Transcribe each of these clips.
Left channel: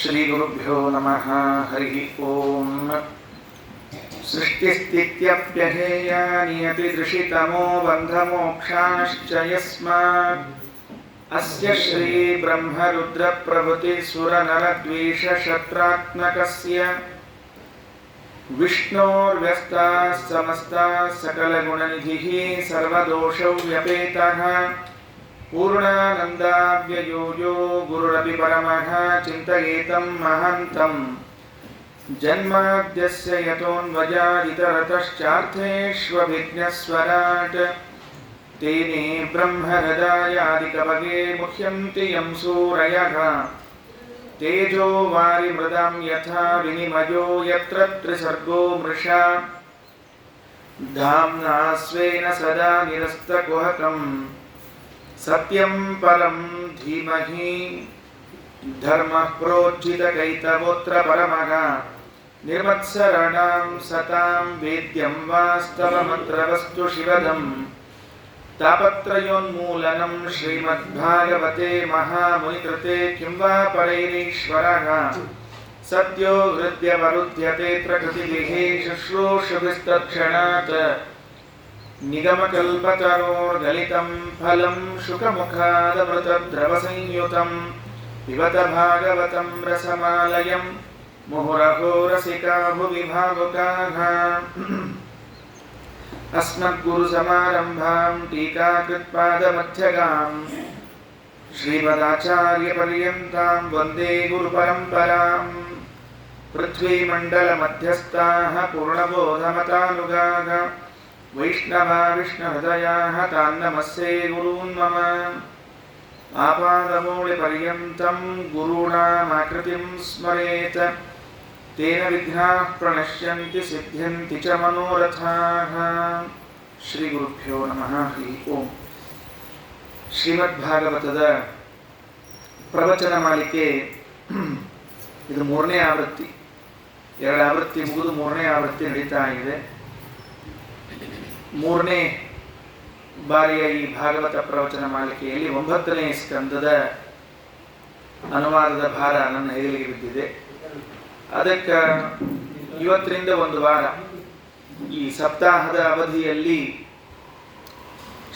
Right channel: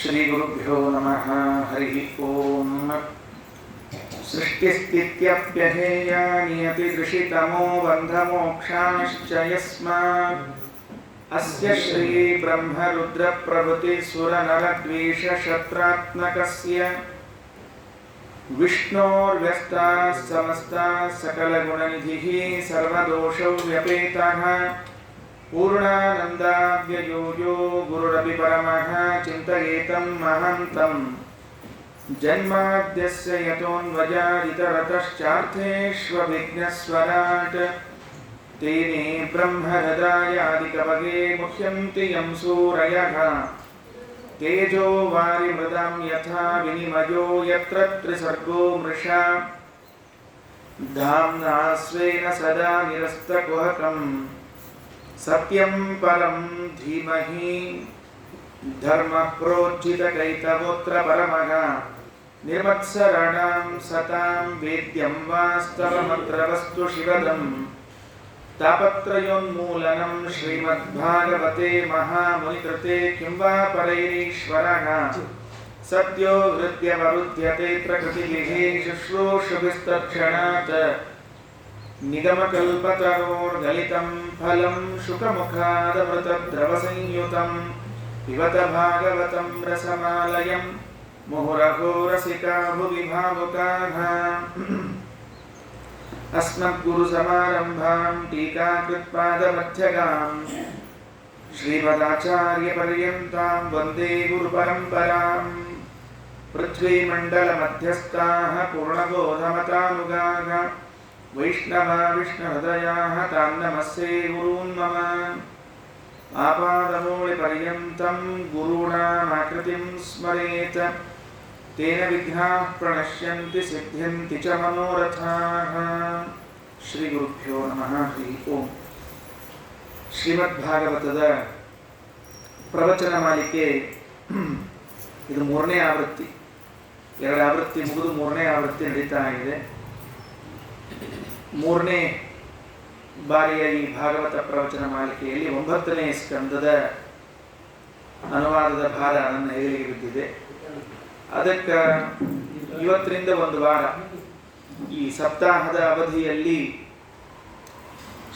ಶ್ರೀಗುರುಭ್ಯೋ ನಮಃ. ಹರಿ ಓಂ. ಸೃಷ್ಟಿಸ್ಥಿತ್ಯಪ್ಯಧೇಯ ನಿಯತಿದೃಶಿತಮೋ ಬಂಧಮೋಕ್ಷಾಶ್ಚ ಯಸ್ಮಾತ್ ಅಸ್ಯ ಶ್ರೀ ಬ್ರಹ್ಮರುದ್ರ ಪ್ರಭೃತಿ ಸುರನರದ್ವೇಷ ಶತ್ರಾತ್ಮಕಸ್ಯ ವಿಷ್ಣೋರ್ವ್ಯಸ್ತಾಃ ಸಮಸ್ತಾಃ ಸಕಲಗುಣನಿಧಿಃ ಸರ್ವದೋಷೌ ವ್ಯಪೇತಃ ಪೂರ್ಣಾನಂದಾವ್ಯಯೋ ಯೋ ಗುರುರಪಿ ಪರಮಃ ಚಿಂತಯೇತಂ ಮಹಾಂತಂ ಜನ್ಮಾದ್ಯಸ್ಯ ಯತೋನ್ವಯಾದಿತರತಶ್ಚಾರ್ಥೇಷ್ವಭಿಜ್ಞಸ್ವರಾಟ್ ತೇನೇ ಬ್ರಹ್ಮಹೃದಾಯಾದಿಕವಗೆ ಮುಹ್ಯಂತಿ ಯಂ ಸೂರಯಃ ತೇಜೋ ವಾರಿಮೃದಾಂ ಯಥಾ ವಿನಿಮಯೋ ಯತ್ರ ತ್ರಿಸರ್ಗೋ ಮೃಷಾ ಧಾಮ್ನಾ ಸ್ವೇನ ಸದಾ ನಿರಸ್ತಕುಹಕಂ ಸತ್ಯಂ ಪರಂ ಧೀಮಹಿ ಧರ್ಮಃ ಪ್ರೋಜ್ಜಿತಕೈತವೋತ್ರ ಪರಮಃ ನಿರ್ಮತ್ಸರಣಾಂ ಸತಾಂ ವೇದ್ಯಂ ವಾಸ್ತವಮಂತ್ರವಸ್ತು ಶಿವದಂ ತಾಪತ್ರಯೋನ್ಮೂಲನಂ ಶ್ರೀಮದ್ಭಾಗವತೆ ಮಹಾಮುನಿಕೃತೆ ಕಿಂ ವಾ ಪರೈರೀಶ್ವರಃ ಸತ್ಯೋ ಹೃದ್ಯವರುಧ್ಯತೆ ಪ್ರಕೃತಿಭಿಃ ಶುಶ್ರೂಷುಭಿಸ್ತತ್ಕ್ಷಣಾತ್ ನಿಗಮಕಲ್ಪತರೋರ್ಗಲಿತಂ ಫಲಂ ಶುಕಮುಖಾದಮೃತದ್ರವಸಂಯುತಂ ಪಿಬತ ಭಾಗವತಂ ರಸಮಾಲಯಂ ಮುಹುರಹೋ ರಸಿಕಾ ಭುವಿ ಭಾವುಕಾಃ. ಅಸ್ಮದ್ಗುರುಸಮಾರಂಭಾಂ ಟೀಕಾಕೃತ್ಪಾದಮಧ್ಯಗಾಂ ಶ್ರೀಮದಾಚಾರ್ಯಪರ್ಯಂತಾಂ ವಂದೇ ಗುರುಪರಂಪರಾಂ. ಪೃಥ್ವೀಮಂಡಲಮಧ್ಯಸ್ಥಾಃ ಪೂರ್ಣಬೋಧಮತಾನುಗಾಃ ವೈಷ್ಣವಾ ವಿಷ್ಣುಹೃದಯಾಃ ತಾನ್ ನಮಸ್ಸೇ ಗುರೂನ್ ಮಮ. ಆಪಾದಮೂಲಿಪರ್ಯಂತಂ ಗುರುಣಾಮಾಕೃತಿಂ ಸ್ಮರೇತ್ ತೇನ ವಿಘ್ನಾಃ ಪ್ರಣಶ್ಯಂತಿ ಸಿದ್ಧ್ಯಂತಿ ಚ ಮನೋರಥಾಃ. ಶ್ರೀ ಗುರುಭ್ಯೋ ನಮಃ. ಹರಿ ಓಂ. ಶ್ರೀಮದ್ಭಾಗವತದ ಪ್ರವಚನ ಮಾಲಿಕೆ ಇದು 3ನೇ ಆವೃತ್ತಿ. 2 ಆವೃತ್ತಿ ಮುಗಿದು 3ನೇ ಆವೃತ್ತಿ ನಡೀತಾ ಇದೆ. 3ನೇ ಬಾರಿಯ ಈ ಭಾಗವತ ಪ್ರವಚನ ಮಾಲಿಕೆಯಲ್ಲಿ 9ನೇ ಸ್ಕಂದದ ಅನುವಾದದ ಭಾರ ನನ್ನ ಹೆಗಲಿಗೆ ಬಿದ್ದಿದೆ. ಅದಕ್ಕೆ ಇವತ್ತರಿಂದ ಒಂದು ವಾರ ಈ ಸಪ್ತಾಹದ ಅವಧಿಯಲ್ಲಿ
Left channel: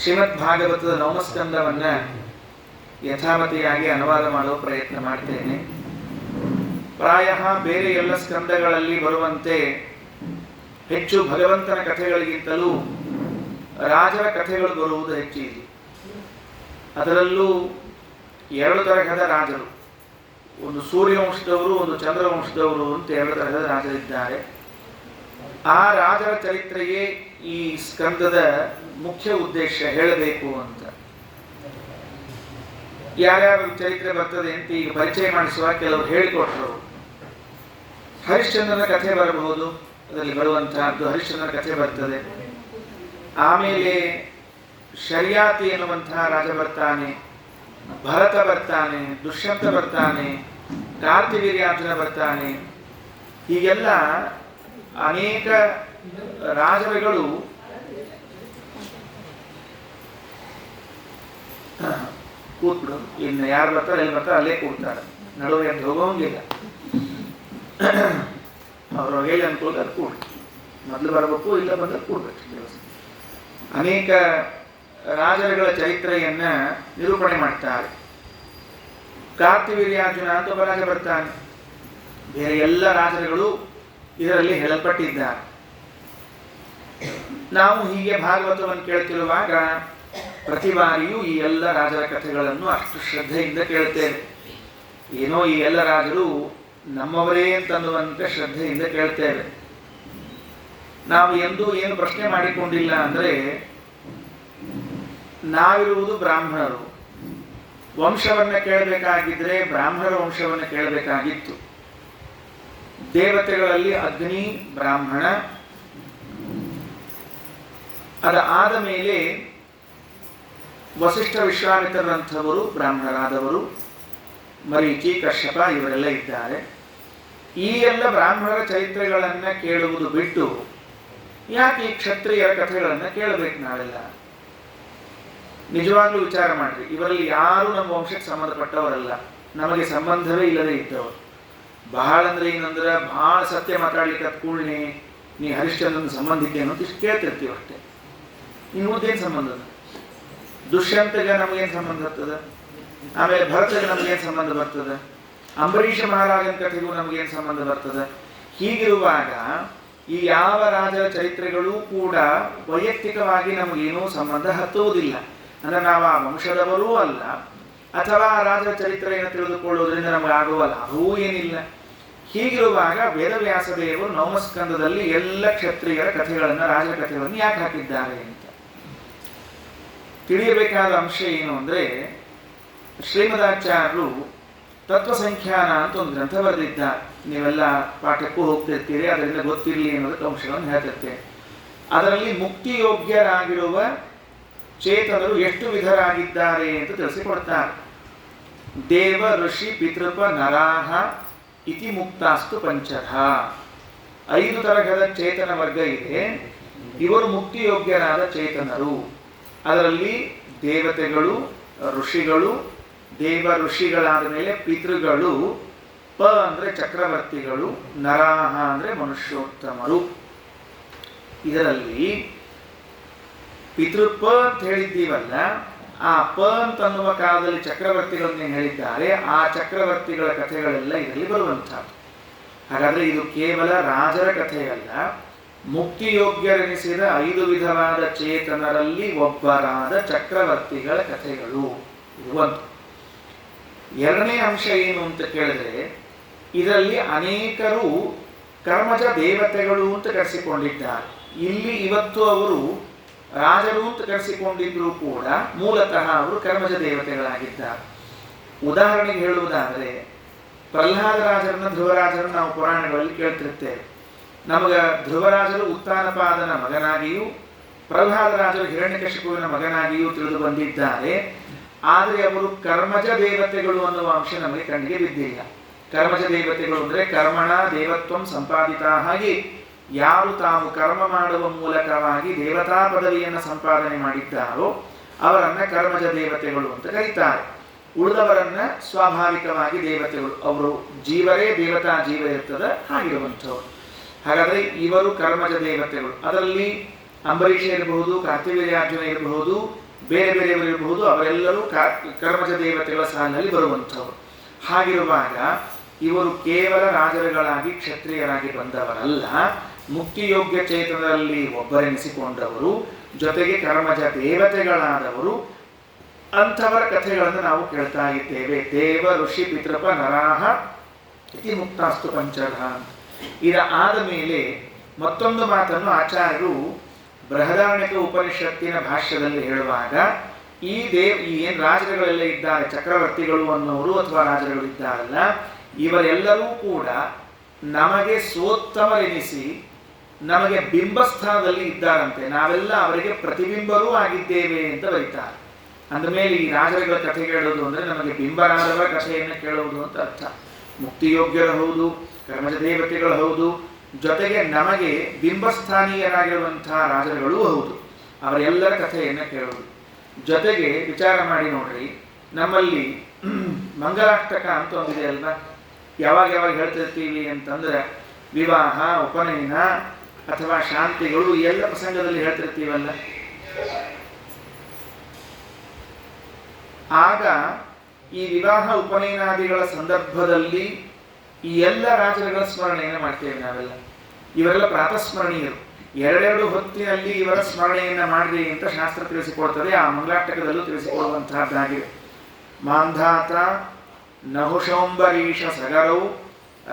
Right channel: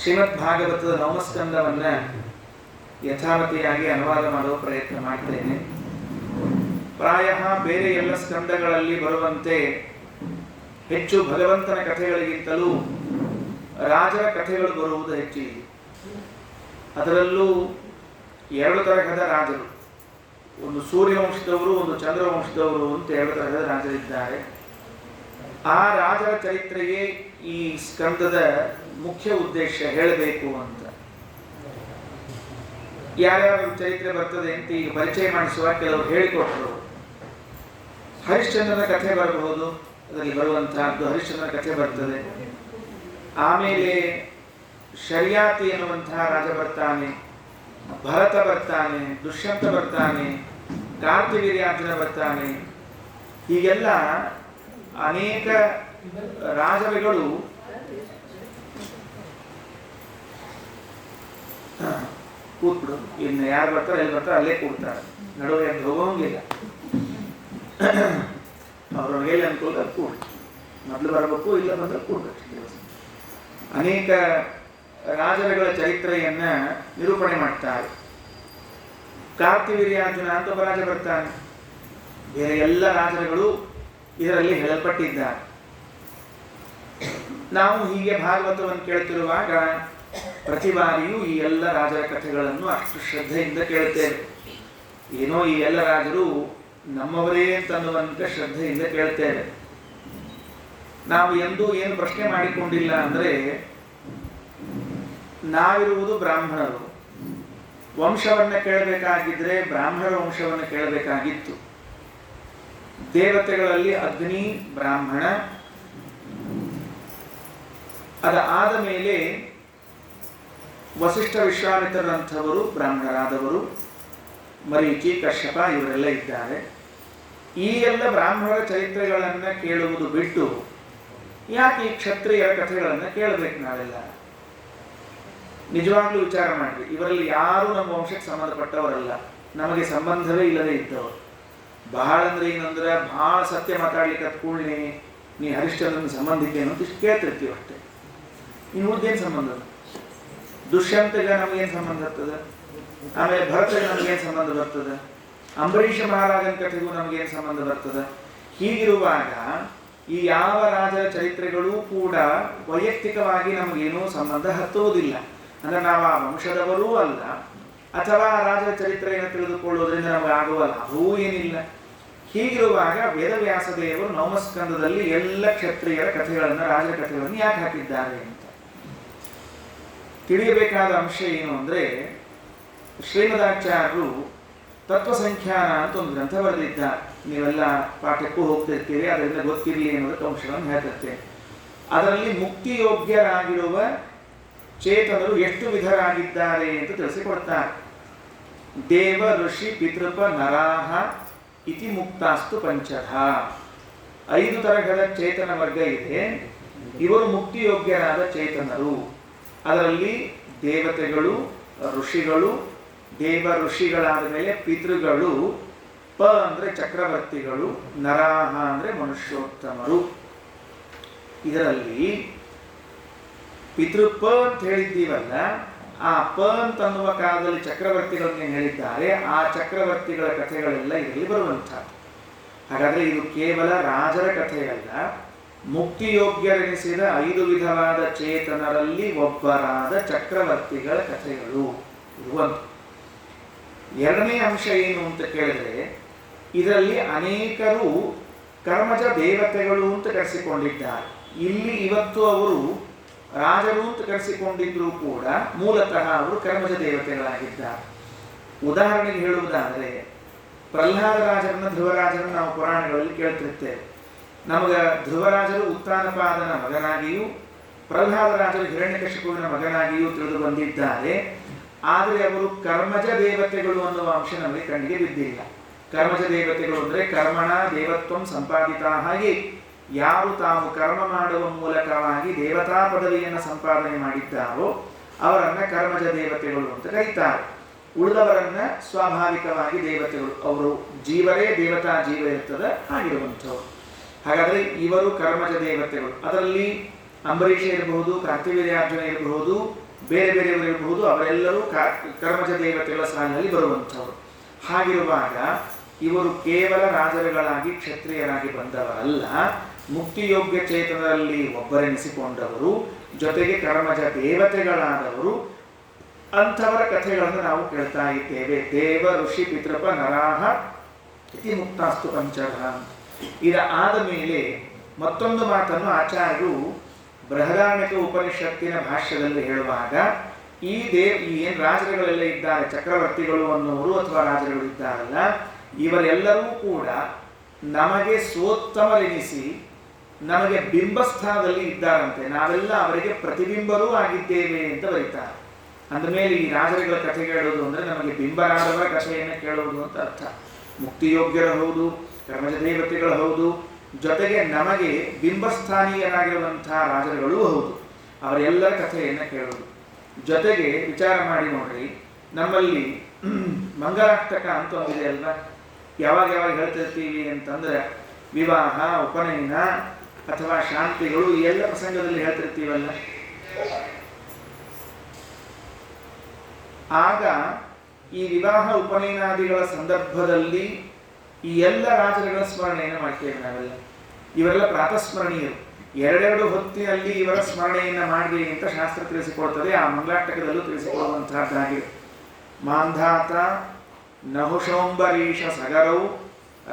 ಶ್ರೀಮದ್ ಭಾಗವತದ 9ನೇ ಸ್ಕಂದವನ್ನು ಯಥಾಮತಿಯಾಗಿ ಅನುವಾದ ಮಾಡುವ ಪ್ರಯತ್ನ ಮಾಡ್ತೇನೆ. ಪ್ರಾಯ ಬೇರೆ ಎಲ್ಲ ಸ್ಕಂದಗಳಲ್ಲಿ ಬರುವಂತೆ ಹೆಚ್ಚು ಭಗವಂತನ ಕಥೆಗಳಿಗಿಂತಲೂ ರಾಜರ ಕಥೆಗಳು ಬರುವುದು ಹೆಚ್ಚಿದೆ. ಅದರಲ್ಲೂ 2 ತರಹದ ರಾಜರು, ಒಂದು ಸೂರ್ಯವಂಶದವರು, ಒಂದು ಚಂದ್ರವಂಶದವರು ಅಂತ 2 ತರಹದ ರಾಜರಿದ್ದಾರೆ. ಆ ರಾಜರ ಚರಿತ್ರೆಗೆ ಈ ಸ್ಕಂದದ ಮುಖ್ಯ ಉದ್ದೇಶ ಹೇಳಬೇಕು ಅಂತ. ಯಾರ್ಯಾರ ಚರಿತ್ರೆ ಬರ್ತದೆ ಅಂತ ಈಗ ಪರಿಚಯ ಮಾಡಿಸುವ ಕೆಲವರು ಹೇಳಿಕೊಟ್ರು. ಹರಿಶ್ಚಂದ್ರನ ಕಥೆ ಬರಬಹುದು, ಅದರಲ್ಲಿ ಬರುವಂತಹದ್ದು ಹರಿಶ್ಚಂದ್ರನ ಕಥೆ ಬರ್ತದೆ. ಆಮೇಲೆ ಶರ್ಯಾತಿ ಎನ್ನುವಂತಹ ರಾಜ ಬರ್ತಾನೆ, ಭರತ ಬರ್ತಾನೆ, ದುಷ್ಯಂತ ಬರ್ತಾನೆ, ಕಾರ್ತಿವೀರ್ಯಾರ್ಜುನ ಬರ್ತಾನೆ. ಹೀಗೆಲ್ಲ ಅನೇಕ ರಾಜರುಗಳು ಕೂತ್ಬಿಡು. ಇನ್ನು ಯಾರು ಬರ್ತಾರೆ ಎಲ್ಲಿ ಬರ್ತಾರೆ ಅಲ್ಲೇ ಕೂಡ್ತಾರೆ, ನಡುವೆ ಎದ್ದು ಹೋಗೋಂಗಿಲ್ಲ. ಅವರು ಎಲ್ಲಿ ಅನ್ಕೊಳ್ತ ಅದು ಕೂಡು, ಮೊದಲು ಬರಬೇಕು, ಇಲ್ಲ ಬಂದ್ರೆ ಕೂಡ್ಬೇಕು. ಅನೇಕ ರಾಜರುಗಳ ಚರಿತ್ರೆಯನ್ನ ನಿರೂಪಣೆ ಮಾಡ್ತಾರೆ. ಕಾರ್ತಿವೀರ್ಯಾರ್ಜುನ ಅಂತ ಒಬ್ಬ ರಾಜ ಬರ್ತಾನೆ. ಬೇರೆ ಎಲ್ಲ ರಾಜರುಗಳು ಇದರಲ್ಲಿ ಹೇಳಲ್ಪಟ್ಟಿದ್ದಾರೆ. ನಾವು ಹೀಗೆ ಭಾಗವತವನ್ನು ಕೇಳ್ತಿರುವಾಗ ಪ್ರತಿ ಬಾರಿಯೂ ಈ ಎಲ್ಲ ರಾಜರ ಕಥೆಗಳನ್ನು ಅಷ್ಟು ಶ್ರದ್ಧೆಯಿಂದ ಕೇಳ್ತೇವೆ. ಏನೋ ಈ ಎಲ್ಲ ರಾಜರು ನಮ್ಮವರೇ ಅಂತನ್ನುವಂತೆ ಶ್ರದ್ಧೆಯಿಂದ ಕೇಳ್ತೇವೆ. ನಾವು ಎಂದೂ ಏನು ಪ್ರಶ್ನೆ ಮಾಡಿಕೊಂಡಿಲ್ಲ ಅಂದರೆ, ನಾವಿರುವುದು ಬ್ರಾಹ್ಮಣರು. ವಂಶವನ್ನು ಕೇಳಬೇಕಾಗಿದ್ರೆ ಬ್ರಾಹ್ಮಣರ ವಂಶವನ್ನು ಕೇಳಬೇಕಾಗಿತ್ತು. ದೇವತೆಗಳಲ್ಲಿ ಅಗ್ನಿ ಬ್ರಾಹ್ಮಣ, ಆದ ಮೇಲೆ ವಸಿಷ್ಠ ವಿಶ್ವಾಮಿತ್ರರಂಥವರು ಬ್ರಾಹ್ಮಣರಾದವರು, ಮರೀಚಿ ಕಶ್ಯಪ ಇವರೆಲ್ಲ ಇದ್ದಾರೆ. ಈ ಎಲ್ಲ ಬ್ರಾಹ್ಮಣರ ಚರಿತ್ರೆಗಳನ್ನು ಕೇಳುವುದು ಬಿಟ್ಟು ಯಾಕೆ ಈ ಕ್ಷತ್ರಿಯರ ಕಥೆಗಳನ್ನು ಕೇಳಬೇಕು ನಾವೆಲ್ಲ? ನಿಜವಾಗ್ಲೂ ವಿಚಾರ ಮಾಡ್ರಿ. ಇವರಲ್ಲಿ ಯಾರು ನಮ್ಮ ವಂಶಕ್ಕೆ ಸಂಬಂಧಪಟ್ಟವರಲ್ಲ, ನಮಗೆ ಸಂಬಂಧವೇ ಇಲ್ಲದೆ ಇದ್ದವರು. ಬಹಳ ಅಂದ್ರೆ ಏನಂದ್ರೆ ಭಾಳ ಸತ್ಯ ಮಾತಾಡ್ಲಿಕ್ಕೆ ಕೂಡಲೇ ನೀ ಹರಿಶ್ಚಂದ್ರನ ಸಂಬಂಧಿಕೆ ಅಂತ ಇಷ್ಟು ಕೇಳ್ತಿರ್ತೀವಿ ಅಷ್ಟೇ. ಇನ್ನು ಉಳಿದೇನು ಸಂಬಂಧ? ದುಷ್ಯಂತಗೆ ನಮಗೇನು ಸಂಬಂಧ ಬರ್ತದೆ? ಆಮೇಲೆ ಭರತಗೆ ನಮಗೇನು ಸಂಬಂಧ ಬರ್ತದೆ? ಅಂಬರೀಷ ಮಹಾರಾಜನ ಕಥೆಗೂ ನಮಗೇನು ಸಂಬಂಧ ಬರ್ತದೆ? ಹೀಗಿರುವಾಗ ಈ ಯಾವ ರಾಜರ ಚರಿತ್ರೆಗಳೂ ಕೂಡ ವೈಯಕ್ತಿಕವಾಗಿ ನಮಗೇನೂ ಸಂಬಂಧ ಹತ್ತುವುದಿಲ್ಲ. ಅಂದರೆ ನಾವು ಆ ವಂಶದವರೂ ಅಲ್ಲ, ಅಥವಾ ರಾಜರ ಚರಿತ್ರೆಯನ್ನು ತಿಳಿದುಕೊಳ್ಳುವುದರಿಂದ ನಮಗೆ ಆಗುವ ಲಾಭವೂ ಏನಿಲ್ಲ. ಹೀಗಿರುವಾಗ ವೇದವ್ಯಾಸ ದೇವರು ನವಮಸ್ಕಂದದಲ್ಲಿ ಎಲ್ಲ ಕ್ಷತ್ರಿಯರ ಕಥೆಗಳನ್ನು, ರಾಜರ ಕಥೆಗಳನ್ನು ಯಾಕೆ ಹಾಕಿದ್ದಾರೆ ಅಂತ ತಿಳಿಯಬೇಕಾದ ಅಂಶ ಏನು ಅಂದರೆ, ಶ್ರೀಮದಾಚಾರ್ಯರು ತತ್ವಸಂಖ್ಯಾನ ಅಂತ ಒಂದು ಗ್ರಂಥ ಬರೆದಿದ್ದಾರೆ. ನೀವೆಲ್ಲ ಪಾಠಕ್ಕೂ ಹೋಗ್ತಿರ್ತೀರಿ, ಅದರಿಂದ ಗೊತ್ತಿರಲಿ ಅನ್ನೋದಕ್ಕೆ ಅಂಶಗಳನ್ನು ಹೇಳ್ತಿರ್ತೇನೆ. ಅದರಲ್ಲಿ ಮುಕ್ತಿಯೋಗ್ಯರಾಗಿರುವ ಚೇತನರು ಎಷ್ಟು ವಿಧರಾಗಿದ್ದಾರೆ ಅಂತ ತಿಳಿಸಿಕೊಡ್ತಾರೆ. ದೇವ ಋಷಿ ಪಿತೃಪ ನರಾಹ ಇತಿ ಮುಕ್ತಾಸ್ತು ಪಂಚಧ. 5 ತರಹದ ಚೇತನ ವರ್ಗ ಇದೆ. ಇವರು ಮುಕ್ತಿಯೋಗ್ಯರಾದ ಚೇತನರು. ಅದರಲ್ಲಿ ದೇವತೆಗಳು, ಋಷಿಗಳು, ದೇವ ಋಷಿಗಳಾದ ಮೇಲೆ ಪಿತೃಗಳು, ಪ ಅಂದರೆ ಚಕ್ರವರ್ತಿಗಳು, ನರಾಹ ಅಂದರೆ ಮನುಷ್ಯೋತ್ತಮರು. ಇದರಲ್ಲಿ ಪಿತೃಪ ಅಂತ ಹೇಳಿದ್ದೀವಲ್ಲ, ಆ ಪ ಅಂತನ್ನುವ ಕಾಲದಲ್ಲಿ ಚಕ್ರವರ್ತಿಗಳನ್ನೇ ಹೇಳಿದ್ದಾರೆ. ಆ ಚಕ್ರವರ್ತಿಗಳ ಕಥೆಗಳೆಲ್ಲ ಇದರಲ್ಲಿ ಬರುವಂಥದ್ದು. ಹಾಗಾದರೆ ಇದು ಕೇವಲ ರಾಜರ ಕಥೆಯಲ್ಲ, ಮುಕ್ತಿಯೋಗ್ಯರೆನಿಸಿದ 5 ವಿಧವಾದ ಚೇತನರಲ್ಲಿ ಒಬ್ಬರಾದ ಚಕ್ರವರ್ತಿಗಳ ಕಥೆಗಳು. ಇದು ಒಂದು. ಎರಡನೇ ಅಂಶ ಏನು ಅಂತ ಕೇಳಿದ್ರೆ, ಇದರಲ್ಲಿ ಅನೇಕರು ಕರ್ಮಜ ದೇವತೆಗಳು ಅಂತ ಕರೆಸಿಕೊಂಡಿದ್ದಾರೆ. ಇಲ್ಲಿ ಇವತ್ತು ಅವರು ರಾಜರು ಅಂತ ಕರೆಸಿಕೊಂಡಿದ್ರೂ ಕೂಡ ಮೂಲತಃ ಅವರು ಕರ್ಮಜ ದೇವತೆಗಳಾಗಿದ್ದಾರೆ. ಉದಾಹರಣೆಗೆ ಹೇಳುವುದಾದರೆ, ಪ್ರಹ್ಲಾದ ರಾಜರನ್ನ, ಧ್ರುವರಾಜರನ್ನು ನಾವು ಪುರಾಣಗಳಲ್ಲಿ ಕೇಳ್ತಿರ್ತೇವೆ. ನಮಗ ಧ್ರುವರಾಜರು ಉತ್ತಾನಪಾದನ ಮಗನಾಗಿಯೂ ಪ್ರಹ್ಲಾದ ರಾಜರು ಹಿರಣ್ಯಕಶಿಪುವಿನ ಮಗನಾಗಿಯೂ ತಿಳಿದು ಬಂದಿದ್ದಾರೆ. ಆದರೆ ಅವರು ಕರ್ಮಜ ದೇವತೆಗಳು ಅನ್ನುವ ಅಂಶ ನಮಗೆ ಕಣ್ಣಿಗೆ ಬಿದ್ದಿಲ್ಲ. ಕರ್ಮಜ ದೇವತೆಗಳು ಅಂದರೆ ಕರ್ಮಣ ದೇವತ್ವಂ ಸಂಪಾದಿತ. ಹಾಗೆ ಯಾರು ತಾವು ಕರ್ಮ ಮಾಡುವ ಮೂಲಕವಾಗಿ ದೇವತಾ ಪದವಿಯನ್ನು ಸಂಪಾದನೆ ಮಾಡಿದ್ದಾರೋ ಅವರನ್ನ ಕರ್ಮಜ ದೇವತೆಗಳು ಅಂತ ಕರೀತಾರೆ. ಉಳಿದವರನ್ನ ಸ್ವಾಭಾವಿಕವಾಗಿ ದೇವತೆಗಳು, ಅವರು ಜೀವರೇ ದೇವತಾ ಜೀವ ಇರ್ತದೆ ಹಾಗಿರುವಂಥವ್ರು. ಹಾಗಾದರೆ ಇವರು ಕರ್ಮಜ ದೇವತೆಗಳು. ಅದರಲ್ಲಿ ಅಂಬರೀಷ ಇರಬಹುದು, ಕಾರ್ತಿವೀರ್ಯಾರ್ಜುನ ಇರಬಹುದು, ಬೇರೆ ಬೇರೆಯವರು ಇರಬಹುದು, ಅವರೆಲ್ಲರೂ ಕರ್ಮಜ ದೇವತೆಗಳ ಸಾಲಿನಲ್ಲಿ ಬರುವಂಥವ್ರು. ಹಾಗಿರುವಾಗ ಇವರು ಕೇವಲ ರಾಜರುಗಳಾಗಿ ಕ್ಷತ್ರಿಯರಾಗಿ ಬಂದವರಲ್ಲ, ಮುಕ್ತಿಯೋಗ್ಯ ಚೇತನದಲ್ಲಿ ಒಬ್ಬರೆನಿಸಿಕೊಂಡವರು, ಜೊತೆಗೆ ಕರ್ಮಜ ದೇವತೆಗಳಾದವರು. ಅಂಥವರ ಕಥೆಗಳನ್ನು ನಾವು ಕೇಳ್ತಾ ಇದ್ದೇವೆ. ದೇವ ಋಷಿ ಪಿತೃಪ ನರಾಹ ಇತಿ ಮುಕ್ತಾಸ್ತು ಪಂಚಧ. ಇದಾದ ಮೇಲೆ ಮತ್ತೊಂದು ಮಾತನ್ನು ಆಚಾರ್ಯರು ಬೃಹದಾರಣ್ಯಕ ಉಪನಿಷತ್ತಿನ ಭಾಷ್ಯದಲ್ಲಿ ಹೇಳುವಾಗ, ಈ ಏನು ರಾಜರುಗಳೆಲ್ಲ ಇದ್ದಾರೆ, ಚಕ್ರವರ್ತಿಗಳು ಅನ್ನೋರು ಅಥವಾ ರಾಜರುಗಳು ಇದ್ದಾರಲ್ಲ, ಇವರೆಲ್ಲರೂ ಕೂಡ ನಮಗೆ ಸೋತ್ತಮರೆನಿಸಿ ನಮಗೆ ಬಿಂಬಸ್ಥಾನದಲ್ಲಿ ಇದ್ದಾರಂತೆ. ನಾವೆಲ್ಲ ಅವರಿಗೆ ಪ್ರತಿಬಿಂಬರೂ ಆಗಿದ್ದೇವೆ ಅಂತ ಬರೀತಾರೆ. ಅಂದಮೇಲೆ ಈ ರಾಜರುಗಳ ಕಥೆ ಕೇಳೋದು ಅಂದರೆ ನಮಗೆ ಬಿಂಬರಾದವರ ಕಥೆಯನ್ನು ಕೇಳುವುದು ಅಂತ ಅರ್ಥ. ಮುಕ್ತಿಯೋಗ್ಯರು ಹೌದು, ಕರ್ಮಜ ದೇವತೆಗಳು ಹೌದು, ಜೊತೆಗೆ ನಮಗೆ ಬಿಂಬಸ್ಥಾನೀಯರಾಗಿರುವಂಥ ರಾಜರುಗಳೂ ಹೌದು. ಅವರೆಲ್ಲರ ಕಥೆಯನ್ನು ಕೇಳೋದು. ಜೊತೆಗೆ ವಿಚಾರ ಮಾಡಿ ನೋಡ್ರಿ, ನಮ್ಮಲ್ಲಿ ಮಂಗಲಾಷ್ಟಕ ಅಂತ ಒಂದಿದೆ ಅಲ್ವಾ? ಯಾವಾಗ ಹೇಳ್ತಿರ್ತೀವಿ ಅಂತಂದ್ರೆ, ವಿವಾಹ, ಉಪನಯನ ಅಥವಾ ಶಾಂತಿಗಳು, ಈ ಎಲ್ಲ ಪ್ರಸಂಗದಲ್ಲಿ ಹೇಳ್ತಿರ್ತೀವಲ್ಲ. ಆಗ ಈ ವಿವಾಹ ಉಪನಯನಾದಿಗಳ ಸಂದರ್ಭದಲ್ಲಿ ಈ ಎಲ್ಲ ರಾಜರುಗಳ ಸ್ಮರಣೆಯನ್ನು ಮಾಡ್ತೇವೆ ನಾವೆಲ್ಲ. ಇವರೆಲ್ಲ ಪ್ರಾತಸ್ಮರಣೀಯರು. 2 ಹೊತ್ತಿನಲ್ಲಿ ಇವರ ಸ್ಮರಣೆಯನ್ನು ಮಾಡಿರಿ ಅಂತ ಶಾಸ್ತ್ರ ತಿಳಿಸಿಕೊಡ್ತದೆ. ಆ ಮಂಗಲಾಷ್ಟಕದಲ್ಲೂ ತಿಳಿಸಿಕೊಡುವಂತಹದ್ದಾಗಿದೆ. ಮಾಂಧಾತ ನಹುಶೋಂಬರೀಷ ಸಗರೌ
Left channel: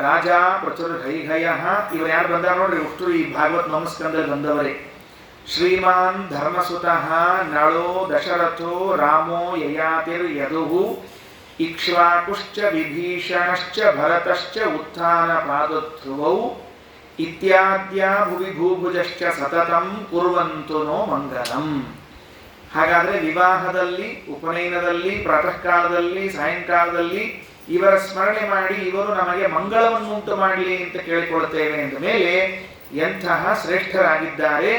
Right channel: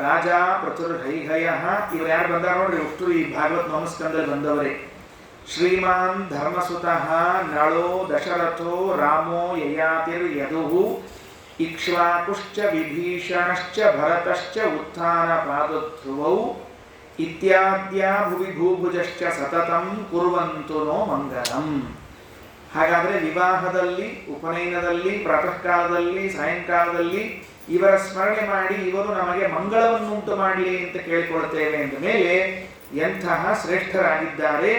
ರಾಜ ಪ್ರಚುರ್ಹೈಹಯ. ಇವರು ಯಾರು ಬಂದಾರ ನೋಡ್ರಿ, ಒಟ್ಟು ಈ ಭಾಗವತ್ ನವಮಸ್ಕಂದಲ್ಲಿ ಬಂದವರೇ. ಶ್ರೀಮಾನ್ ಧರ್ಮಸುತಃ ನಳೋ ದಶರಥೋ ರಾಮೋ ಯಯಾತಿರ್ ಯದುಹು ಇಕ್ಷ್ವಾಕುಶ್ಚ ವಿಭೀಷಣಶ್ಚ ಭರತಶ್ಚ ಉತ್ಥಾನ ಪಾದಧ್ರುವೌ ಇತ್ಯಾದ್ಯಾ ಭುವಿ ಭೂಭುಜಶ್ಚ ಸತತಂ ಕುರ್ವಂತು ನೋ ಮಂಗಲಂ. ಹಾಗಾದರೆ ವಿವಾಹದಲ್ಲಿ, ಉಪನಯನದಲ್ಲಿ, ಪ್ರಾತಃ ಕಾಲದಲ್ಲಿ, ಸಾಯಂಕಾಲದಲ್ಲಿ ಇವರ ಸ್ಮರಣೆ ಮಾಡಿ ಇವರು ನಮಗೆ ಮಂಗಳವನ್ನುಂಟು ಮಾಡಲಿ ಅಂತ ಕೇಳಿಕೊಳ್ಳುತ್ತೇವೆ. ಅಂದ ಮೇಲೆ ಎಂತಹ ಶ್ರೇಷ್ಠರಾಗಿದ್ದಾರೆ.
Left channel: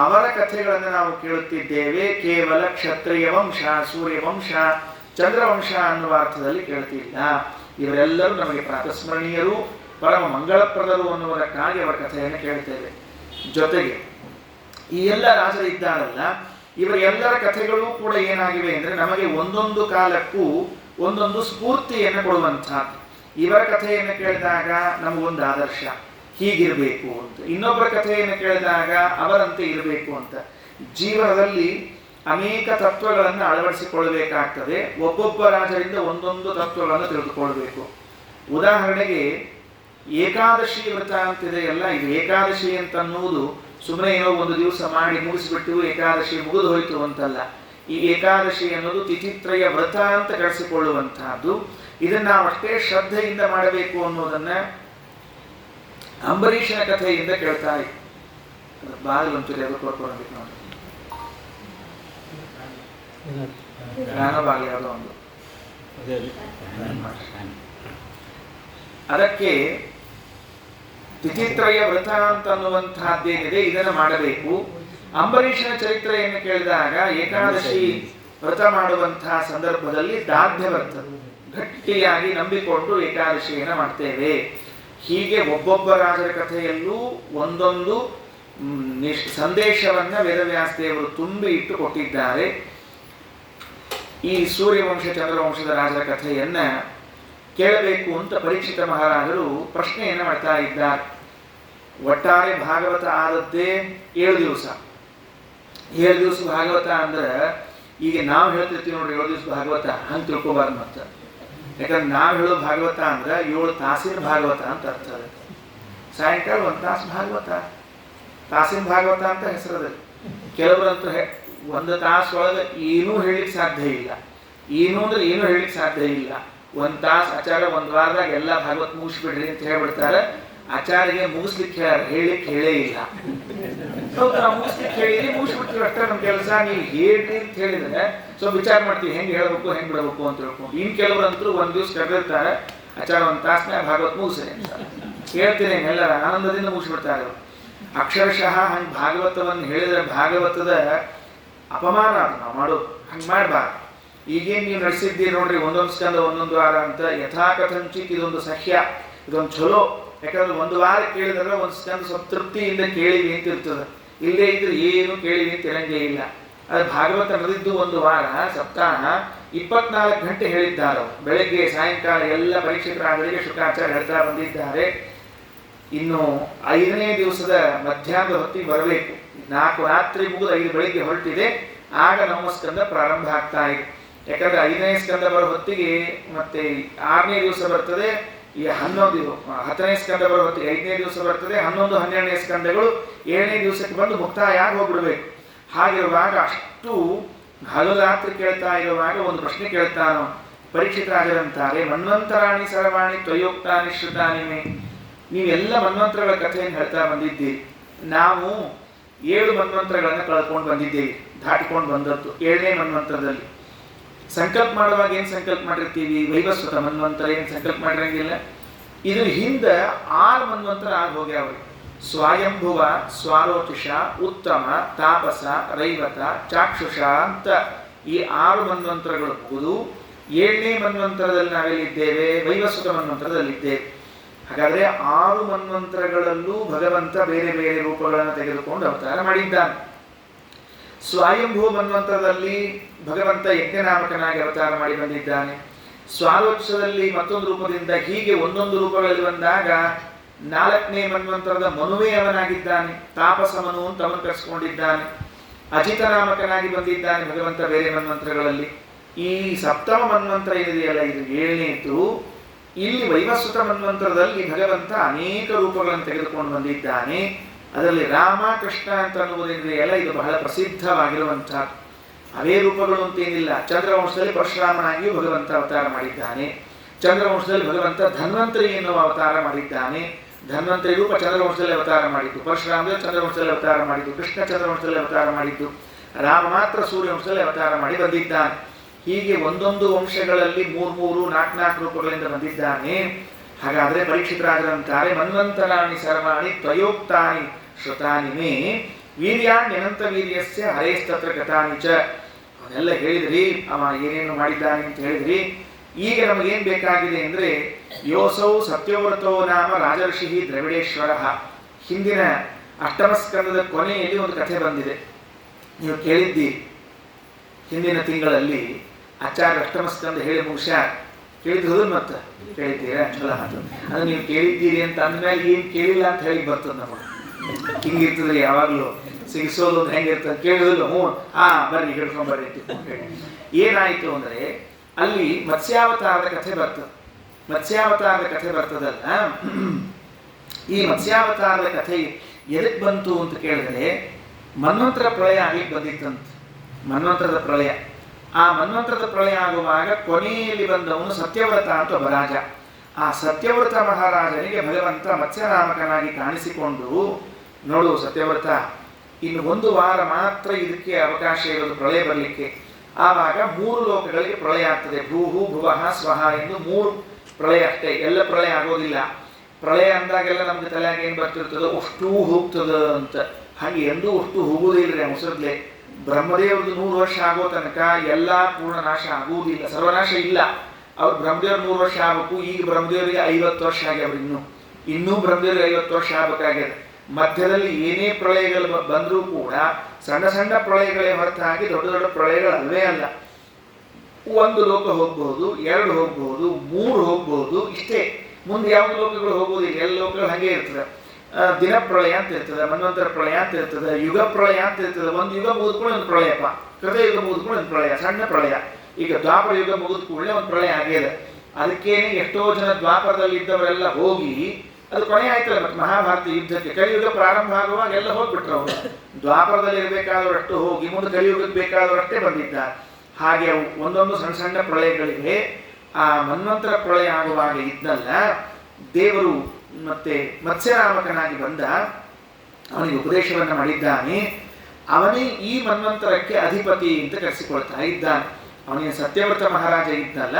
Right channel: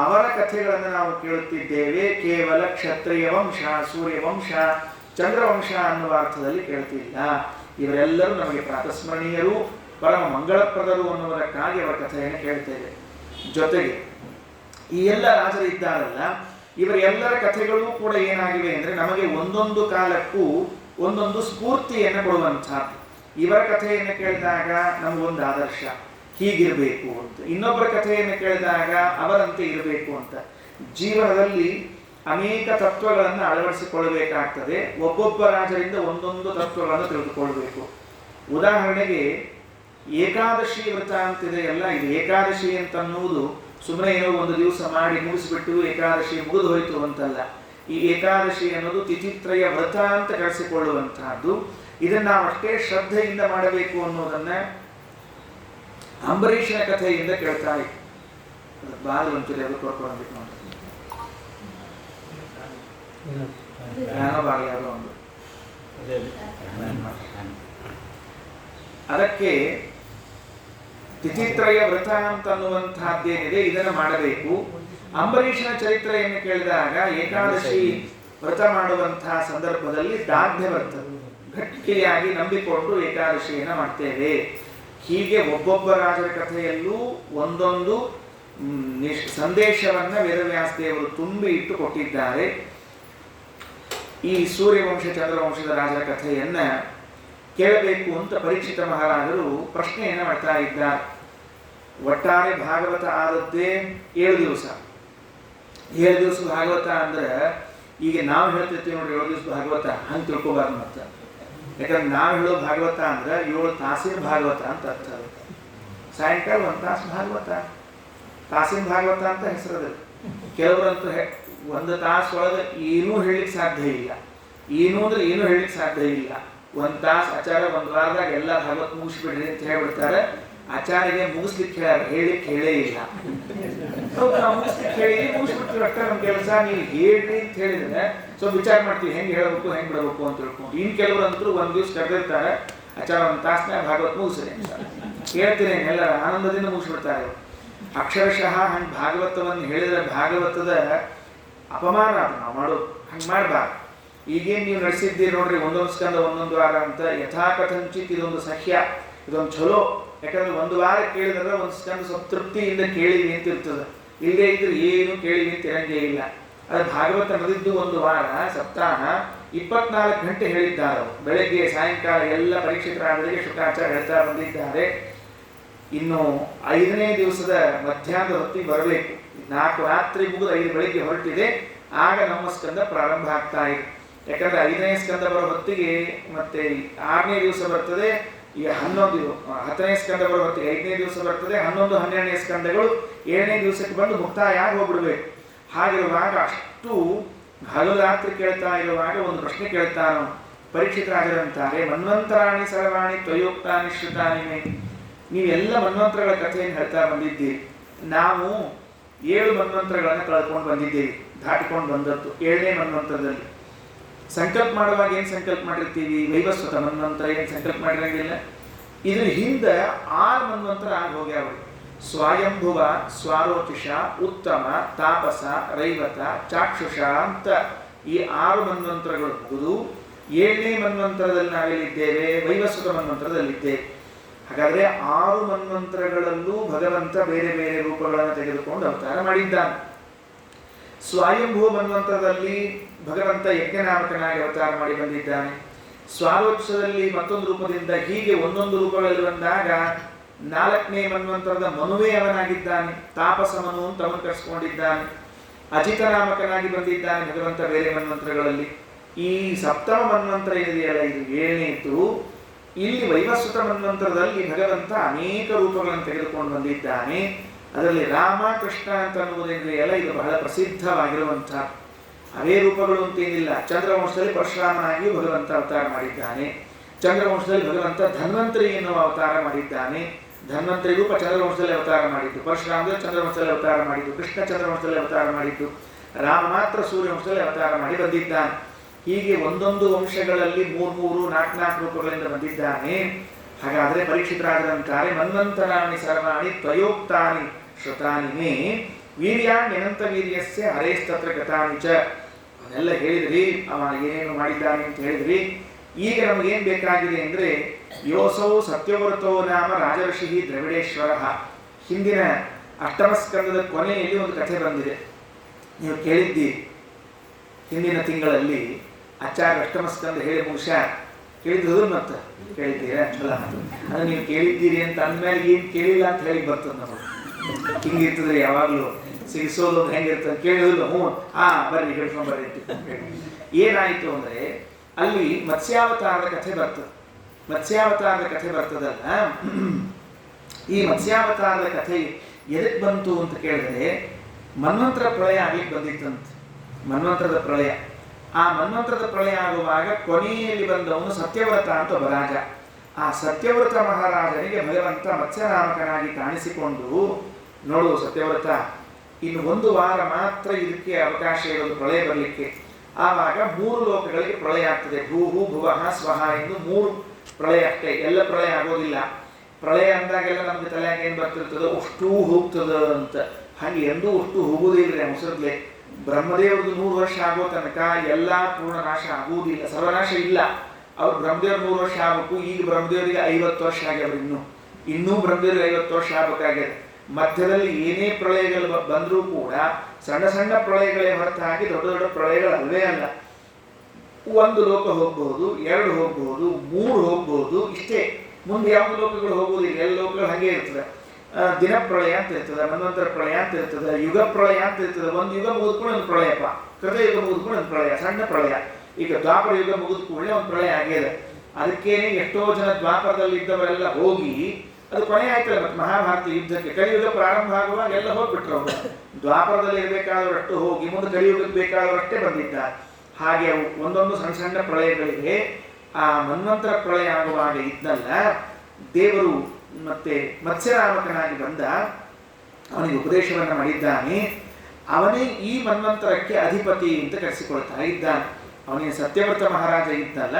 ಅವರ ಕಥೆಗಳನ್ನು ನಾವು ಕೇಳುತ್ತಿದ್ದೇವೆ. ಕೇವಲ ಕ್ಷತ್ರಿಯ ವಂಶ, ಸೂರ್ಯವಂಶ, ಚಂದ್ರವಂಶ ಅನ್ನುವ ಅರ್ಥದಲ್ಲಿ ಕೇಳ್ತಿಲ್ಲ. ಇವರೆಲ್ಲರೂ ನಮಗೆ ಪ್ರಾತಸ್ಮರಣೀಯರು, ಪರಮ ಮಂಗಳಪ್ರದರು ಅನ್ನುವುದಕ್ಕಾಗಿ ಅವರ ಕಥೆಯನ್ನು ಕೇಳ್ತೇವೆ. ಜೊತೆಗೆ ಈ ಎಲ್ಲ ರಾಜರು ಇದ್ದಾರಲ್ಲ, ಇವರೆಲ್ಲರ ಕಥೆಗಳು ಕೂಡ ಏನಾಗಿವೆ ಅಂದರೆ ನಮಗೆ ಒಂದೊಂದು ಕಾಲಕ್ಕೂ ಒಂದೊಂದು ಸ್ಫೂರ್ತಿಯನ್ನು ಕೊಡುವಂಥದ್ದು. ಇವರ ಕಥೆಯನ್ನು ಕೇಳಿದಾಗ ನಮಗೊಂದು ಆದರ್ಶ, ಹೀಗಿರಬೇಕು ಅಂತ. ಇನ್ನೊಬ್ಬರ ಕಥೆಯನ್ನು ಕೇಳಿದಾಗ ಅವರಂತೆ ಇರಬೇಕು ಅಂತ. ಜೀವನದಲ್ಲಿ ಅನೇಕ ತತ್ವಗಳನ್ನು ಅಳವಡಿಸಿಕೊಳ್ಳಬೇಕಾಗ್ತದೆ. ಒಬ್ಬೊಬ್ಬ ರಾಜರಿಂದ ಒಂದೊಂದು ತತ್ವಗಳನ್ನು ತಿಳಿದುಕೊಳ್ಬೇಕು. ಉದಾಹರಣೆಗೆ ಏಕಾದಶಿ ವ್ರತ ಅಂತಿದೆಯಲ್ಲ, ಇದು ಏಕಾದಶಿ ಅಂತನ್ನುವುದು ಸುಮ್ಮನೆ ಏನೋ ಒಂದು ದಿವಸ ಮಾಡಿ ಮುಗಿಸಿಬಿಟ್ಟು ಏಕಾದಶಿ ಮುಗಿದು ಹೋಯಿತು ಅಂತಲ್ಲ. ಈ ಏಕಾದಶಿ ಅನ್ನೋದು ತಿಥಿತ್ರಯ ವ್ರತ ಅಂತ ಕರೆಸಿಕೊಳ್ಳುವಂತಹದ್ದು. ಇದನ್ನು ನಾವು ಅಷ್ಟೇ ಶ್ರದ್ಧೆಯಿಂದ ಮಾಡಬೇಕು ಅನ್ನೋದನ್ನ ಅಂಬರೀಷನ ಕಥೆಯಿಂದ ಕೇಳ್ತಾ ಇತ್ತು. ಅದು ಬಾಗಿಲು ಒಂಚೂರು ಯಾವುದು ಕೊಡ್ಕೊಂಡು ನೋಡಿ, ನಾನು ಬಾಗಿಲು ಯಾವುದೋ ಒಂದು. ಅದಕ್ಕೆ ತಿಥಿತ್ರಯ ವ್ರತ ಅಂತನ್ನುವಂತಹದ್ದೇನಿದೆ, ಇದನ್ನು ಮಾಡಬೇಕು. ಅಂಬರೀಷನ ಚರಿತ್ರೆಯನ್ನು ಕೇಳಿದಾಗ ಏಕಾದಶಿ ವ್ರತ ಮಾಡುವಂತಹ ಸಂದರ್ಭದಲ್ಲಿ ದಾರ್ಢ್ಯ ಬರ್ತದೆ, ಗಟ್ಟಿಯಾಗಿ ನಂಬಿಕೊಂಡು ಏಕಾದಶಿಯನ್ನು ಮಾಡ್ತೇವೆ. ಹೀಗೆ ಒಬ್ಬೊಬ್ಬ ರಾಜರ ಕಥೆಯಲ್ಲೂ ಒಂದೊಂದು ಸಂದೇಶವನ್ನ ವೇದವ್ಯಾಸ ದೇವರು ತುಂಬಿ ಇಟ್ಟು ಕೊಟ್ಟಿದ್ದಾರೆ. ಈ ಸೂರ್ಯವಂಶ ಚಂದ್ರವಂಶದ ರಾಜರ ಕಥೆಯನ್ನ ಕೇಳಬೇಕು ಅಂತ ಪರೀಕ್ಷಿತ ಮಹಾರಾಜರು ಪ್ರಶ್ನೆಯನ್ನು ಮಾಡ್ತಾ ಇದ್ದಾರೆ. ಒಟ್ಟಾರೆ ಭಾಗವತ ಆದದ್ದೇ 7 ದಿವಸ. 7 ದಿವಸ ಭಾಗವತ ಅಂದ್ರೆ ಈಗ ನಾವು ಹೇಳ್ತಿರ್ತೀವಿ ನೋಡಿ 7 ದಿವಸ ಭಾಗವತ, ಹಂಗೆ ತಿಳ್ಕೊಬಾರ್ದು. ಅಂತ ಯಾಕಂದ್ರೆ ನಾವು ಹೇಳೋ ಭಾಗವತ ಅಂದ್ರೆ 7 ತಾಸಿನ ಭಾಗವತ ಅಂತ ಅರ್ಥ. ಸಾಯಂಕಾಲ 1 ತಾಸು ಭಾಗವತ, ತಾಸಿನ ಭಾಗವತ ಅಂತ ಹೆಸರದ. ಕೆಲವರಂತೂ 1 ತಾಸೊಳಗೆ ಏನೂ ಹೇಳಲಿಕ್ಕೆ ಸಾಧ್ಯ ಇಲ್ಲ. ಏನು ಅಂದ್ರೆ ಏನೂ ಹೇಳಲಿಕ್ಕೆ ಸಾಧ್ಯ ಇಲ್ಲ. 1 ತಾಸು ಆಚಾರ 1 ವಾರದಾಗ ಎಲ್ಲ ಭಾಗವತ ಮುಗಿಸ್ಬಿಡ್ರಿ ಅಂತ ಹೇಳ್ಬಿಡ್ತಾರೆ. ಆಚಾರ್ಯಗೆ ಮುಗಿಸ್ಲಿಕ್ಕೆ ಹೇಳಲಿಕ್ಕೆ ಹೇಳೇ ಇಲ್ಲ. ನಾವು ಮುಗಿಸ್ಲಿಕ್ಕೆ ಹೇಳಿದ್ರೆ ಮುಗಿಸ್ಬಿಡ್ತೀವಿ ಅಷ್ಟೇ ನಮ್ಮ ಕೆಲಸ. ನೀವು ಹೇಳ್ರಿ ಅಂತ ಹೇಳಿದ್ರೆ ಸ್ವಲ್ಪ ವಿಚಾರ ಮಾಡ್ತೀವಿ, ಹೆಂಗೆ ಹೇಳಬೇಕು ಹೆಂಗೆ ಬಿಡಬೇಕು ಅಂತ ತಿಳ್ಕೊಂಡು. ಇನ್ನು ಕೆಲವರಂತರೂ 1 ದಿವಸ ಕರೆದಿರ್ತಾರೆ, ಆಚಾರ 1 ತಾಸನಾಗ ಭಾಗವತ ಮುಗಿಸ್ರಿ ಅಂತ ಹೇಳ್ತೀನಿ. ಎಲ್ಲ ಆನಂದದಿಂದ ಮುಗಿಸ್ಬಿಡ್ತಾರೆ. ಅಕ್ಷರಶಃ ಹಂಗೆ ಭಾಗವತವನ್ನು ಹೇಳಿದ್ರೆ ಭಾಗವತದ ಅಪಮಾನ ನಾವು ಮಾಡೋದು. ಹಂಗೆ ಮಾಡಬಾರ್ದು. ಈಗೇನು ನೀವು ನಡೆಸಿದ್ದೀರಿ ನೋಡ್ರಿ, 1 ಸ್ಕಂದ 1 ವಾರ ಅಂತ ಯಥಾಕಥಂಚಿತ್ ಇದೊಂದು ಸಹ್ಯ, ಇದೊಂದು ಚಲೋ. ಯಾಕಂದ್ರೆ 1 ವಾರ ಕೇಳಿದ್ರೆ 1 ಸ್ಕಂದ ಸ್ವಲ್ಪ ತೃಪ್ತಿಯಿಂದ ಕೇಳಿವಿ ಅಂತ ಇರ್ತದೆ. ಇಲ್ಲದೇ ಇದ್ರೆ ಏನು ಕೇಳಿವಿ ಅಂತ ಇರಂಗೇ ಇಲ್ಲ. ಅದು ಭಾಗವತ ನಡೆದಿದ್ದು 1 ವಾರ, ಸಪ್ತಾಹ 24 ಗಂಟೆ ಹೇಳಿದ್ದಾರೆ. ಬೆಳಗ್ಗೆ ಸಾಯಂಕಾಲ ಎಲ್ಲ ಪರೀಕ್ಷಕರಾದರಿಗೆ ಶುಕಾಚಾರ್ಯ ಹೇಳ್ತಾ ಬಂದಿದ್ದಾರೆ. ಇನ್ನು 5ನೇ ದಿವಸದ ಮಧ್ಯಾಹ್ನದ ಹೊತ್ತಿಗೆ ಬರಬೇಕು. 4 ರಾತ್ರಿ ಮುಗಿದು 5 ಬೆಳಿಗ್ಗೆ ಹೊರಟಿದೆ, ಆಗ ನಮ್ಮ ಸ್ಕಂದ ಪ್ರಾರಂಭ ಆಗ್ತಾ ಇದೆ. ಯಾಕಂದ್ರೆ 5ನೇ ಸ್ಕಂದ ಬರೋ ಹೊತ್ತಿಗೆ ಮತ್ತೆ 6ನೇ ದಿವಸ ಬರ್ತದೆ, ಈ 10ನೇ ಸ್ಕಂದ ಬರೋ ಹೊತ್ತಿಗೆ 5ನೇ ದಿವಸ ಬರ್ತದೆ, 11, 12ನೇ ಸ್ಕಂದಗಳು 7ನೇ ದಿವಸಕ್ಕೆ ಬಂದು ಮುಕ್ತಾಯ ಆಗಿ ಹೋಗ್ಬಿಡ್ಬೇಕು. ಹಾಗಿರುವಾಗ ಅಷ್ಟು ಹಗಲು ರಾತ್ರಿ ಕೇಳ್ತಾ ಇರುವಾಗ ಒಂದು ಪ್ರಶ್ನೆ ಕೇಳ್ತಾನೋ ಪರೀಕ್ಷಿತ ರಾಜರಂತಾರೆ, ಮನ್ವಂತರಾಣಿ ಸರ್ವಾಣಿ ತ್ವಯೋಕ್ತಾನಿ ಶ್ರುತಾನಿ ಮೇ. ನೀವೆಲ್ಲ ಮನ್ವಂತರಗಳ ಕಥೆಯನ್ನು ಹೇಳ್ತಾ ಬಂದಿದ್ದೀರಿ. ನಾವು 7 ಮನ್ವಂತರಗಳನ್ನು ಕಳ್ಕೊಂಡು ಬಂದಿದ್ದೇವೆ, ದಾಟಿಕೊಂಡು ಬಂದದ್ದು. 7ನೇ ಮನ್ವಂತರದಲ್ಲಿ ಸಂಕಲ್ಪ ಮಾಡುವಾಗ ಏನು ಸಂಕಲ್ಪ ಮಾಡಿರ್ತೀವಿ? ವೈವಸ್ವತ ಮನ್ವಂತರ ಏನು ಸಂಕಲ್ಪ ಮಾಡಿರಂಗಿಲ್ಲ. ಇದ್ರ ಹಿಂದೆ 6 ಮನ್ವಂತರ ಆಗಿ ಹೋಗ್ಯಾವ್ರಿ. ಸ್ವಯಂಭುವ, ಸ್ವಾರೋಚಿಷ, ಉತ್ತಮ, ತಾಪಸ, ರೈವತ, ಚಾಕ್ಷುಷ ಅಂತ ಈ 6 ಮನ್ವಂತರಗಳು ಮುಗಿದು 7ನೇ ಮನ್ವಂತರದಲ್ಲಿ ನಾವೆಲ್ಲಿದ್ದೇವೆ? ವೈವಸ್ವತ ಮನ್ವಂತರದಲ್ಲಿದ್ದೇವೆ. ಹಾಗಾದ್ರೆ 6 ಮನ್ವಂತರಗಳಲ್ಲೂ ಭಗವಂತ ಬೇರೆ ಬೇರೆ ರೂಪಗಳನ್ನು ತೆಗೆದುಕೊಂಡು ಅವತಾರ ಮಾಡಿದ್ದಾನೆ. ಸ್ವಯಂಭೂ ಮನ್ವಂತರದಲ್ಲಿ ಭಗವಂತ ಯಜ್ಞನಾಮಕನಾಗಿ ಅವತಾರ ಮಾಡಿ ಬಂದಿದ್ದಾನೆ. ಸ್ವಾರೋಕ್ಷದಲ್ಲಿ ಮತ್ತೊಂದು ರೂಪದಿಂದ, ಹೀಗೆ ಒಂದೊಂದು ರೂಪಗಳಲ್ಲಿ ಬಂದಾಗ 4ನೇ ಮನ್ವಂತರದ ಮನುವೇ ಅವನಾಗಿದ್ದಾನೆ. ತಾಪಸ ಮನು ಅಂತ ಅವನು ಕರೆಸಿಕೊಂಡಿದ್ದಾನೆ. ಅಜಿತನಾಮಕನಾಗಿ ಬಂದಿದ್ದಾನೆ ಭಗವಂತ ಬೇರೆ ಮನ್ವಂತರಗಳಲ್ಲಿ. ಈ ಸಪ್ತಮ ಮನ್ವಂತರ ಏನಿದೆಯಲ್ಲ, ಇದು 7ನೇದು. ಇಲ್ಲಿ ವೈವಸ್ವತ ಮನ್ವಂತರದಲ್ಲಿ ಭಗವಂತ ಅನೇಕ ರೂಪಗಳನ್ನು ತೆಗೆದುಕೊಂಡು ಬಂದಿದ್ದಾನೆ. ಅದರಲ್ಲಿ ರಾಮ ಕೃಷ್ಣ ಅಂತ ಅನ್ನುವುದೇನಿದೆಯಲ್ಲ, ಇದು ಬಹಳ ಪ್ರಸಿದ್ಧವಾಗಿರುವಂತಹ ಅವೇ ರೂಪಗಳು ಅಂತೇನಿಲ್ಲ. ಚಂದ್ರವಂಶದಲ್ಲಿ ಪರಶುರಾಮನಾಗಿಯೂ ಭಗವಂತ ಅವತಾರ ಮಾಡಿದ್ದಾನೆ. ಚಂದ್ರವಂಶದಲ್ಲಿ ಭಗವಂತ ಧನ್ವಂತರಿ ಎನ್ನುವ ಅವತಾರ ಮಾಡಿದ್ದಾನೆ. ಧನ್ವಂತರಿ ರೂಪ ಚಂದ್ರವಂಶದಲ್ಲಿ ಅವತಾರ ಮಾಡಿದ್ದು, ಪರಶುರಾಮದಲ್ಲಿ ಚಂದ್ರವಂಶದಲ್ಲಿ ಅವತಾರ ಮಾಡಿದ್ದು, ಕೃಷ್ಣ ಚಂದ್ರವಂಶದಲ್ಲಿ ಅವತಾರ ಮಾಡಿದ್ದು, ರಾಮ ಮಾತ್ರ ಸೂರ್ಯವಂಶದಲ್ಲಿ ಅವತಾರ ಮಾಡಿ ಬಂದಿದ್ದಾನೆ. ಹೀಗೆ ಒಂದೊಂದು ವಂಶಗಳಲ್ಲಿ 3, 4 ರೂಪಗಳಿಂದ ಬಂದಿದ್ದಾನೆ. ಹಾಗಾದ್ರೆ ಪರೀಕ್ಷಿತರಾದರಂತಾರೆ, ಮನ್ವಂತರಾಣಿ ಸರ್ವಾಣಿ ತ್ವಯೋಕ್ತಾನಿ ಶ್ರುತಾನಿ ಮೇ ವೀರ್ಯಾಣ್ಯನಂತ ವೀರ್ಯಸ್ಯ ಹರೇಸ್ತತ್ರ ಗತಾನಿ ಚ. ಅವನ್ನೆಲ್ಲ ಹೇಳಿದ್ರಿ, ಅವ ಏನೇನು ಮಾಡಿದ್ದಾನೆ ಅಂತ ಹೇಳಿದ್ರಿ. ಈಗ ನಮಗೇನು ಬೇಕಾಗಿದೆ ಅಂದರೆ ಯೋಸೌ ಸತ್ಯವೃತೋ ನಾಮ ರಾಜಋಷಿ ದ್ರವಿಡೇಶ್ವರ. ಹಿಂದಿನ ಅಷ್ಟಮ ಸ್ಕಂದದ ಕೊನೆಯಲ್ಲಿ ಒಂದು ಕಥೆ ಬಂದಿದೆ, ನೀವು ಕೇಳಿದ್ದೀರಿ. ಹಿಂದಿನ ತಿಂಗಳಲ್ಲಿ ಆಚಾರ್ಯ ಅಷ್ಟಮ ಸ್ಕಂದ ಹೇಳಿ ಮುಗಿಸ್ಯಾರ. ಕೇಳಿದ್ರು ಮತ್ತೆ ಕೇಳಿದ್ದೀರಾ? ಚಲ ಅದು ನೀವು ಕೇಳಿದ್ದೀರಿ ಅಂತ ಅಂದಮೇಲೆ ಏನು ಕೇಳಿಲ್ಲ ಅಂತ ಹೇಳಿ ಬರ್ತದೆ ನಮಗೆ. ಹಿಂಗಿರ್ತದ್ರಿ ಯಾವಾಗಲೂ ಸಿಗಿಸೋದು ಒಂದು ಹೆಂಗಿರ್ತದೆ ಕೇಳಿದ್ರು. ಹ್ಞೂ ಬರ್ರಿ ಹೇಳ್ಕೊಂಬರ್ರಿ ಅಂತ ಹೇಳಿ. ಏನಾಯಿತು ಅಂದರೆ ಅಲ್ಲಿ ಮತ್ಸ್ಯಾವತಾರದ ಕಥೆ ಬರ್ತದೆ. ಮತ್ಸ್ಯಾವತಾರದ ಕಥೆ ಬರ್ತದಲ್ಲ, ಈ ಮತ್ಸ್ಯಾವತಾರದ ಕಥೆ ಎದಕ್ಕೆ ಬಂತು ಅಂತ ಕೇಳಿದ್ರೆ ಮನ್ವಂತರ ಪ್ರಳಯ ಆಗ್ಲಿಕ್ಕೆ ಬಂದಿತ್ತಂತೆ. ಮನ್ವಂತರದ ಪ್ರಳಯ. ಆ ಮನ್ವಂತರದ ಪ್ರಳಯ ಆಗುವಾಗ ಕೊನೆಯಲ್ಲಿ ಬಂದವನು ಸತ್ಯವ್ರತ ಅಂತ ಒಬ್ಬ ರಾಜ. ಆ ಸತ್ಯವ್ರತ ಮಹಾರಾಜನಿಗೆ ಭಗವಂತ ಮತ್ಸ್ಯನಾಮಕನಾಗಿ ಕಾಣಿಸಿಕೊಂಡು, ನೋಡು ಸತ್ಯವ್ರತ, ಇನ್ನು 1 ವಾರ ಮಾತ್ರ ಇದಕ್ಕೆ ಅವಕಾಶ ಇರೋದು ಪ್ರಳಯ ಬರಲಿಕ್ಕೆ. ಆವಾಗ 3 ಲೋಕಗಳಿಗೆ ಪ್ರಳಯ ಆಗ್ತದೆ. ಭೂಹು ಭುವಃ ಸ್ವಹ ಎಂದು 3 ಪ್ರಳಯ ಅಷ್ಟೇ, ಎಲ್ಲ ಪ್ರಳಯ ಆಗೋದಿಲ್ಲ. ಪ್ರಳಯ ಅಂದಾಗೆಲ್ಲ ನಮ್ಗೆ ತಲೆಯಾಗ ಏನು ಬರ್ತಿರ್ತದೋ ಅಷ್ಟೂ ಹೋಗ್ತದ ಅಂತ. ಹಾಗೆ ಎಂದೂ ಅಷ್ಟು ಹೋಗುವುದಿಲ್ಲ ಮುಸುರ್ಲೆ. ಬ್ರಹ್ಮದೇವ್ರದ್ದು 100 ವರ್ಷ ಆಗೋ ತನಕ ಎಲ್ಲ ಪೂರ್ಣ ನಾಶ ಆಗುವುದಿಲ್ಲ, ಸರ್ವನಾಶ ಇಲ್ಲ. ಅವ್ರು ಬ್ರಹ್ಮದೇವ್ರ 100 ವರ್ಷ ಆಗಬೇಕು. ಈಗ ಬ್ರಹ್ಮದೇವರಿಗೆ 50 ವರ್ಷ ಆಗ್ಯಾವ್ರು. ಇನ್ನೂ ಬ್ರಹ್ಮದೇವ್ರಿಗೆ 50 ವರ್ಷ ಆಗಬೇಕಾಗ್ಯದ. ಮಧ್ಯದಲ್ಲಿ ಏನೇ ಪ್ರಳಯಗಳು ಬಂದರೂ ಕೂಡ ಸಣ್ಣ ಸಣ್ಣ ಪ್ರಳಯಗಳೇ ಹೊರತಾಗಿ ದೊಡ್ಡ ದೊಡ್ಡ ಪ್ರಳಯಗಳು ಅಲ್ವೇ ಅಲ್ಲ. 1 ಲೋಕ ಹೋಗ್ಬಹುದು, 2 ಹೋಗ್ಬಹುದು, 3 ಹೋಗ್ಬಹುದು, ಇಷ್ಟೇ. ಮುಂದೆ ಯಾವ್ದು ಲೋಕಗಳು ಹೋಗೋದಿಲ್ಲ. ಎಲ್ಲ ಲೋಕಗಳು ಹಾಗೆ ಇರ್ತದೆ. ದಿನ ಪ್ರಳಯ ಅಂತ ಇರ್ತದೆ, ಮನ್ವಂತರ ಪ್ರಳಯ ಅಂತ ಇರ್ತದೆ, ಯುಗ ಪ್ರಳಯ ಅಂತ ಇರ್ತದೆ. ಒಂದು ಯುಗ ಮುಗಿದ್ಕೊಂಡು ಒಂದು ಪ್ರಳಯಪ್ಪ, ಕೃತಯುಗ ಮುಗಿದ್ಕೊಂಡು ಒಂದು ಪ್ರಳಯ, ಸಣ್ಣ ಪ್ರಳಯ. ಈಗ ದ್ವಾಪರ ಯುಗ ಮುಗಿದ ಕೂಡಲೇ ಒಂದು ಪ್ರಳಯ ಆಗಿದೆ. ಅದಕ್ಕೇನೆ ಎಷ್ಟೋ ಜನ ದ್ವಾಪರದಲ್ಲಿ ಇದ್ದವರೆಲ್ಲ ಹೋಗಿ ಅದು ಕೊನೆ ಆಯ್ತಲ್ಲ. ಮತ್ತೆ ಮಹಾಭಾರತ ಯುದ್ಧಕ್ಕೆ ಕಲಿಯುಗ ಪ್ರಾರಂಭ ಆಗುವಾಗ ಎಲ್ಲ ಹೋಗ್ಬಿಟ್ರು ಅವರು. ದ್ವಾಪರದಲ್ಲಿ ಇರಬೇಕಾದವರಷ್ಟು ಹೋಗಿ ಮುಂದೆ ಕಲಿಯುಗಕ್ಕೆ ಬೇಕಾದವರಷ್ಟೇ ಬಂದಿದ್ದಾರೆ. ಹಾಗೆ ಅವು ಒಂದೊಂದು ಸಣ್ಣ ಸಣ್ಣ ಪ್ರಳಯಗಳಿಗೆ ಆ ಮನ್ವಂತರ ಪ್ರಳಯ ಆಗುವಾಗ ಇದ್ದಲ್ಲ, ದೇವರು ಮತ್ತೆ ಮತ್ಸ್ಯನಾಮಕನಾಗಿ ಬಂದ, ಅವನಿಗೆ ಉಪದೇಶವನ್ನು ಮಾಡಿದ್ದಾನೆ. ಅವನೇ ಈ ಮನ್ವಂತರಕ್ಕೆ ಅಧಿಪತಿ ಅಂತ ಕರೆಸಿಕೊಳ್ತಾ ಇದ್ದಾನೆ. ಅವನಿಗೆ ಸತ್ಯವ್ರತ ಮಹಾರಾಜ ಇದ್ದಲ್ಲ,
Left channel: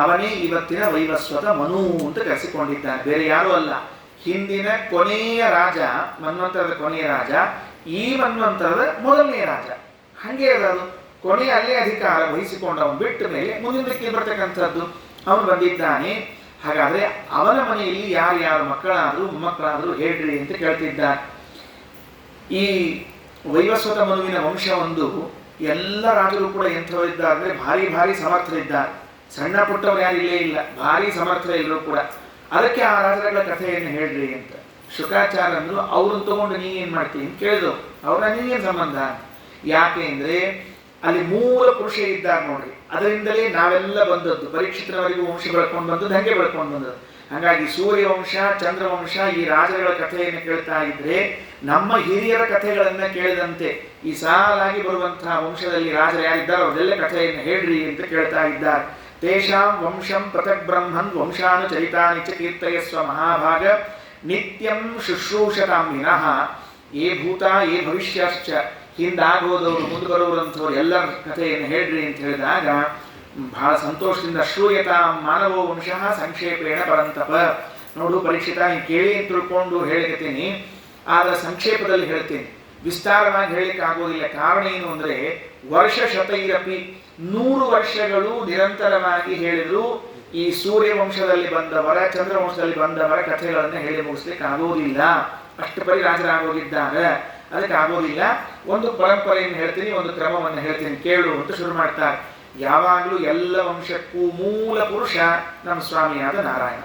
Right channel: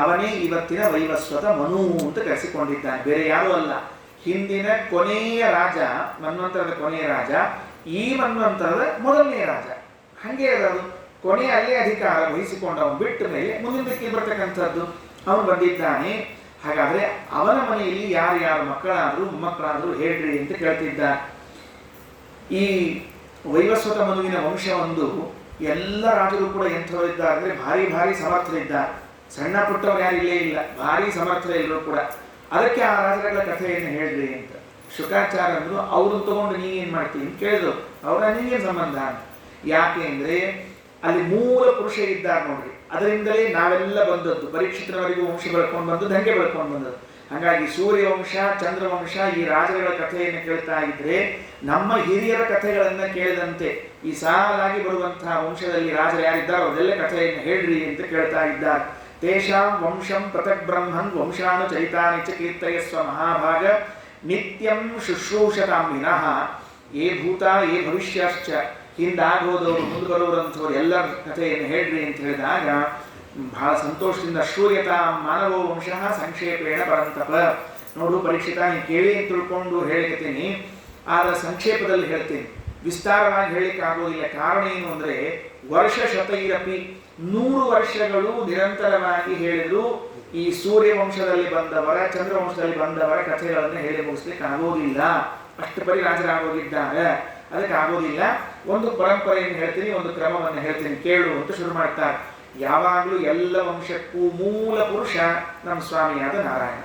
ಅವನೇ ಇವತ್ತಿನ ವೈವಸ್ವತ ಮನು ಅಂತ ಕರೆಸಿಕೊಂಡಿದ್ದಾನೆ. ಬೇರೆ ಯಾರೂ ಅಲ್ಲ. ಹಿಂದಿನ ಕೊನೆಯ ರಾಜ, ಮನ್ವಂತರದ ಕೊನೆಯ ರಾಜ, ಈ ಮನ್ವಂತರದ ಮೊದಲನೇ ರಾಜ. ಹಾಗೆ ಅದು ಕೊನೆಯ ಅಲ್ಲೇ ಅಧಿಕಾರ ವಹಿಸಿಕೊಂಡವನು ಬಿಟ್ಟ ಮೇಲೆ ಮುಂದಿನದಕ್ಕೆ ಬರ್ತಕ್ಕಂಥದ್ದು ಅವನು ಬಂದಿದ್ದಾನೆ. ಹಾಗಾದರೆ ಅವನ ಮನೆಯಲ್ಲಿ ಯಾರ್ಯಾರು ಮಕ್ಕಳಾದರೂ ಮೊಮ್ಮಕ್ಕಳಾದರೂ ಹೇಳ್ರಿ ಅಂತ ಕೇಳ್ತಿದ್ದಾನೆ. ಈ ವೈವಸ್ವತ ಮನುವಿನ ವಂಶವೊಂದು ಎಲ್ಲ ರಾಜರು ಕೂಡ ಎಂಥವರಿದ್ದಾರೆ ಅಂದರೆ ಭಾರಿ ಭಾರಿ ಸಮರ್ಥರಿದ್ದಾರೆ. ಸಣ್ಣ ಪುಟ್ಟವರು ಯಾರು ಇಲ್ಲೇ ಇಲ್ಲ, ಭಾರಿ ಸಮರ್ಥರು ಎಲ್ಲರೂ ಕೂಡ. ಅದಕ್ಕೆ ಆ ರಾಜರುಗಳ ಕಥೆಯನ್ನು ಹೇಳ್ರಿ ಅಂತ ಶುಕಾಚಾರ್ಯ ಅಂದರು. ಅವ್ರನ್ನ ತಗೊಂಡು ನೀನೇನು ಮಾಡ್ತೀನಿ ಅಂತ ಕೇಳಿದ್ರು. ಅವರ ನೀನೇನು ಸಂಬಂಧ? ಯಾಕೆ ಅಂದರೆ ಅಲ್ಲಿ ಮೂಲ ಪುರುಷ ಇದ್ದಾರೆ ನೋಡ್ರಿ, ಅದರಿಂದಲೇ ನಾವೆಲ್ಲ ಬಂದದ್ದು. ಪರೀಕ್ಷಿತನವರೆಗೂ ವಂಶ ಬೆಳ್ಕೊಂಡು ಬಂದದ್ದು, ಹಂಗೆ ಬೆಳ್ಕೊಂಡು ಬಂದದ್ದು. ಹಾಗಾಗಿ ಸೂರ್ಯವಂಶ, ಚಂದ್ರವಂಶ, ಈ ರಾಜರುಗಳ ಕಥೆಯನ್ನು ಕೇಳ್ತಾ ಇದ್ರೆ ನಮ್ಮ ಹಿರಿಯರ ಕಥೆಗಳನ್ನು ಕೇಳಿದಂತೆ ಈ ಸಾಲಾಗಿ ಬರುವಂತಹ ವಂಶದಲ್ಲಿ ರಾಜರು ಯಾರಿದ್ದಾರೋ ಅವರೆಲ್ಲ ಕಥೆಯನ್ನು ಹೇಳ್ರಿ ಅಂತ ಕೇಳ್ತಾ ಇದ್ದಾರೆ. ತೇಷಾಂ ವಂಶಂ ಪೃಥಕ್ ಬ್ರಹ್ಮನ್ ವಂಶಾನು ಚರಿತಾನಿ ಚ ಕೀರ್ತಯಸ್ವ ಮಹಾಭಾಗ ನಿತ್ಯಂ ಶುಶ್ರೂಷತಾಂ ವಿನಃ. ಏ ಭೂತ ಏ ಭವಿಷ್ಯಶ್ಚ, ಹಿಂದಾಗೋದವರು ಮುಂದೆ ಬರೋರಂಥವ್ರು ಎಲ್ಲರ ಕಥೆಯನ್ನು ಹೇಳ್ರಿ ಅಂತ ಹೇಳಿದಾಗ ಬಹಳ ಸಂತೋಷದಿಂದ ಶ್ರೂಯತಾ ಮಾನವೋ ವಂಶಃ ಸಂಕ್ಷೇಪೇಣ ಪರಂತಪ. ನೋಡು ಪರೀಕ್ಷಿತ, ನೀನು ಕೇಳಿ ಅಂತ ತಿಳ್ಕೊಂಡು ಹೇಳಿರ್ತೀನಿ, ಆದರೆ ಸಂಕ್ಷೇಪದಲ್ಲಿ ಹೇಳ್ತೀನಿ, ವಿಸ್ತಾರವಾಗಿ ಹೇಳಲಿಕ್ಕೆ ಆಗೋದಿಲ್ಲ. ಕಾರಣ ಏನು ಅಂದರೆ ವರ್ಷ ಶತೈರಪಿ 100 ವರ್ಷಗಳು ನಿರಂತರವಾಗಿ ಹೇಳಿದ್ರು ಈ ಸೂರ್ಯವಂಶದಲ್ಲಿ ಬಂದವರ, ಚಂದ್ರವಂಶದಲ್ಲಿ ಬಂದವರ ಕಥೆಗಳನ್ನು ಹೇಳಿ ಮುಗಿಸ್ಲಿಕ್ಕೆ ಆಗೋದಿಲ್ಲ. ಅಷ್ಟು ಪರಿ ರಾಜರಾಗೋಗಿದ್ದಾರೆ. ಅದಕ್ಕೆ ಆಗೋದಿಲ್ಲ. ಒಂದು ಪರಂಪರೆಯನ್ನು ಹೇಳ್ತೀನಿ, ಒಂದು ಕ್ರಮವನ್ನು ಹೇಳ್ತೀನಿ, ಕೇಳು ಅಂತ ಶುರು ಮಾಡ್ತಾರೆ. ಯಾವಾಗಲೂ ಎಲ್ಲ ವಂಶಕ್ಕೂ ಮೂಲ ಪುರುಷ ನಮ್ಮ ಸ್ವಾಮಿಯಾದ ನಾರಾಯಣ.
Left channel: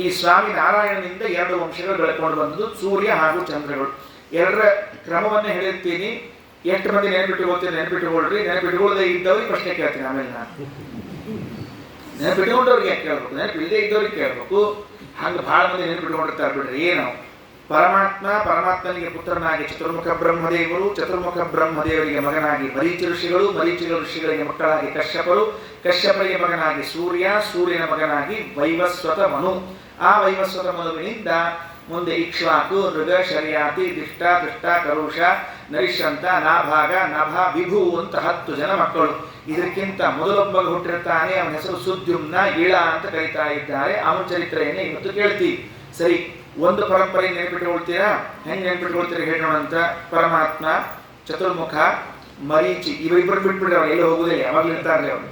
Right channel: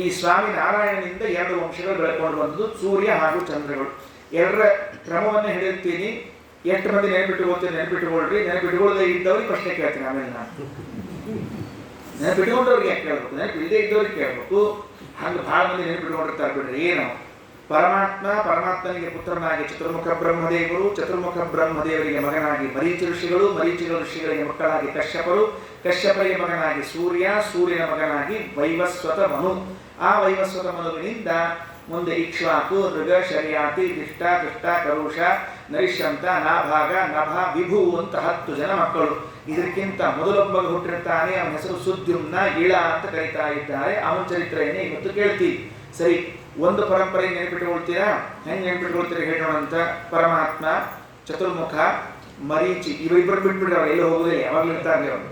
ಈ ಸ್ವಾಮಿ ನಾರಾಯಣನಿಂದ 2 ವಂಶಗಳು ಬೆಳ್ಕೊಂಡು ಬಂದದ್ದು, ಸೂರ್ಯ ಹಾಗೂ ಚಂದ್ರಗಳು. 2ರ ಕ್ರಮವನ್ನು ಹೇಳಿರ್ತೀನಿ. ಎಷ್ಟು ಮಂದಿ ನೆನಪಿಟ್ಟುಕೊಳ್ತೀನಿ? ನೆನಪಿಟ್ಟುಕೊಳ್ರಿ. ನೆನಪಿಟ್ಟುಕೊಳ್ಳದೆ ಇದ್ದವ್ರಿಗೆ ಪ್ರಶ್ನೆ ಕೇಳ್ತೀನಿ. ಆಮೇಲೆ ನಾನು ನೆನಪಿಟ್ಟುಕೊಂಡವ್ರಿಗೆ ಕೇಳ್ಬೇಕು, ನೆನಪಿಲ್ಲದೆ ಇದ್ದವ್ರಿಗೆ ಕೇಳ್ಬೇಕು. ಹಂಗೆ ಭಾಳ ಮಂದಿ ನೆನಪಿಟ್ಟುಕೊಂಡಿರ್ತಾರೆ ಬಿಡ್ರಿ. ಏನು ಪರಮಾತ್ಮನಿಗೆ ಪುತ್ರನಾಗಿ ಚತುರ್ಮುಖ ಬ್ರಹ್ಮದೇವರು, ಚತುರ್ಮುಖ ಬ್ರಹ್ಮದೇವರಿಗೆ ಮಗನಾಗಿ ಮರೀಚಿ ಋಷಿಗಳು, ಮರೀಚಿ ಋಷಿಗಳಿಗೆ ಮಕ್ಕಳಾಗಿ ಕಶ್ಯಪರು, ಕಶ್ಯಪರಿಗೆ ಮಗನಾಗಿ ಸೂರ್ಯ, ಸೂರ್ಯನ ಮಗನಾಗಿ ವೈವಸ್ವತ ಮನು. ಆ ವೈವಸ್ವತ ಮನುವಿನಿಂದ ಮುಂದೆ ಇಕ್ಷ್ವಾಕು, ಮೃಗ, ಶರ್ಯಾತಿ, ದಿಷ್ಟ, ದುಷ್ಟ, ಕರುಷ, ನರಿಷ್ಯಂತ, ನಾಭಾಗ, ನಭ, ವಿಭು ಅಂತ 10 ಜನ ಮಕ್ಕಳು. ಇದಕ್ಕಿಂತ ಮೊದಲೊಬ್ಬ ಹುಟ್ಟಿರ್ತಾನೆ, ಅವನ ಹೆಸರು ಸುದ್ಯುಮ್ನ, ಇಳ ಅಂತ ಕರೀತಾ ಇದ್ದಾರೆ. ಅವನ ಚರಿತ್ರೆಯನ್ನೇ ಇವತ್ತು ಕೇಳ್ತೀವಿ. ಸರಿ, ಒಂದು ಪರಂಪರೆ ನೆನಪಿಟ್ಟುಕೊಳ್ತೀರಾ? ಹೆಂಗೆ ನೆನಪಿಟ್ಕೊಳ್ತೀರಿ ಹೇಳೋಣ ಅಂತ. ಪರಮಾತ್ಮ, ಚತುರ್ಮುಖ, ಮರೀಚಿ, ಇವರಿಬ್ಬರು ಬಿಟ್ಬಿಡ್ರೆ ಅವ್ರು ಎಲ್ಲೂ ಹೋಗೋದಿಲ್ಲ, ಯಾವಾಗಲೂ ಇರ್ತಾರೆ ಅವರು.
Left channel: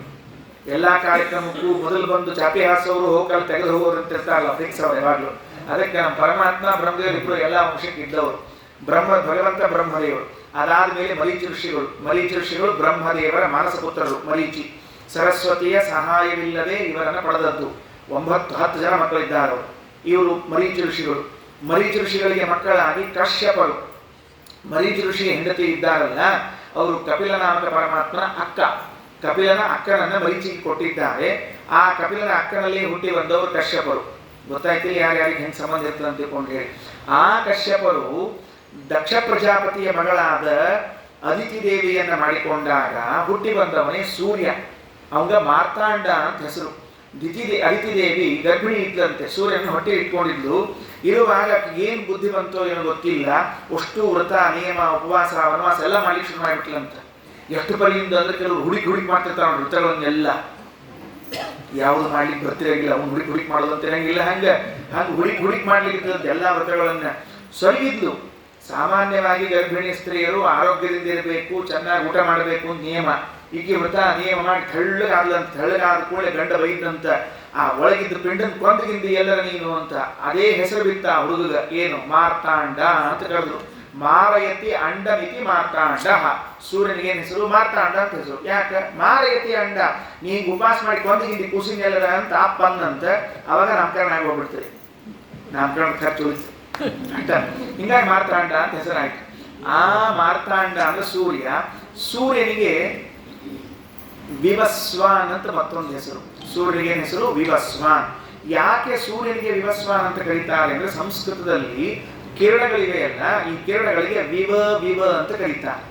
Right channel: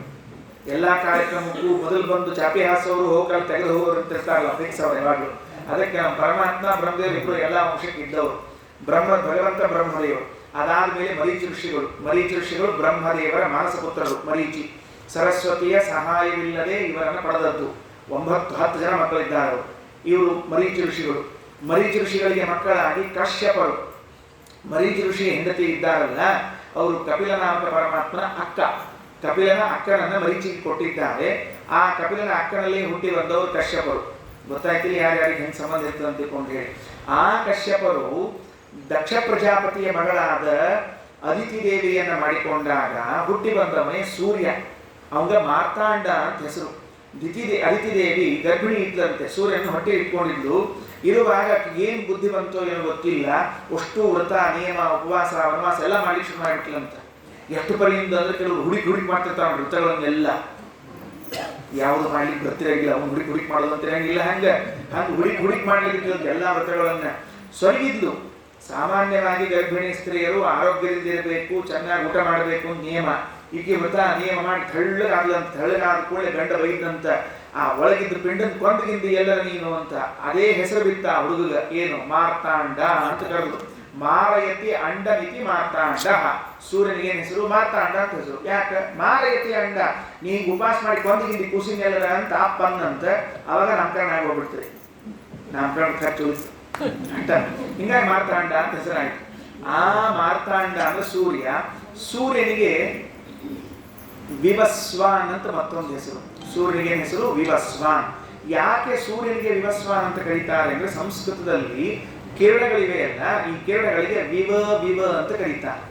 ಎಲ್ಲ ಕಾರ್ಯಕ್ರಮಕ್ಕೂ ಮೊದಲು ಬಂದು ಚಾಪಿ ಹಾಸೋರು ಹೋಗಲು ತೆಗೆದು ಹೋಗೋರು ಅಂತ ಇರ್ತಾರಲ್ಲ ಫಿಕ್ಸ್ ಅವ್ರು ಯಾವಾಗಲೂ. ಅದಕ್ಕೆ ನಮ್ಮ ಪರಮಾತ್ಮ ಬ್ರಹ್ಮದೇವರಿಬ್ಬರು ಎಲ್ಲ ಅಂಶಕ್ಕೆ ಇದ್ದವರು. ಭಗವಂತ ಬ್ರಹ್ಮದೇವರು, ಅದಾದ್ಮೇಲೆ ಮರೀಚಿ ಋಷಿಗಳು ಬ್ರಹ್ಮದೇವರ ಮಾನಸ ಪುತ್ರರು. ಮರೀಚಿ ಸರಸ್ವತಿಯ ಸಹಾಯವಿಲ್ಲದೆ ಇವರನ್ನು ಪಡೆದದ್ದು. 9-10 ಜನ ಮಕ್ಕಳಿದ್ದಾರೆ ಇವರು ಮರೀಚಿ ಋಷಿಗಳಿಗೆ ಮಕ್ಕಳಾಗಿ ಕಶ್ಯಪರು. ಮರೀಚಿ ಋಷಿಯ ಹೆಂಡತಿ ಇದ್ದಾರಲ್ಲ ಅವರು ಕಪಿಲ ನಾಮಕ ಪರಮಾತ್ಮನ ಅಕ್ಕ. ಕಪಿಲನ ಅಕ್ಕನನ್ನ ಮರೀಚಿಗೆ ಕೊಟ್ಟಿದ್ದಾರೆ. ಆ ಕಪಿಲನ ಅಕ್ಕನಲ್ಲಿ ಹುಟ್ಟಿ ಬಂದವರು ಕಶ್ಯಪರು. ಗೊತ್ತಾಯ್ತಿಲ್ಲ ಯಾರ್ಯಾರಿಗೆ ಹೆಂಗೆ ಸಂಬಂಧ ಇರ್ತದೆ ಅಂತ ತಿಳ್ಕೊಂಡು ಹೇಳಿ. ಆ ಕಶ್ಯಪರು ದಕ್ಷ ಪ್ರಜಾಪತಿಯ ಮಗಳಾದ ಅದಿತಿ ದೇವಿಯನ್ನ ಮಾಡಿಕೊಂಡಾಗ ಹುಟ್ಟಿ ಬಂದವನೇ ಸೂರ್ಯ. ಅವಂಗ ಮಾರ್ತಾಂಡ ಅಂತ ಹೆಸರು. ಅದಿತಿ ದೇವಿ ಗರ್ಭಿಣಿ ಇದ್ಲಂತೆ, ಸೂರ್ಯನ ಹೊಟ್ಟೆ ಇಟ್ಕೊಂಡಿದ್ಲು. ಇರುವಾಗ ಏನು ಬುದ್ಧಿ ಬಂತೋ ಏನೋ ಗೊತ್ತಿಲ್ಲ, ಅಷ್ಟು ವ್ರತ ನಿಯಮ ಉಪವಾಸ ವನವಾಸ ಎಲ್ಲ ಮಾಡ್ಲಿಕ್ಕೆ ಶುರು ಮಾಡಿಬಿಟ್ಲಂತ. ಎಷ್ಟು ಪರಿಯಿಂದ ಅಂದ್ರೆ ಕೆಲವರು ಹುಡುಕಿ ಮಾಡ್ತಿರ್ತಾವ ವೃತ್ತಗಳನ್ನೆಲ್ಲ. ಯಾವುದು ಮಾಡ್ಲಿಕ್ಕೆ ಬರ್ತಿರಂಗಿಲ್ಲ, ಅವ್ನು ಹುಡುಕಿ ಮಾಡೋದು ಅಂತ ಇರಂಗಿಲ್ಲ. ಹಂಗೆ ಹುಡುಕಿ ಮಾಡ್ಲಿಕ್ಕೆ ಎಲ್ಲ ವ್ರತಗಳನ್ನ ಸೊರಗಿದ್ಲು. ಸಾಮಾನ್ಯವಾಗಿ ಗರ್ಭಿಣಿ ಸ್ತ್ರೀಯರು ಆರೋಗ್ಯದಿಂದ ಇರಬೇಕು, ಚೆನ್ನಾಗಿ ಊಟ ಮಾಡಬೇಕು ಅಂತ ನಿಯಮ. ಈಗ ವ್ರತ ನಿಯಮ ಮಾಡಿ ತೆಳ್ಳಗಾದ ಕೂಡಲೇ ಗಂಡ ಬೈದಂತ, ಆ ಒಳಗಿದ್ದು ಪಿಂಡನ್ ಕೊಂದಗಿಂದಿ ಎಲ್ಲರ ನೀನು ಅಂತ ಅದೇ ಹೆಸರು ಬಿತ್ತ ಆ ಹುಡುಗ. ಏನು ಮಾರ್ತಾಂಡ ಅಂತ ಕರೆದ್ರು. ಮಾರಯತಿ ಅಂಡಮಿತಿ ಮಾರ್ತಾಂಡ. ಸೂರ್ಯನಿಗೆ ಏನು ಹೆಸರು? ಮಾರ್ತಾಂಡ ಅಂತ ಹೆಸರು. ಯಾಕೆ? ಮಾರಯತಿ ಅಂಡ, ನೀಗ ಉಪವಾಸ ಮಾಡಿ ಕೊಂದಗಿಂದಿ ಕೂಸಿನೆಲ್ಲರ ಅಂತ ಅಪ್ಪನ್ನಂತ. ಅವಾಗ ನಾಮಕರಣ ಆಗೋಗ್ಬಿಡ್ತದೆ, ನಾಮಕರಣ ಖರ್ಚು ಉಳಿತು ಆಯ್ತಾ. ಹಿಂಗಾಗಿ ಮಾರ್ತಾಂಡ ಅಂತ ಹೆಸರಾಯ್ತು. ಆ ಮಾರ್ತಾಂಡ ಅಂದ್ರೆ ಸೂರ್ಯ. ಸೂರ್ಯನಿಗೆ ವಿವಸ್ವಾನ್ ಅಂತ ಮತ್ತೊಂದು ಹೆಸರು. ಸೂರ್ಯನಿಗೆ ಹೆಸರು ವಿವಸ್ವಾನ್. ಯಾಕೆ ಸೂರ್ಯನಿಗೆ ವಿವಸ್ವಾನ್ ಅಂತ ಕರೀತಾರೆ ಅಂದ್ರೆ ಸಂಸ್ಕೃತದಲ್ಲಿ ಕಿರಣಗಳಿವೆ ಅಲ್ಲ, ಈ ಕಿರಣಗಳಿಗೆ ವಿವ ಅಂತ ಕರೀತಾರೆ.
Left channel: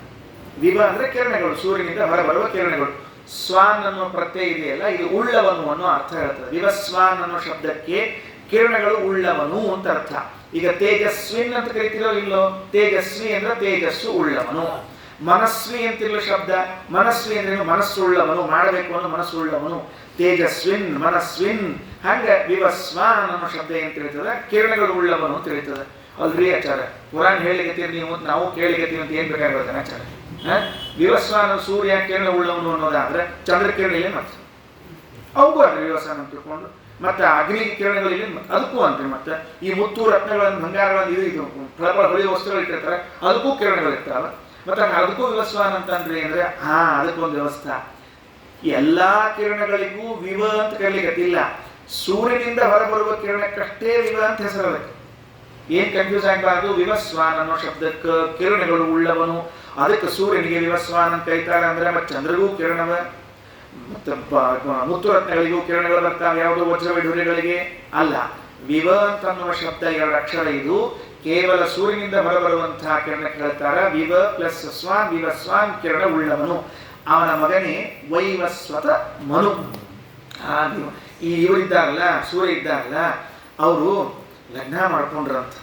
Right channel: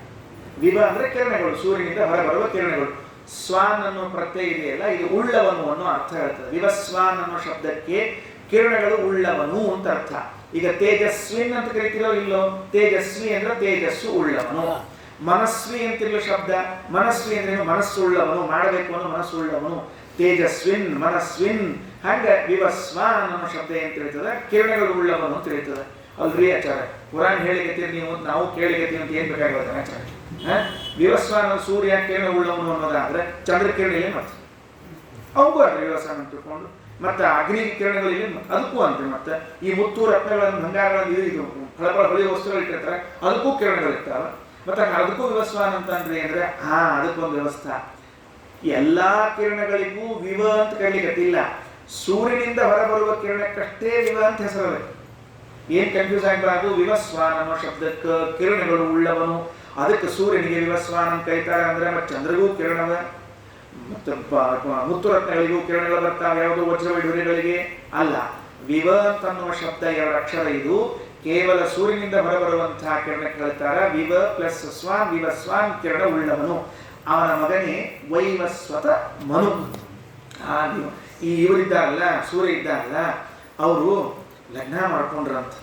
ವಿವ ಅಂದ್ರೆ ಕಿರಣಗಳು, ಸೂರ್ಯನಿಂದ ಹೊರಬರುವ ಕಿರಣಗಳು. ಸ್ವಾನ್ ಅನ್ನೋ ಪ್ರತ್ಯಯ ಇದೆಯಲ್ಲ, ಇದು ಉಳ್ಳವನು ಅನ್ನೋ ಅರ್ಥ ಹೇಳ್ತದೆ. ವಿವಸ್ವಾನ್ ಅನ್ನೋ ಶಬ್ದಕ್ಕೆ ಕಿರಣಗಳು ಉಳ್ಳವನು ಅಂತ ಅರ್ಥ. ಈಗ ತೇಜಸ್ವಿನ್ ಅಂತ ಕರಿತೀರೋ ಇಲ್ಲೋ? ತೇಜಸ್ವಿ ಅಂದ್ರೆ ತೇಜಸ್ಸು ಉಳ್ಳವನು. ಮನಸ್ವಿ ಅಂತಿರುವ ಶಬ್ದ. ಮನಸ್ವಿ ಅಂದ್ರೇನು? ಮನಸ್ಸುಳ್ಳವನು, ಮಾಡಬೇಕು ಅನ್ನೋ ಮನಸ್ಸುಳ್ಳವನು. ತೇಜಸ್ವಿನ್, ಮನಸ್ವಿನ್. ಹಂಗೆ ವಿವಸ್ವಾನ್ ಅನ್ನೋ ಶಬ್ದ ಏನ್ ತಿಳಿತದೆ? ಕಿರಣಗಳು ಉಳ್ಳವನು ಅಂತ ತಿಳಿತದೆ. ಅಲ್ರಿ ಆಚಾರ, ಪುರಾಣ ಹೇಳಿಗತ್ತೀರಿ ನೀವು, ನಾವು ಕೇಳಿಗತ್ತೀವಿ ಅಂತ ಏನ್ ಬೇಕಾಗುತ್ತೆ ಆಚಾರ? ವಿವಸ್ವಾನ ಸೂರ್ಯ ಕಿರಣ ಉಳ್ಳವನು ಅನ್ನೋದಾದ್ರೆ ಚಂದ್ರಕಿರಣ ಇಲ್ಲ ಮತ್ತೆ ಅವಗೂ ಅಲ್ರಿ ವಿವಸ್ವಾನ ಅಂತ ತಿಳ್ಕೊಂಡು. ಮತ್ತೆ ಅಗ್ನಿ ಕಿರಣಗಳಿಲ್ಲ ಅದಕ್ಕೂ ಅಂತ. ಮತ್ತೆ ಈ ಮುತ್ತು ರತ್ನಗಳನ್ನು ಬಂಗಾರಗಳನ್ನು ಇದು ಫಲಫಲ ಹೊಳಿ ವಸ್ತುಗಳು ಇಟ್ಟಿರ್ತಾರೆ, ಅದಕ್ಕೂ ಕಿರಣಗಳು ಇರ್ತಾವೆ. ಮತ್ತೆ ಅದಕ್ಕೂ ವಿವಸ್ವಾನ ಅಂತಂದ್ರಿ ಅಂದ್ರೆ ಅದಕ್ಕೊಂದು ವ್ಯವಸ್ಥೆ. ಎಲ್ಲಾ ಕಿರಣಗಳಿಗೂ ವಿವ ಅಂತ ಕರೀಲಿಕ್ಕಿಲ್ಲ. ಸೂರ್ಯನಿಂದ ಹೊರಬರುವ ಕಿರಣಕ್ಕಷ್ಟೇ ವಿವ ಅಂತ ಹೆಸರಬೇಕು. ಏನ್ ಕನ್ಫ್ಯೂಸ್ ಆಗಬಾರ್ದು. ವಿವಸ್ವಾನ್ ಅನ್ನೋ ಶಬ್ದಕ್ಕೆ ಕಿರಣಗಳು ಉಳ್ಳವನು, ಅದಕ್ಕೆ ಸೂರ್ಯನಿಗೆ ವಿವಸ್ವಾನ್ ಅಂತ ಕರೀತಾರೆ. ಅಂದ್ರೆ ಮತ್ತೆ ಚಂದ್ರಗೂ ಕಿರಣವ, ಮತ್ತೆ ಮುತ್ತು ರತ್ನಗಳಿಗೂ ಕಿರಣಗಳು ಬರ್ತಾವೆ. ಯಾವುದು? ವಜ್ರ ವೈಢೂರ್ಯಗಳಿಗೆ ಅಲ್ಲ. ವಿವ ಅಂತನ್ನುವ ಶಬ್ದ 2 ಅಕ್ಷರ. ಇದು ಕೇವಲ ಸೂರ್ಯನಿಂದ ಹೊರಬರುವಂತಹ ಕಿರಣಕ್ಕೆ ಹೇಳ್ತಾರ ವಿವ ಪ್ಲಸ್ ಸ್ವಾನ್. ವಿವಸ್ವಾನ್ ಕಿರಣ ಉಳ್ಳವನು. ಅವನ ಮಗನೇ ವೈವಸ್ವತ ಮನು. ಈ ಇವರಿದ್ದಾರಲ್ಲ, ಸೂರ್ಯ ಇದ್ದಾರಲ್ಲ, ಅವರು ಲಗ್ನ ಮಾಡ್ಕೊಂಡ್ರಂತ.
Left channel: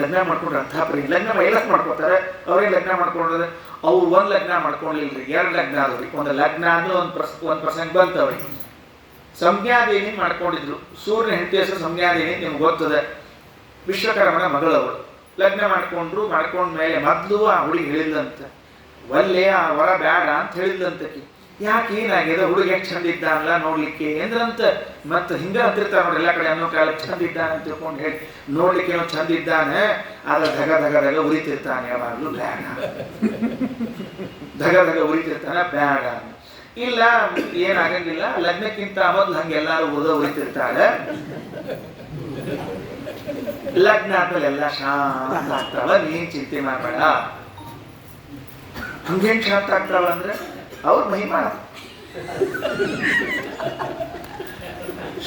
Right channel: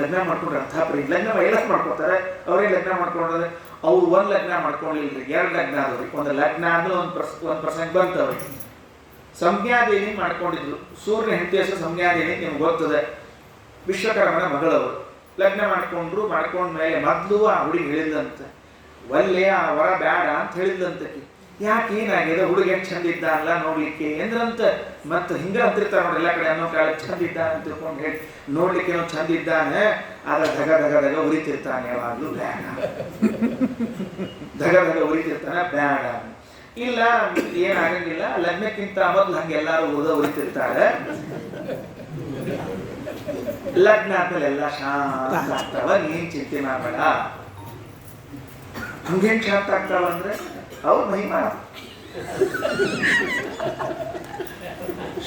ಲಗ್ನ ಮಾಡ್ಕೊಂಡ್ರಂತ ಲಗ್ನ ಎಲ್ಲ ಮಾಡ್ಕೊತಾರೆ. ಅವರೇ ಲಗ್ನ ಮಾಡ್ಕೊಂಡ್ರೆ ಅವ್ರು ಒಂದು ಲಗ್ನ ಮಾಡ್ಕೊಂಡಿಲ್ರಿ, 2 ಲಗ್ನ ಆದವ್ರಿ. ಒಂದು ಲಗ್ನ ಅಂದ್ರೆ ಒಂದು ಪ್ರಸಂಗ ಬಂತವ್ರಿಗೆ. ಸಂಜ್ಞಾದೇವಿ ಮಾಡ್ಕೊಂಡಿದ್ರು. ಸೂರ್ಯನ ಹೆಂಡತಿ ಹೆಸರು ಸಂಜ್ಞಾದೇವಿ, ನಿಮ್ಗೆ ಗೊತ್ತದೆ. ವಿಶ್ವಕರ್ಮನ ಮಗಳವರು ಲಗ್ನ ಮಾಡ್ಕೊಂಡ ಮೇಲೆ ಮೊದಲು ಆ ಹುಡುಗಿ ಹೇಳಿದ್ಲಂತೆ, ಒಲ್ಲೆ ಆ ವರ ಬೇಡ ಅಂತ ಹೇಳಿದ್ಲಂತಕಿ. ಯಾಕೆ ಏನಾಗಿದೆ? ಹುಡುಗ ಎಷ್ಟು ಚಂದ ಇದ್ದಾನಲ್ಲ ನೋಡ್ಲಿಕ್ಕೆ ಎಂದ್ರಂತ. ಮತ್ತೆ ಹಿಂಗ ಅಂತಿರ್ತಾರ ನೋಡ್ರಿ ಎಲ್ಲ ಕಡೆ, ಅನ್ನೋ ಕಾಲಕ್ಕೆ ಚಂದ ಇದ್ದಾನೆ ಅಂತ ತಿಳ್ಕೊಂಡು ಹೇಳಿ ನೋಡ್ಲಿಕ್ಕೆ ಏನೋ ಚಂದ ಇದ್ದಾನೆ, ಆದ್ರೆ ಧಗ ಉರಿತಿರ್ತಾನೆ. ಯಾವಾಗ್ಲೂ ಬೇಡ, ಧಗ ಉರಿತಿರ್ತಾನೆ, ಬೇಡ. ಇಲ್ಲ ಏನಾಗಂಗಿಲ್ಲ, ಲಗ್ನಕ್ಕಿಂತ ಮೊದ್ಲು ಹಂಗೆಲ್ಲಾರು ಉರಿತಿರ್ತಾರೆ. ಲಗ್ನ ಆದ್ಮೇಲೆ ಎಲ್ಲ ಶಾಂತ ಆಗ್ತಾವ, ನೀನ್ ಚಿಂತೆ ಮಾಡಬೇಡ. ಹಂಗೇನ್ ಶಾಂತ ಆಗ್ತಾವ ಅಂದ್ರೆ ಅವ್ರ ಮಹಿಮಾ.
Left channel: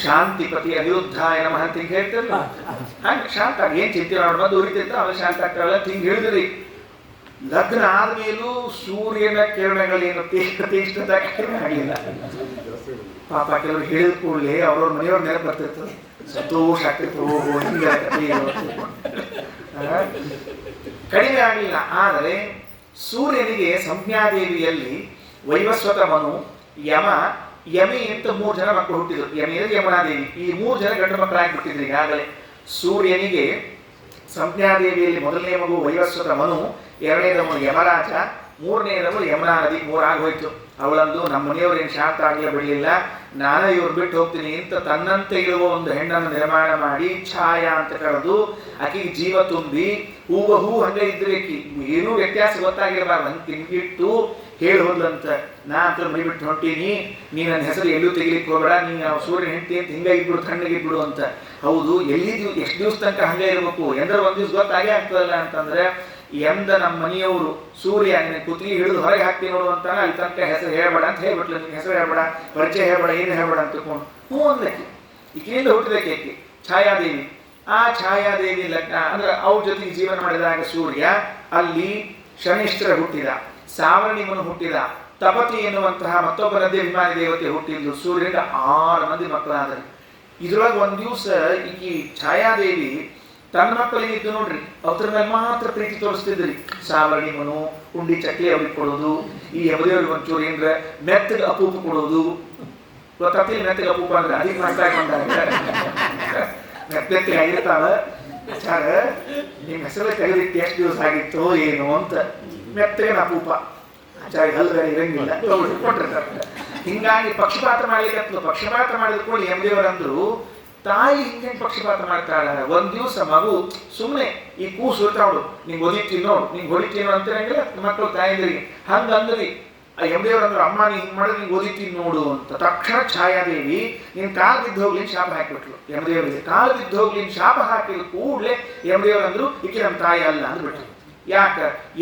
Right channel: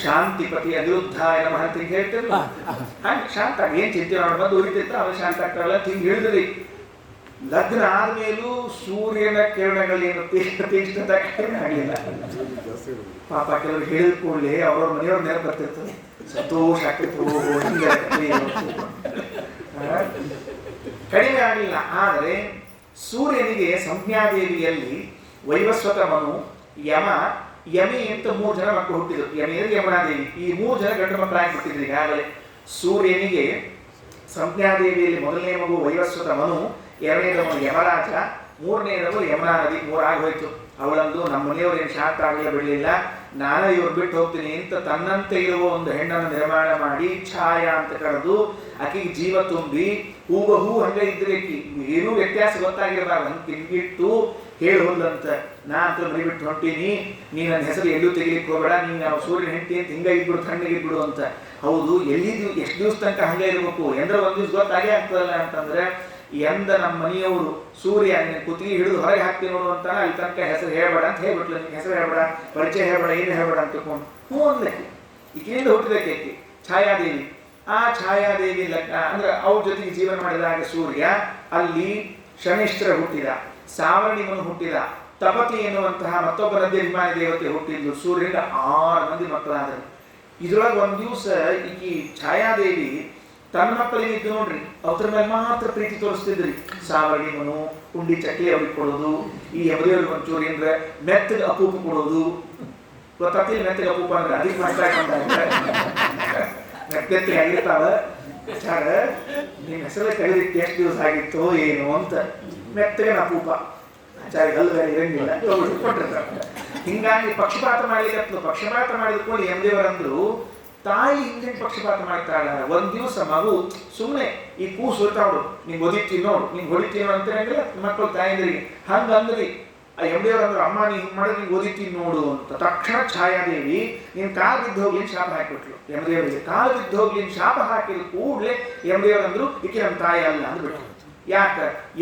ಶಾಂತಿಪತಿ ಅನಿರುದ್ಧಾಯ ನಮಃ ಅಂತ ಹಿಂಗೆ ಹೇಳ್ತಿರ್ಲ. ಹಂಗೆ ಶಾಂತ ಆಗಿ ಏನ್ ಚಿಂತೆ ಮಾಡ್ಬಾರ್ದು, ಉರಿತಿರ್ತಾವ ಅವೇ ಶಾಂತ ಆಗ್ತಾವಲ್ಲ ಹಿಂಗೆ ಹೇಳಿದ್ರಿ. ಲಗ್ನ ಆದ್ಮೇಲೂ ಸೂರ್ಯನ ಕಿರಣಗಳೇನು ತೀಕ್ಷ್ಣತೆ ಕಡಿಮೆ ಆಗಲಿಲ್ಲ. ಪಾಪ ಕೆಲವರು ಹೇಳಿದ ಕೂಡಲೇ ಅವ್ರವ್ರ ಮನೆಯವ್ರ ನೆನಪು ಬರ್ತಿರ್ತದೆ. ಸಂತೋಷ ಆಗ್ತಿತ್ತು, ಕಡಿಮೆ ಆಗಲಿಲ್ಲ. ಆದರೆ ಸೂರ್ಯನಿಗೆ ಸಂಜ್ಞಾದೇವಿಯಲ್ಲಿ ವೈವಸ್ವತ ಮನು, ಯಮಿ ಅಂತ 3 ಜನ ಮಕ್ಕಳು ಹುಟ್ಟಿದ್ರು. ಯಮಿ ಅಂದ್ರೆ ಯಮುನಾದೇವಿ. ಈ 3 ಜನ ಗಂಡು ಮಕ್ಕಳಾಗ್ಬಿಟ್ಟಿದ್ರು ಈಗಾಗಲೇ. ಸೂರ್ಯನಿಗೆ ಸಂಜ್ಞಾದೇವಿಯಲ್ಲಿ ಮೊದಲನೇ ಮಗು ವೈವಸ್ವತ ಮನು, 2ನೇದವನು ಯಮರಾಜ, ಮೂರನೇದವಳು ಯಮುನಾ ನದಿ. ಮೂರಾಗಿ ಹೋಯ್ತು. ಅವಳಂದು ನಮ್ಮ ಮನೆಯವರು ಏನು ಶಾಂತ ಆಗಲೇ ಬಿಡಲಿಲ್ಲ, ನಾನೇ ಇವ್ರು ಬಿಟ್ಟು ಹೋಗ್ತೀನಿ ಅಂತ ತನ್ನಂತೆ ಇರುವ ಒಂದು ಹೆಣ್ಣನ್ನು ನಿರ್ಮಾಣ ಮಾಡಿ ಛಾಯಾ ಅಂತ ಕರೆದು ಆಕೆಗೆ ಜೀವ ತುಂಬಿ ಹೂವ ಹೂ ಹಂಗೆ ಇದ್ರೆ ಆಕಿ ಏನೂ ವ್ಯತ್ಯಾಸ ಗೊತ್ತಾಗಿರಬಾರ್ದು ಹಂಗೆ ತಿನ್ಬಿಟ್ಟು ಹೇಳಿ ಹೋದ್ಲಂತ, ನಾ ಅಂತ ಮನೆ ಬಿಟ್ಟು ಹೊಂಟೀನಿ, ನೀ ನನ್ನ ಹೆಸರು ಎಲ್ಲೂ ತೆಗಿಲಿಕ್ಕೆ ಹೋಗಬೇಡ, ನೀನು ಸೂರ್ಯನ ಹೆಂಡತಿ ಅಂತ ಹಿಂಗೆ ಇದ್ಬಿಡು, ತಣ್ಣಗಿದ್ಬಿಡು ಅಂತ. ಹೌದು, ಎಷ್ಟು ದಿವಸ ತನಕ ಹಂಗೆ ಇರಬೇಕು ಎಂದ್ರೆ ಒಂದು ದಿವ್ಸ ಗೊತ್ತಾಗೇ ಆಗ್ತದಲ್ಲ ಅಂತಂದ್ರೆ, ಎಂದ ನಮ್ಮ ಮನೆಯವರು ಸೂರ್ಯ ಕುತ್ತಿಗೆ ಹಿಡಿದು ಹೊರಗೆ ಹಾಕ್ತೀನಿ ನೋಡು ಅಂತಾನೆ ಅಲ್ಲಿ ತನಕ ಹೆಸರು ಹೇಳ್ಬೇಡ ಅಂತ ಹೇಳ್ಬಿಟ್ಲು. ನಿಮ್ಗೆ ಹೆಸರು ಹೇಳ್ಬೇಡ, ಪರಿಚಯ ಹೇಳ್ಬೇಡ, ಏನು ಹೇಳ್ಬೇಡ ಅಂತ ತಿಳ್ಕೊಂಡು ಹ್ಞೂ ಅಂದ್ಲಕ್ಕಿ. ಈಕೆಯಿಂದ ಹುಟ್ಟಿದಕ್ಕೆ ಆಕೆ ಛಾಯಾದೇವಿ. ಆ ಛಾಯಾದೇವಿ ಲಗ್ನ ಅಂದ್ರೆ ಅವ್ರ ಜೊತೆಗೆ ಜೀವನ ಮಾಡಿದಾಗ ಸೂರ್ಯ ಅಲ್ಲಿ ಶನೇಶ್ವರ ಹುಟ್ಟಿದ, ಸಾವರ್ಣಿಮನು ಹುಟ್ಟಿದ, ತಪತಿ ಎನ್ನುವಂತಹ ಮತ್ತೊಬ್ಬ ನದ್ಯಾಭಿಮಾನಿ ದೇವತೆ ಹುಟ್ಟಿದ್ಲು. ಸೂರ್ಯನಿಂದ 6 ಮಂದಿ ಮಕ್ಕಳಾದರು. ಇದ್ರೊಳಗೆ ಒಂದು ದಿವಸ ಈಕಿ ಛಾಯಾದೇವಿ ತನ್ನ ಮಕ್ಕಳಿಗೆ ಇದ್ದು ನೋಡ್ರಿ, ಅವ್ರ ಮೇಲೆ ಮಾತ್ರ ಪ್ರೀತಿ ತೋರಿಸ್ತಿದ್ರಿ. ಸಾವರ್ಣಿಮನು ಕುಂಡಿ ಚಕ್ಲಿ ಅವ್ರಿಗೆ ಕೊಡೋದು, ಈ ಯಮದೇವ್ರಿಗೆ ಒಂಚೂರು ಏನ್ರ ಮೆತ್ತಗೆ ಅಪೂಪ ಕೊಡೋದು. ಗೊತ್ತಾಗ್ತಿಲ್ಲ ಮೆತ್ತಗೆ ಅಪೂಪ ಅಂದ್ರೆ ಅದಕ್ಕೆ ಮಸ್ತಾಗಿ ಮೆತ್ತಗೆ ಆಗಿರ್ತಾವ. ಚಾರ ನಿಮ್ಮ ಹೆಸರೇ ತೆಗೆದಿಟ್ಟು ಎಷ್ಟು ದಿವಸ ಆಗಿತ್ತು ಏನು ಅಂತ ಮೆತ್ತಗೆ ಅಪೂಪ ಹಲ್ಲು ಬೇರೆ ಇರಂಗಿಲ್ಲ ಕೊಟ್ಟಿರ್ತಾರೆ. ಹಿಂಗಾಗಿ ಪಕ್ಷಪಾತ ಮಾಡ್ಲಿಕ್ಕೆ ಪಕ್ಷಪಾತ ಮಾಡಿದ್ಕೊಂಡು ಯಮದೇವರಂದ್ರು ತಾಯಿ ಹಿಂಗೆ ಪಕ್ಷಪಾತ ಮಾಡ್ತಾಳ. ಒಂದ್ ದಿವಸ ಮಗು ಸುಮ್ಮನೆ ಈ ಕೂಸು ಇರ್ತಾವಳು, ನಿಂಗೆ ಒದಿತೀನಿ ನೋಡು, ನಿಂಗೆ ಹೊಡಿತೀನಿ ಅಂತೀರಂಗಿಲ್ಲ ಮಕ್ಕಳು ತಾಯಿದ್ರಿಗೆ ಹಂಗಂದ್ರಿ. ಆ ಯಮದೇವ್ರಂದ್ರು ಅಮ್ಮ ನೀ ಹಿಂಗೆ ಮಾಡಿದ್ರೆ ನಿಂಗೆ ಒದಿತೀನಿ ನೋಡು ಅಂತ. ತಕ್ಷಣ ಛಾಯಾದೇವಿ ನಿನ್ ಕಾಲು ಬಿದ್ದು ಹೋಗ್ಲಿ ಶಾಪ ಹಾಕಿಬಿಟ್ಲು ಯಮದೇವರಿಗೆ. ಕಾಲು ಬಿದ್ದು ಹೋಗ್ಲಿ ಶಾಪ ಹಾಕಿದ ಕೂಡಲೇ ಯಮದೇವರಂದ್ರು ಈಕೆ ನಮ್ಮ ತಾಯಿ ಅಲ್ಲ ಅಂದ್ಬಿಟ್ರು. ಯಾಕ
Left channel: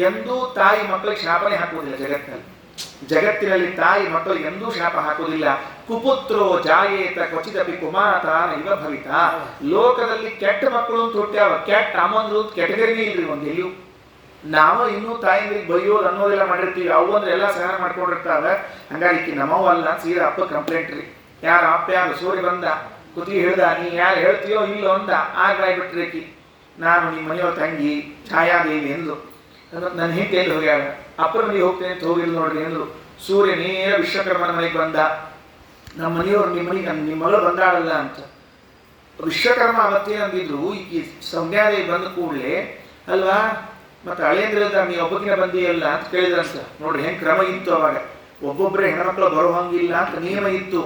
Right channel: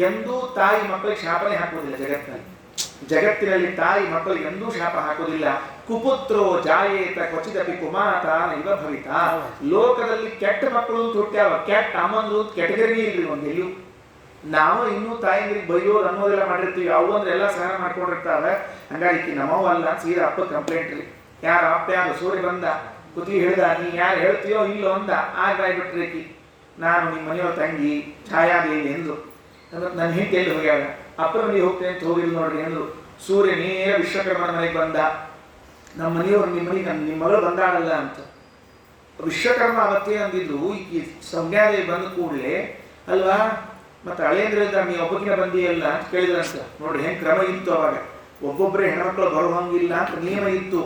ಎಂದೂ ತಾಯಿ ಮಕ್ಕಳಿಗೆ ಶಾಪನೇ ಹಾಕೋದಿಲ್ಲ ಜಗತ್ತಿನಲ್ಲಿ. ಜಗತ್ತಿನಲ್ಲಿ ತಾಯಿ ಮಕ್ಕಳಿಗೆ ಎಂದೂ ಶಾಪ ಹಾಕೋದಿಲ್ಲ. ಕುಪುತ್ರೋ ಜಾಯೇತ ಕ್ವಚಿದಪಿ ಕುಮಾತಾನ ಇವ ಭವಿತ. ಲೋಕದಲ್ಲಿ ಕೆಟ್ಟ ಮಕ್ಕಳು ಅಂತ ಹುಟ್ಟ್ಯಾವ, ಕೆಟ್ಟ ಅಮ್ಮಂದ್ರು ಅಂತ ಕೆಟಗರಿನೇ ಇಲ್ರಿ ಒಂದು ಎಲ್ಲೂ. ನಾವು ಇನ್ನೂ ತಾಯಿಗೆ ಬೈಯೋದು ಅನ್ನೋದೆಲ್ಲ ಮಾಡಿರ್ತೀವಿ, ಅವು ಅಂದ್ರೆ ಎಲ್ಲ ಸಹ ಮಾಡ್ಕೊಂಡಿರ್ತಾವೆ. ಹಂಗಾಗಿ ಈಕಿ ನಮ್ಮವ ಅಲ್ಲ ಸೀದಾ ಅಪ್ಪ ಕಂಪ್ಲೇಂಟ್ ರೀ. ಯಾರ ಅಪ್ಪ ಯಾರು ಸೂರ್ಯ ಬಂದ ಕುತ್ತಿಗೆ ಹಿಡ್ದ, ನೀ ಯಾರು ಹೇಳ್ತೀಯೋ ಇಲ್ಲೋ ಅಂದ. ಆಗ್ಬಿಟ್ರಿ ಈಕಿ ನಾನು ನಿಮ್ಮ ಮನೆಯವ್ರ ತಂಗಿ ಛಾಯಾದೇವಿ ಎಂದ್ರು. ನನ್ನ ಹೆಂಡತಿ ಎಲ್ಲಿ ಹೋಗ್ಯಾಳ, ಅಪ್ಪರ ಮನೆಗೆ ಹೋಗ್ತೇನೆ ಅಂತ ಹೋಗಿಲ್ಲ ನೋಡ್ರಿ ಅಂದ್ರು. ಸೂರ್ಯ ನೇರ ವಿಶ್ವಕರ್ಮನ ಮನೆಗೆ ಬಂದ. ನಮ್ಮ ಮನೆಯವ್ರು ನಿಮ್ಮ ಮನೆಗೆ ನಿಮ್ಮ ಮಗಳು ಬಂದಾಳಲ್ಲ ಅಂತ. ವಿಶ್ವಕರ್ಮ ಅವತ್ತೇ ಅಂದಿದ್ರು, ಈಕಿ ಸಂಧ್ಯಾದೇವಿ ಬಂದ ಕೂಡಲೇ ಅಲ್ವಾ ಮತ್ತೆ ಹಳೇಂದ್ರದ ನೀವು ಒಬ್ಬಕಿನ ಬಂದಿಯಲ್ಲ ಅಂತ ಕೇಳಿದ್ರಂತ. ನೋಡ್ರಿ ಹೆಂಗ್ ಕ್ರಮ ಇತ್ತು ಅವಾಗ. ಒಬ್ಬೊಬ್ಬರೇ ಹೆಣ್ಮಕ್ಳು ಬರೋ ಹಂಗಿಲ್ಲ ಅಂತ ನಿಯಮ ಇತ್ತು.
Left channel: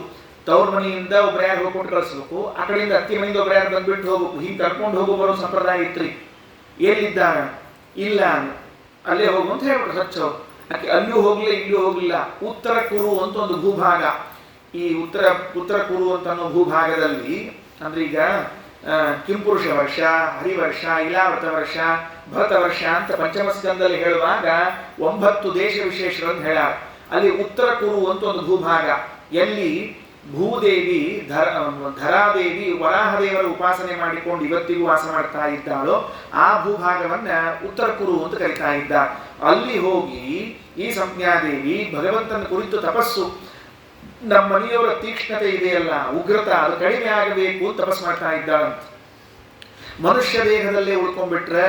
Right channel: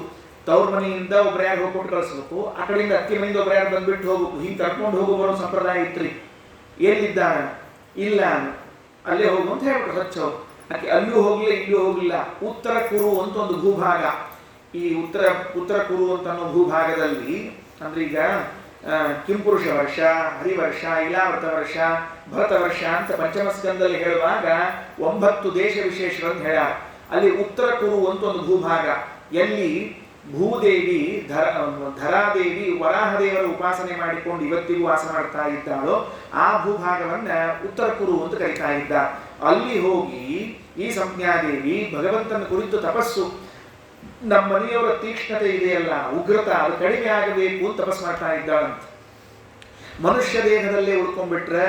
ತವ್ರ ಮನೆಯಿಂದ ಒಬ್ರು ಯಾರು ಹೋಗ್ಕೊಟ್ಟು ಕಳಿಸ್ಬೇಕು, ಆ ಕಡೆಯಿಂದ ಅತ್ತಿ ಮನೆಯಿಂದ ಒಬ್ರು ಯಾರು ಬಂದ್ಬಿಟ್ಟು ಹೋಗ್ಬೇಕು. ಹಿಂಗೆ ಕರ್ಕೊಂಡು ಹೋಗೋ ಬರೋ ಸಂಪ್ರದಾಯ ಇತ್ರಿ. ಎಲ್ಲಿದ್ದಾನ ಇಲ್ಲ ಅಲ್ಲೇ ಹೋಗು ಅಂತ ಹೇಳ್ಬಿಟ್ಟು ಹಚ್ಚವ್ರು. ಆಕೆ ಅಲ್ಲೂ ಹೋಗ್ಲಿಲ್ಲ ಇಲ್ಲೂ ಹೋಗ್ಲಿಲ್ಲ. ಉತ್ತರ ಕುರು ಅಂತ ಒಂದು ಭೂಭಾಗ, ಈ ಉತ್ತರ ಕುರು ಅಂತ ಅನ್ನೋ ಭೂಭಾಗದಲ್ಲಿ ಅಂದ್ರೆ ಈಗ ಕಿಂಪುರುಷ ವರ್ಷ, ಹರಿವರ್ಷ, ಇಲಾವೃತ ವರ್ಷ, ಭರತ ವರ್ಷ ಅಂತ ಪಂಚಮ ಸ್ಕಂದಲ್ಲಿ ಹೇಳುವಾಗ 9 ದೇಶ ವಿಶೇಷಗಳನ್ನು ಹೇಳ. ಅಲ್ಲಿ ಉತ್ತರ ಕುರು ಅಂತ ಒಂದು ಭೂಭಾಗ, ಎಲ್ಲಿ ಭೂದೇವಿ ಧರಾದೇವಿ ವರಾಹದೇವರ ಉಪಾಸನೆ ಮಾಡಿಕೊಂಡು ಇವತ್ತಿಗೂ ವಾಸ ಮಾಡ್ತಾ ಇದ್ದಾಳೋ ಆ ಭೂಭಾಗವನ್ನ ಉತ್ತರ ಕುರು ಅಂತ ಕರೀತಾ ಇದ್ದ. ಅಲ್ಲಿ ಹೋಗಿ ಈ ಸಂಜ್ಞಾದೇವಿ ಭಗವಂತನ ಕುರಿತು ತಪಸ್ಸು, ನಮ್ಮ ಮನೆಯವರ ತೀಕ್ಷ್ಣತೆ ಇದೆಯಲ್ಲ ಉಗ್ರತ ಅದು ಕಡಿಮೆ ಆಗಬೇಕು ಅಂತ ತಪಸ್ಸು ಮಾಡ್ತಾ ಇದ್ದಾಳಂತ. ಮನುಷ್ಯ ದೇಹದಲ್ಲೇ ಉಳ್ಕೊಂಡ್ಬಿಟ್ರೆ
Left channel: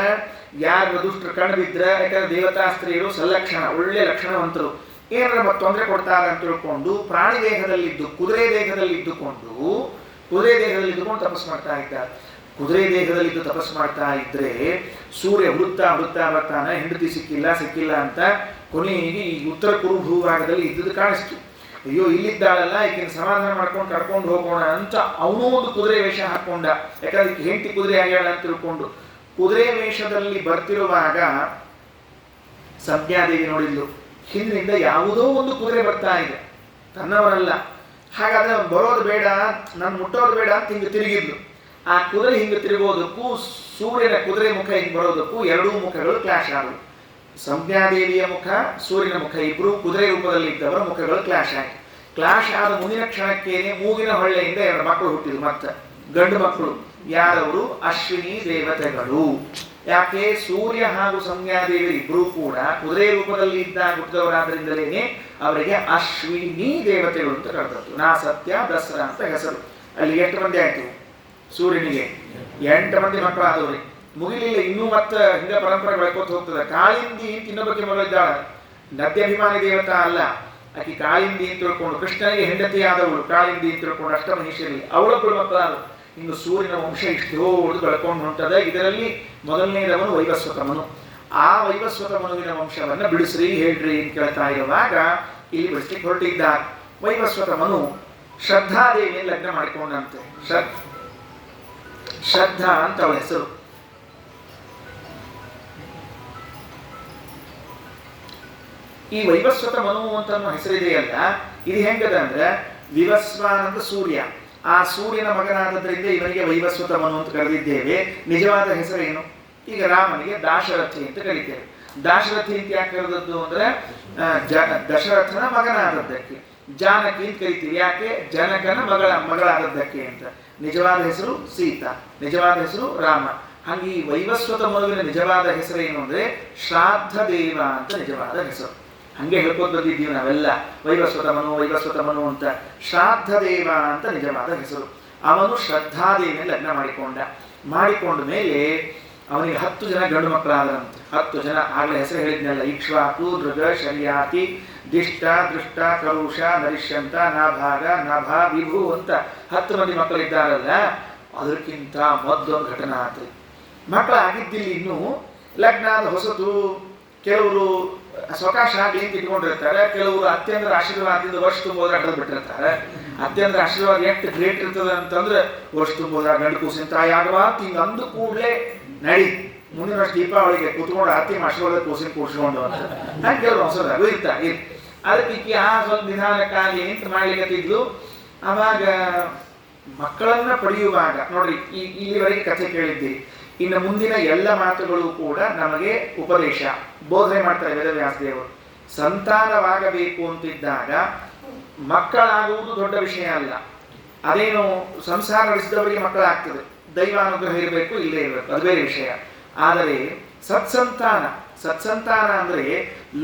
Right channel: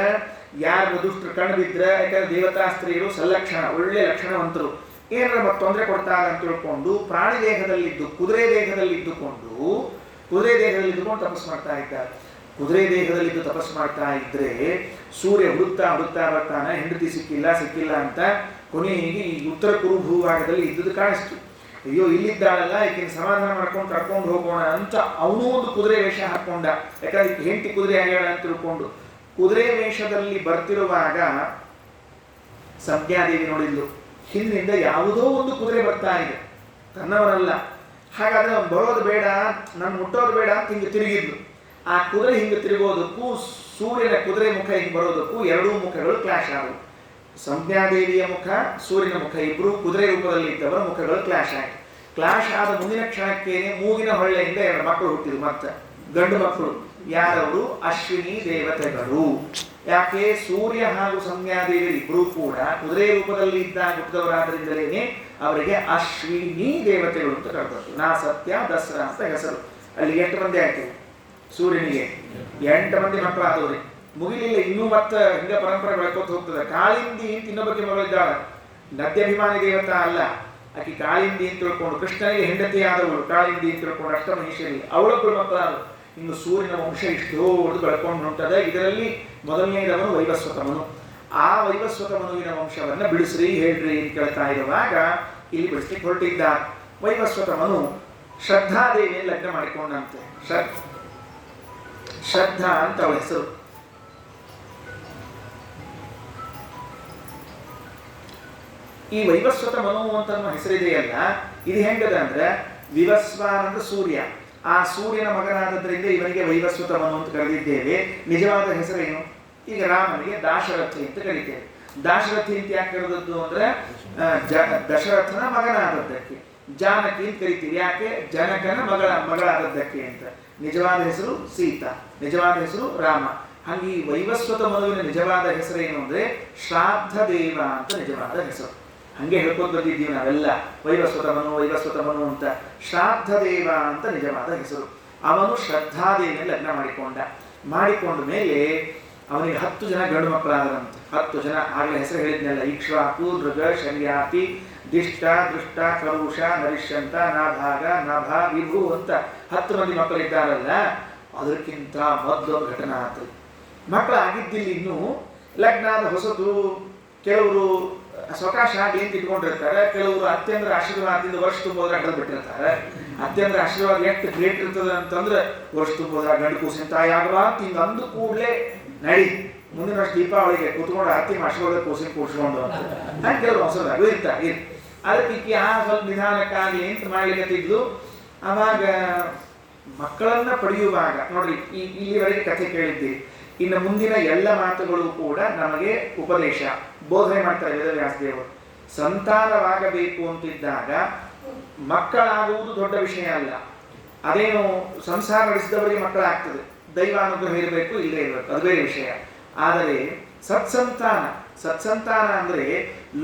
ಯಾರು ದುಷ್ಟರು ಕಣ್ಣು ಬಿದ್ರೆ, ಯಾಕಂದ್ರೆ ದೇವತಾ ಸ್ತ್ರೀಯರು ಸಲ್ಲಕ್ಷಣ ಒಳ್ಳೆ ಲಕ್ಷಣವಂತರು, ಏನಾರ ಮತ್ತೆ ತೊಂದರೆ ಕೊಡ್ತಾರೆ ಅಂತ ತಿಳ್ಕೊಂಡು ಪ್ರಾಣಿ ದೇಹದಲ್ಲಿದ್ದು ಕುದುರೆ ದೇಹದಲ್ಲಿದ್ದುಕೊಂಡು ತಪಸ್ಸು ಮಾಡ್ತಾ ಇದ್ದಾರೆ. ಕುದುರೆ ದೇಹದಲ್ಲಿದ್ದು ತಪಸ್ಸು ಮಾಡ್ತಾ ಇದ್ರೆ ಸೂರ್ಯ ಹುಡುಕ್ತಾ ಬರ್ತಾನೆ, ಹೆಂಡತಿ ಸಿಕ್ಕಿಲ್ಲ ಅಂತ ಕೊನೆಗೆ ಈ ಉತ್ತರ ಕುರು ಭೂಭಾಗದಲ್ಲಿ ಇದ್ದುದು ಕಾಣಿಸ್ತು. ಅಯ್ಯೋ ಇಲ್ಲಿದ್ದಾಳಲ್ಲ ಈಕಿನ ಸಮಾಧಾನ ಮಾಡ್ಕೊಂಡು ಕರ್ಕೊಂಡು ಹೋಗೋಣ ಅಂತ ಅವನೂ ಒಂದು ಕುದುರೆ ವೇಷ ಹಾಕೊಂಡ. ಯಾಕಂದ್ರೆ ಈಕೆ ಹೆಂಡತಿ ಕುದುರೆ ಆಗ್ಯಾಳ ಅಂತ ತಿಳ್ಕೊಂಡು ಕುದುರೆ ವೇಷದಲ್ಲಿ ಬರ್ತಿರುವಾಗ ಸಂಜ್ಞಾದೇವಿ ನೋಡಿದ್ಲು, ಹಿಂದಿನಿಂದ ಯಾವುದೋ ಒಂದು ಕುದುರೆ ಬರ್ತಾ ಇದೆ, ತನ್ನವನಲ್ಲ. ಹಾಗಾದ್ರೆ ಅವ್ನು ಬರೋದು ಬೇಡ, ನನ್ನ ಮುಟ್ಟೋದು ಬೇಡ ಅಂತ ಹಿಂಗೆ ತಿರುಗಿದ್ಲು. ಆ ಕುದುರೆ ಹಿಂಗೆ ತಿರುಗೋದಕ್ಕೂ ಸೂರ್ಯನ ಕುದುರೆ ಮುಖ ಹಿಂಗೆ ಬರೋದಕ್ಕೂ ಎರಡೂ ಮುಖಗಳು ಕ್ಲಾಶ್ ಆದವು. ಸಂಜ್ಞಾದೇವಿಯ ಮುಖ, ಸೂರ್ಯನ ಮುಖ ಇಬ್ಬರು ಕುದುರೆ ರೂಪದಲ್ಲಿ ಇದ್ದವರ ಮುಖಗಳು ಕ್ಲಾಶ್ ಆಯಿತು. ಕ್ಲಾಶ್ ಆದ ಮುಂದಿನ ಕ್ಷಣಕ್ಕೇನೆ ಮೂಗಿನ ಹೊಳ್ಳೆಯಿಂದ 2 ಮಕ್ಕಳು ಹುಟ್ಟಿದ್ರು. ಮತ್ತೆ ಗಂಡು ಮಕ್ಕಳು. ಯಾರವರು? ಅಶ್ವಿನಿ ದೇವತೆಗಳು. ಯಾಕೆ? ಸೂರ್ಯ ಹಾಗೂ ಸಂಜ್ಞಾದೇವಿ ಇಬ್ಬರೂ ಕೂಡ ಕುದುರೆ ರೂಪದಲ್ಲಿ ಇದ್ದಾಗ ಹುಟ್ಟಿದವರಾದ್ರಿಂದಲೇನೆ ಅವರಿಗೆ ಅಶ್ವಿನಿ ದೇವತೆಗಳು ಅಂತ ಕರೆದದ್ದು. ನಾ ಸತ್ಯ ದಸರಾ ಅಂತ ಹೆಸರು. ಅಲ್ಲಿ 8 ಮಂದಿ ಆಯ್ತು ಸೂರ್ಯನಿಗೆ, 8 ಮಂದಿ ಮಕ್ಕಳಾದವ್ರಿ. ಮುಗಿಲಿಲ್ಲ ಇನ್ನೂ ಮತ್ತೆ ಹಿಂಗ ಪರಂಪರೆ ಬೆಳ್ಕೋತ ಹೋಗ್ತದೆ. ಕಾಳಿಂದಿ ಅಂತ ಇನ್ನೊಬ್ಬಕ್ಕೆ ಮಗಳಿದ್ದಾಳೆ, ನದ್ಯಾಭಿಮಾನಿ ದೇವತಾ ಅಲ್ಲ ಆಕಿ. ಕಾಳಿಂದಿ ಅಂತ ತಿಳ್ಕೊಂಡು ಕೃಷ್ಣನಿಗೆ ಹೆಂಡತಿಯಾದವಳು ಕಾಳಿಂದಿ ಅಂತ ತಿಳ್ಕೊಂಡು ಅಷ್ಟಮಹಿಷರಿ, ಅವಳೊಬ್ಬಳು ಮಕ್ಕಳಾದವು. ಇನ್ನು ಸೂರ್ಯನ ವಂಶ ಇಷ್ಟು ದೊಡ್ಡದು ಬೆಳ್ಕೊಂಡು ಹೊಂಟದ. ಇದರಲ್ಲಿ ಮೊದಲನೇದವನು ವೈವಸ್ವತಮನು. ಆ ವೈವಸ್ವತ ಮನುವಿನ ವಂಶವನ್ನು ಬಿಡಿಸ್ರಿ ಹೇಳ್ರಿ ಅಂತ ಕೇಳ್ತಾ ಇರುವಾಗ ಇಲ್ಲಿ ಬಿಡಿಸ್ಲಿಕ್ಕೆ ಹೊರಟಿದ್ದಾರೆ. ವೈವಸ್ವತ ಮನು ಶ್ರದ್ಧಾದೇವಿಯನ್ನು ಲಗ್ನ ಮಾಡಿಕೊಂಡಂತೆ. ಶ್ರದ್ಧಾ ಅಂತ ಅವಳ ಹೆಸರು. ಈ ವೈವಸ್ವತ ಮನು ಅಂತ ಹೆಸರಿದೆಯಲ್ಲ, ಇದು ಹೆಂಗದ ಅಂದ್ರೆ ವಿವಸ್ವಾನ್ ಅಂದ್ರೆ ಸೂರ್ಯ, ಆ ಸೂರ್ಯನ ಮಗನಾದದ್ರಿಂದ ಇವನಿಗೆ ವೈವಸ್ವತ ಮನು ಅಂತ ಕರೆದಿದ್ದೇವೆ. ನಿಜವಾದ ಹೆಸರೇನು? ಈಗ ರಾಮನಿಗೆ ದಾಶರಥಿ ಅಂತ ಕರೀತೇವೆ. ದಾಶರಥಿ ಅಂತ ಯಾಕೆ ಕರೆದದ್ದು ಅಂದ್ರೆ ದಶರಥನ ಮಗನಾದದ್ದಕ್ಕೆ. ಜಾನಕಿ ಅಂತ ಕರಿತೀವಿ, ಯಾಕೆ? ಜನಕನ ಮಗಳಾದದ್ದಕ್ಕೆ ಅಂತ. ನಿಜವಾದ ಹೆಸರು ಸೀತಾ, ನಿಜವಾದ ಹೆಸರು ರಾಮ. ಹಂಗೆ ಈ ವೈವಸ್ವತ ಮನುವಿನ ನಿಜವಾದ ಹೆಸರೇನು ಅಂದ್ರೆ ಶ್ರಾದ್ದ ದೇವ ಅಂತ ನಿಜವಾದ ಹೆಸರು. ಹಂಗೆ ಹೇಳ್ಕೊಂಡು ಬಂದಿದ್ದೀವಿ ನಾವೆಲ್ಲ, ವೈವಸ್ವತ ಮನು ಅಂತ. ಶ್ರಾದ್ದ ದೇವ ಅಂತ ನಿಜವಾದ ಹೆಸರು. ಅವನು ಶ್ರದ್ಧಾದೇವಿಯನ್ನು ಲಗ್ನ ಮಾಡಿಕೊಂಡ ಮೇಲೆ ಅವನಿಗೆ 10 ಜನ ಗಂಡು ಮಕ್ಕಳಾದರಂತೆ. 10 ಜನ, ಆಗಲೇ ಹೆಸರು ಹೇಳಿದ್ನಲ್ಲ, ಇಕ್ಷ್ವಾಕು, ದೃಗ, ಶರ್ಯಾತಿ, ದಿಷ್ಟ, ದೃಷ್ಟ, ಕರುಷ, ನರಿಷ್ಯಂತ, ನಾಭಾಗ, ನಭ, ವಿಭು ಅಂತ 10 ಮಂದಿ ಮಕ್ಕಳಿದ್ದಾರಲ್ಲ. ಅದಕ್ಕಿಂತ ಮೊದಲೊಂದು ಘಟನೆ ಆಯ್ತು. ಮಕ್ಕಳಾಗಿದ್ದಿಲ್ಲ ಇನ್ನೂ, ಲಗ್ನಾದ ಹೊಸತು. ಕೆಲವರು ಸ್ವಕಾಶ ಆಗಲಿ ಅಂತ ಇಟ್ಕೊಂಡಿರ್ತಾರೆ, ಕೆಲವರು ಅತ್ಯಂದ್ರ ಆಶೀರ್ವಾದದಿಂದ ವರ್ಷ ತುಂಬೋದ್ರ ಅಡ್ಡದ್ ಬಿಟ್ಟಿರ್ತಾರೆ. ಅತ್ಯಂದ್ರ ಆಶೀರ್ವಾದ ಎಷ್ಟು ಗ್ರೇಟ್ ಇರ್ತದೆ ಅಂತಂದ್ರೆ ವರ್ಷ ತುಂಬೋದ್ರ ಗಂಡು ಕೂಸಿನ ತಾಯಿ ಆಗಬಾರ್ದು ಹಿಂಗೆ ಅಂದು ಕೂಡಲೇ ನಡಿ ಮುಂದಿನ ವರ್ಷ ದೀಪಾವಳಿಗೆ ಕೂತ್ಕೊಂಡು ಆರತಿ ಆಶೀರ್ವಾದ ಕೂಸಿನ ಕೂಡ್ಸ್ಕೊಂಡು ಅಂತ ಹಾಗೆ ಕೆಲವರು ಹೊಸದಾಗೂ ಇರ್ತಾರೆ. ಅದಕ್ಕೆ ಸ್ವಲ್ಪ ನಿಧಾನಕ್ಕಾಗಲಿ ಅಂತ ಮಾಡ್ಲಿಕ್ಕತ್ತಿದ್ಲು. ಅವಾಗ ಮಕ್ಕಳನ್ನ ಪಡೆಯುವಾಗ ನೋಡ್ರಿ, ಇಲ್ಲಿವರೆಗೆ ಕಥೆ ಕೇಳಿದ್ದೀರಿ. ಇನ್ನು ಮುಂದಿನ ಎಲ್ಲ ಮಾತುಗಳು ಕೂಡ ನಮಗೆ ಉಪದೇಶ, ಬೋಧನೆ ಮಾಡ್ತಾರೆ ವೇದವ್ಯಾಸದೇವರು. ಸಂತಾನವಾಗಬೇಕು ಅಂತಿದ್ದಾಗ ಮಕ್ಕಳಾಗುವುದು ದೊಡ್ಡ ವಿಷಯ ಅಲ್ಲ. ಅದೇನು ಸಂಸಾರ ನಡೆಸಿದವರಿಗೆ ಮಕ್ಕಳಾಗ್ತದೆ, ದೈವಾನುಗ್ರಹ ಇರಬೇಕು, ಇಲ್ಲೇ ಇರಬೇಕು, ಅದು ಬೇರೆ ವಿಷಯ. ಆದರೆ ಸತ್ಸಂತಾನ ಅಂದ್ರೆ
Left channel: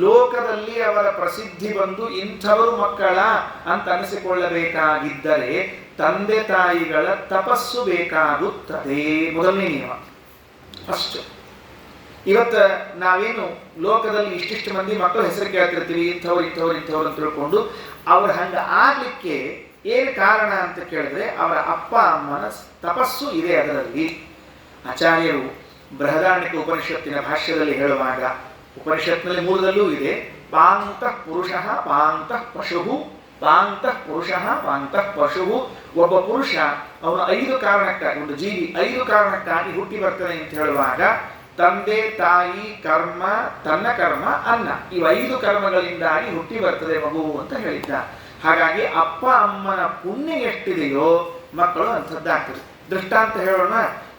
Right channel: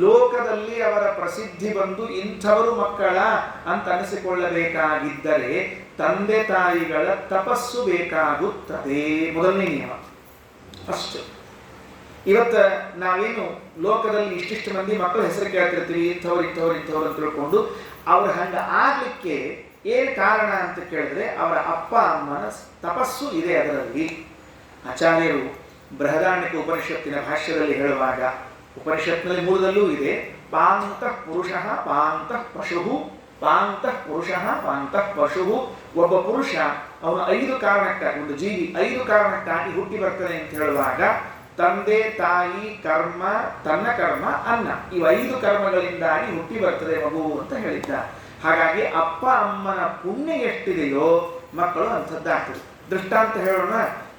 ಲೋಕದಲ್ಲಿ ಅವರ ಪ್ರಸಿದ್ಧಿ ಬಂದು ಇಂಥವರು ಮಕ್ಕಳ ಅಂತ ಅನಿಸಿಕೊಳ್ಳಬೇಕಾಗಿದ್ದರೆ ತಂದೆ ತಾಯಿಗಳ ತಪಸ್ಸು ಬೇಕಾಗುತ್ತದೆ. ಮೊದಲನೇ ನಿಯಮ ಅಷ್ಟು. ಇವತ್ತು ನಾವೇನು ಲೋಕದಲ್ಲಿ ಇಷ್ಟಿಷ್ಟು ಮಂದಿ ಮಕ್ಕಳ ಹೆಸರು ಕೇಳ್ತಿರ್ತೀವಿ, ಇಂಥವ್ರು ಅಂತ ತಿಳ್ಕೊಂಡು ಅವ್ರ ಹಂಗ ಆಗ್ಲಿಕ್ಕೆ ಏನು ಕಾರಣ ಅಂತ ಕೇಳಿದ್ರೆ ಅವರ ಅಪ್ಪ ಅಮ್ಮನ ತಪಸ್ಸು ಇದೆ ಅದರಲ್ಲಿ. ಆಚಾರ್ಯರು ಬೃಹದಾರಣ್ಯಕ ಉಪನಿಷತ್ತಿನ ಭಾಷ್ಯದಲ್ಲಿ ಹೇಳುವಾಗ, ಉಪನಿಷತ್ನಲ್ಲಿ ಮೂಲದಲ್ಲೂ ಇದೆ, ಪಾಂತಃ ಪುರುಷಃ ಪಾಂತಃ ಪಶು, ಪಾಂತಃ ಪುರುಷಃ ಪಾಂತಃ ಪಶು. ಒಬ್ಬ ಪುರುಷ ಅವನು 5 ಕಾರಣಕ್ಕಾಗಿ, ಒಂದು ಜೀವಿ 5 ಕಾರಣಕ್ಕಾಗಿ ಹುಟ್ಟಿ ಬರ್ತಾನೆ ಅಂತ ಹೇಳುವಾಗ ತಂದೆ ತಾಯಿ ಕರ್ಮ, ತನ್ನ ಕರ್ಮ, ಅನ್ನ, ಇವು 5 ಕರ್ಮಗಳಿಂದಾಗಿ ಹುಟ್ಟಿ ಬರ್ತದೆ ಮಗು ಅಂತ ಹೇಳಿದ್ದ. ಹಾಗಾಗಿ ಅಪ್ಪ ಅಮ್ಮನ ಪುಣ್ಯ ಎಷ್ಟಿದೆಯೋ ಮಕ್ಕಳು ಅಂಥದ್ದಾಗ್ತದೆ. ದೃಷ್ಟಾಂತ ಹೇಳೋಣ.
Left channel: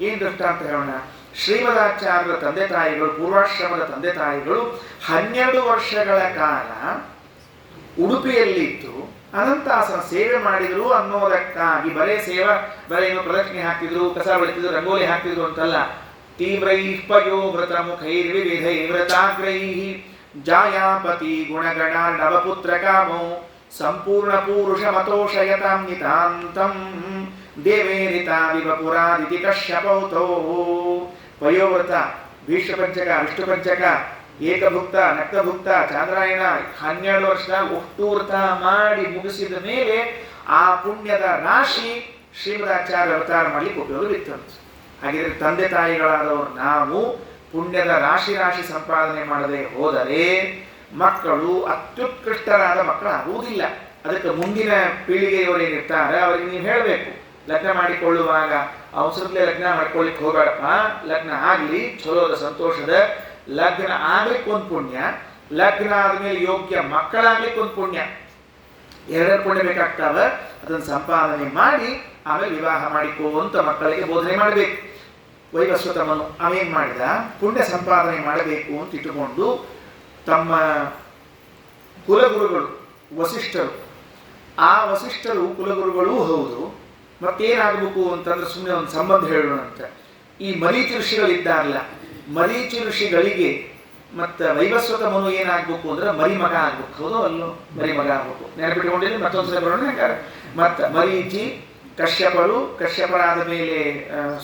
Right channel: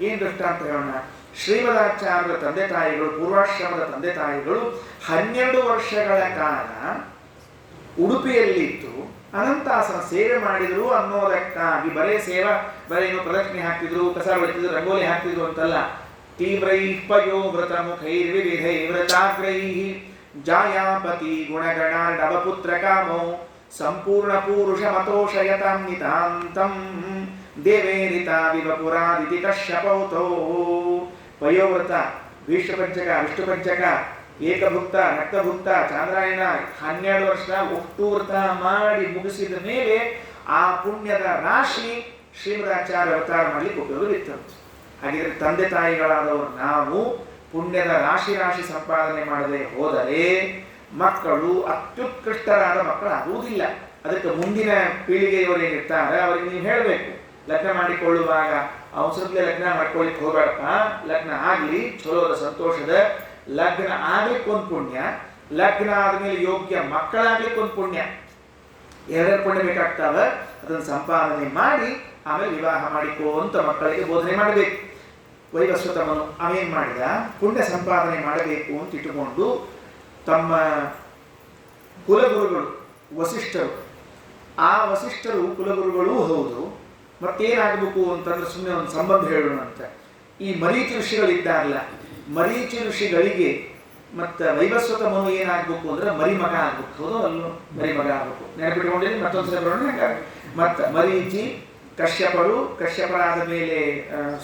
ಏನು ದೃಷ್ಟಾಂತ ಹೇಳೋಣ? ಶ್ರೀಮದಾಚಾರ್ಯರ ತಂದೆ ತಾಯಿಗಳು, ಪೂರ್ವಾಶ್ರಮದ ತಂದೆ ತಾಯಿಗಳು 12 ವರ್ಷಗಳ ಕಾಲ ಉಡುಪಿಯಲ್ಲಿದ್ದು ಅನಂತಾಸನ ಸೇವೆ ಮಾಡಿದ್ರು ಅನ್ನೋದಕ್ಕಾಗಿ ಬರೇ ಏನು ಪ್ರದಕ್ಷಿಣೆ ಹಾಕ್ತಿದ್ರು, ಕಸ ಬೆಳೆತಿದ್ರು, ರಂಗೋಲಿ ಹಾಕ್ತಿದ್ರು ಅಂತಲ್ಲ. ತೀವ್ರೈಃ ಪಯೋವ್ರತ ಮುಖೈರ್ವಿವಿಧೈ ವ್ರತಾಗ್ರೈಃ ಜಾಯಾಪತಿ ಗುಣಗಣಾರ್ಣವಪುತ್ರ ಕಾಮೋ ಸಂಪೂರ್ಣ ಪೂರುಷ ಮತೋಷಯತಾಂ ನಿತಾಂತಂ ದೇವೇರಿತಾ ವಿವಪುರಾದಿತಿ ಕಶ್ಯಪೌತೋ. ಪಯೋವ್ರತ, ಭೀಷ್ಮಪಂಚಕ, ವಿಷ್ಣುಪಂಚಕ, ಏಕಭುಕ್ತ, ನಕ್ತಭುಕ್ತ, ಚಾಂದ್ರಾಯಣ 12 ವರ್ಷ ಒಟ್ಟು ವ್ರತ ಮಾಡಿ ಮುಗಿಸಿದ ಮೇಲೆ ಆ ಪುಣ್ಯದ ರಾಶಿ ಶ್ರೀಮದಾಚಾರ್ಯ ಅವತಾರ ಮಾಡಲಿಕ್ಕೆ ಉಪಯೋಗ ಇತ್ತು. ಹಾಗಿದ್ರೆ ತಂದೆ ತಾಯಿಗಳಾದವರು ನಾವು ಪುಣ್ಯದ ರಾಶಿ ಸಂಪಾದನೆ ಮಾಡದೆ ಹೋದರೆ ಮಕ್ಕಳು ಅತ್ಯುತ್ಕೃಷ್ಟರಾದ ಮಕ್ಕಳಾಗುವುದಿಲ್ಲ. ಅದಕ್ಕೆ ಮುಂದಿನ ಪೀಳಿಗೆಯವರು ಏನಿರ್ತಾರೆ ಅವರಿಗೆ ನೀವು ಹೇಳಬೇಕು, ಲಗ್ನ ಮಾಡಿಕೊಳ್ಳುವಾಗ ಅವಸರದಲ್ಲೇ ಲಗ್ನ ಮಾಡ್ಕೊಳ್ಳಿಕ್ಕೆ ಹೋಗಬೇಡಪ್ಪ, ಲಗ್ನ ಆಗಲಿ ಚಲೋದ ಸಂತೋಷದ, ಲಗ್ನ ಆಗ್ಲಿಕ್ಕೆ ಒಂದು ಪುಣ್ಯ, ಲಗ್ನ ಆದಮೇಲೆ ಯೋಗ್ಯ ಮಕ್ಕಳಾಗ್ಲಿಕ್ಕೆ ಒಂದು ಪುಣ್ಯ, 2 ಪುಣ್ಯ ಬೇಕಾಗ್ತಾವ. ಅದನ್ನು ಸಂಪಾದನೆ ಮಾಡಿ ಆಮೇಲೆ ವಿವಾಹ ಮಾಡಿಕೋ ಅಂತ ಮಕ್ಕಳಿಗೆ ಬೋಧನೆ ಮಾಡಬೇಕು. ವೈವಸ್ವತಮನು ಅವೇನು ಮಾಡಿದ, ಪುಣ್ಯ ಸಂಪಾದನೆ ಮಾಡಬೇಕು ಅಂತ ಇಟ್ಟುಕೊಂಡು ತಮ್ಮ ಕುಲಗುರುಗಳು ವಸಿಷ್ಠರು, ಆ ವಸಿಷ್ಠರು ಕುಲಗುರುಗಳೂ ಹೌದು, ಮತ್ತೇನಾಗಬೇಕು ಅಂತಂದ್ರೆ ಸುಮ್ಮನೆ ಒಂದು ಸಂಬಂಧ ಹೇಳೋಣ ಅಂತ ಈ ಮರೀಚಿ ಋಷಿಗಳಿದ್ದಾರಲ್ಲ, ಮರೀಚಿ ಋಷಿಗಳಿಗೆ ಮತ್ತು ವೈವಸ್ವತ ಮನು ಏನಾಗಬೇಕು ಅಂದ್ರೆ ಮರಿಮಗ ಆಗ್ಬೇಕು. ಹೌದು ಅಲ್ಲೋ? ಮರಿಮಗ ಆಗ್ಬೇಕು. ನೆನಪಿಟ್ಕೊಂಡಿದ್ರೆ ಮತ್ತೊಂದ್ಸಲ ಬರೋಣ. ಮತ್ತು ಮರೀಚಿ ಕಶ್ಯಪರು, ಕಶ್ಯಪರಾದ ಮೇಲೆ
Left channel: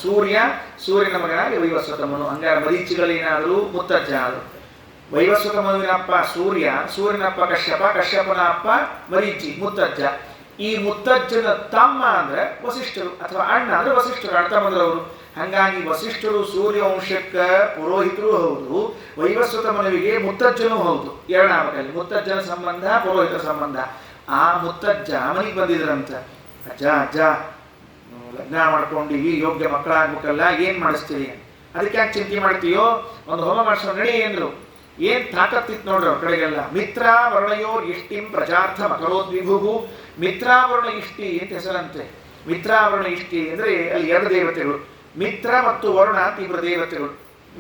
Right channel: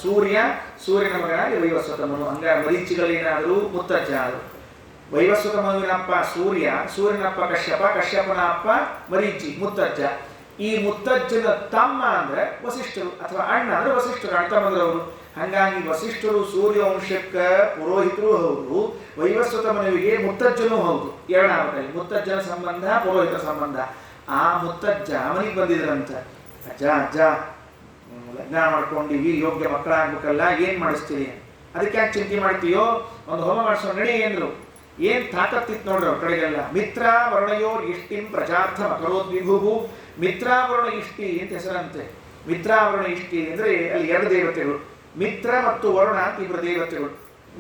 ಸೂರ್ಯನ ಮಗನಾಗಿ ವೈವಸ್ವತ ಮನು. ಹಂಗಾರೆ ಮರೀಚಿಗಳೇನಾದರೂ ಮುತ್ತಜ್ಜ ಆದರು. ವೈವಸ್ವತ ಮನುವಿನ ಅಪ್ಪ ಸೂರ್ಯನ ಅಪ್ಪ ಕಶ್ಯಪ, ಕಶ್ಯಪನ ಅಪ್ಪ ಮರೀಚಿ, ಮುತ್ತಜ್ಜ. ಈ ಮುತ್ತಜ್ಜನ ತಮ್ಮ ಅಂದ್ರೆ ವಸಿಷ್ಠರು, ಅಥವಾ ಅಣ್ಣ ಅಂದ್ರೆ ವಸಿಷ್ಠರು, ಅಣ್ಣ ತಮ್ಮಂದ್ರವರು. ಹಾಗಾಗಿ ವಸಿಷ್ಠರು ಸೂರ್ಯವಂಶಕ್ಕೆ ಪುರೋಹಿತರು ಹೌದು, ವೈವಸ್ವತ ಮನುವಿಗೆ ಮುತ್ತಜ್ಜನೂ ಹೌದು. ಎರಡಾಗಲಿ ಮುತ್ತಜ್ಜನ ಸಂಬಂಧ, ಪುರೋಹಿತರ ಸಂಬಂಧ. ಆ ಮುತ್ತಜ್ಜ ಮನೆಗೆ ಬಂದಿದ್ರಂತ. ಅಜ್ಜ ಅಜ್ಜ ಲಗ್ನ ಮಾಡ್ಕೊಂಡಿವಿ, ಯೋಗ್ಯ ಮಕ್ಕಳಾಗ್ಬೇಕಲ್ಲ, ಏನು ಮಾಡಿಸ್ತೀರಿ? ಅದಕ್ಕೆ ಯಾಕೆ ಚಿಂತೆ ಮಾಡ್ತೀಯೋ, ಒಂದು ಹೋಮ ಮಾಡಿಸೋ ನಡಿ ಎಂದ್ರು. ಏನು ತಾಕತ್ತಿತ್ತು ನೋಡ್ರಿ ಅವ್ರ ಕಡೆಗೆಲ್ಲ. ಮಿತ್ರಾವರ್ಣಯೋರ್ ಇಷ್ಟಿಂ ಪ್ರಜಾರ್ಥ ಮಕರೋದ್ವಿಭು. ಮಿತ್ರಾವರ್ಣ ಇಷ್ಟಿ ಅಂತ ಹೆಸರಂತೆ. ಮಿತ್ರಾವರ್ಣ ಇಷ್ಟಿ ಅಂದರೆ ಅಲ್ಲಿ ಎರಡು ದೇವತೆಗಳು, ಮಿತ್ರ ಮತ್ತು ವರ್ಣ ತೀವ್ರ ದೇವತೆಗಳು.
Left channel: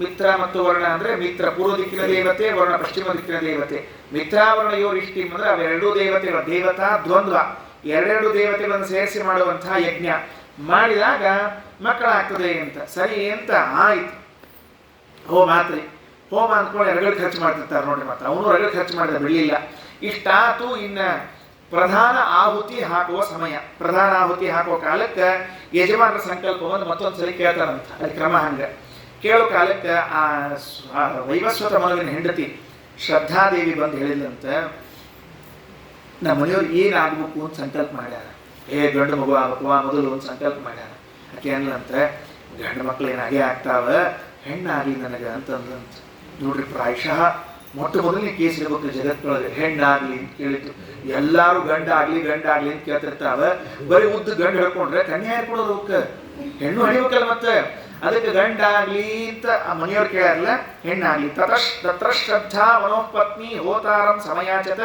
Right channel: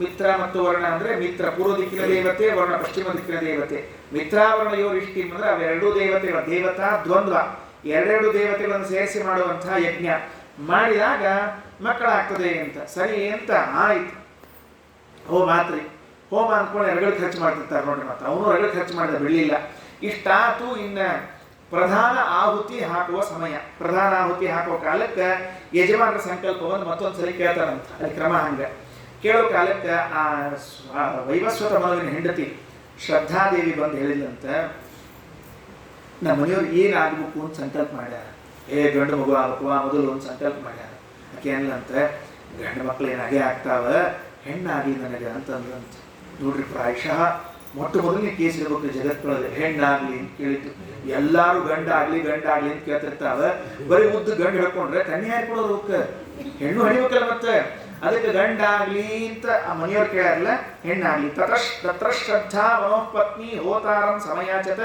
ಮಿತ್ರ ಮತ್ತು ವರ್ಣ ಅಂದರೆ ಮಿತ್ರ ಪೂರ್ವ ದಿಕ್ಕಿನ ದೇವತೆ, ವರ್ಣ ಪಶ್ಚಿಮ ದಿಕ್ಕಿನ ದೇವತೆ. ಮಿತ್ರಾವರ್ಣಯೋರ್ ಇಷ್ಟಿಂ ಅಂದರೆ ಅವೆರಡೂ ದೇವತೆಗಳ ದೇವತಾ ದ್ವಂದ್ವ, ಎರಡೆರಡು ದೇವತೆಗಳನ್ನು ಸೇರಿಸಿ ಮಾಡುವಂತಹ ಯಜ್ಞ ಮಾಡಿದಾಗ ಮಕ್ಕಳಾಗ್ತದೆ ಅಂತ. ಸರಿ ಅಂತ ಆಯ್ತು. ಹೋಮ ಆತ್ರಿ. ಹೋಮ ಅಂದ್ಕೊಂಡು ಎರಗಳು ಖರ್ಚು ಮಾಡ್ತಿರ್ತಾರೆ ನೋಡ್ರಿ. ಮತ್ತೆ ಅವನು ಎರಗಳು ಖರ್ಚು ಮಾಡಿದ ಬಿಡಲಿಲ್ಲ. ಇಷ್ಟಾತು ಇನ್ನು ಪ್ರಧಾನ ಆಹುತಿ ಹಾಕುವ ಸಮಯ. ಪ್ರಧಾನ ಆಹುತಿ ಹಾಕುವ ಕಾಲಕ್ಕೆ ಯಜಮಾನರ ಸಂಕಲ್ಪವನ್ನು ಮತ್ತೊಂದು ಸಲ ಕೇಳ್ತಾರಂತ. ಅಲ್ಲಿ ಕ್ರಮ ಹಂಗೆ ಕೇಳೋ ಕಾಲಕ್ಕೆ ಆ ವೈವಸ್ವತ ಮನುವಿನ ಹೆಂಡತಿ ಶ್ರದ್ಧಾದೇವಿ ಬಂದು ಹೇಳಿದಂತ, ನಮ್ಮ ಮನೆಯವ್ರು ಏನಾಗಬೇಕು ಅಂತ ಸಂಕಲ್ಪ ಮಾಡ್ಯಾರ. ಗಂಡು ಮಗು ಆಗಬೇಕು ಮೊದಲು ಒಂದು ಸಂಕಲ್ಪ ಮಾಡ್ಯಾರ. ಆಕೆ ಅನ್ಲಂತ, ಗಂಡು ಮಕ್ಳು ಏನಾಗೇ ಆಗ್ತಾವ, ಹೆಣ್ಣಾಗಲಿ ನನಗೆ ಅಂತಂದಂತ. ನೋಡ್ರಿ, ಪ್ರಾಯಶಃ ಮೊಟ್ಟ ಮೊದಲನೇ ಕೇಸ್ ಇರ್ಬೇಕು ಜಗತ್ತೊಳಗೆ, ಹೆಣ್ಣಾಗ್ಲಿ ಅಂತ ಕೇಳಿದ್ದು. ಎಲ್ಲಾರು ಗಂಡಾಗ್ಲಿ ಗಂಡಾಗ್ಲಿ ಅಂತ ಕೇಳ್ತಿರ್ತಾವ. ಬರೀ ಉದ್ದು ಗಂಡು ಹೇಳ್ಕೊಂಡ್ರೆ ಕನ್ಯಾ ಹೇಳ್ಕೊಡೋರು ಅವಕ್ಕೆ, ಹೆಣ್ಣು ಹಡಿಬೇಕಲ್ಲ ಮತ್ತೆ. ಅದಕ್ಕೆ ಗಂಡಾಗ್ಲಿ ಅಂತ ಆ ಮನೆಯವ್ರು ಕೇಳಾರಲ್ಲ, ಹೆಣ್ಣಾಗ್ಲಿ. ತತ್ರ ಶ್ರದ್ಧಾ ಮನೋಪತ್ನಿ ಹೋತಾರಂ ಸಮಯಾಚತ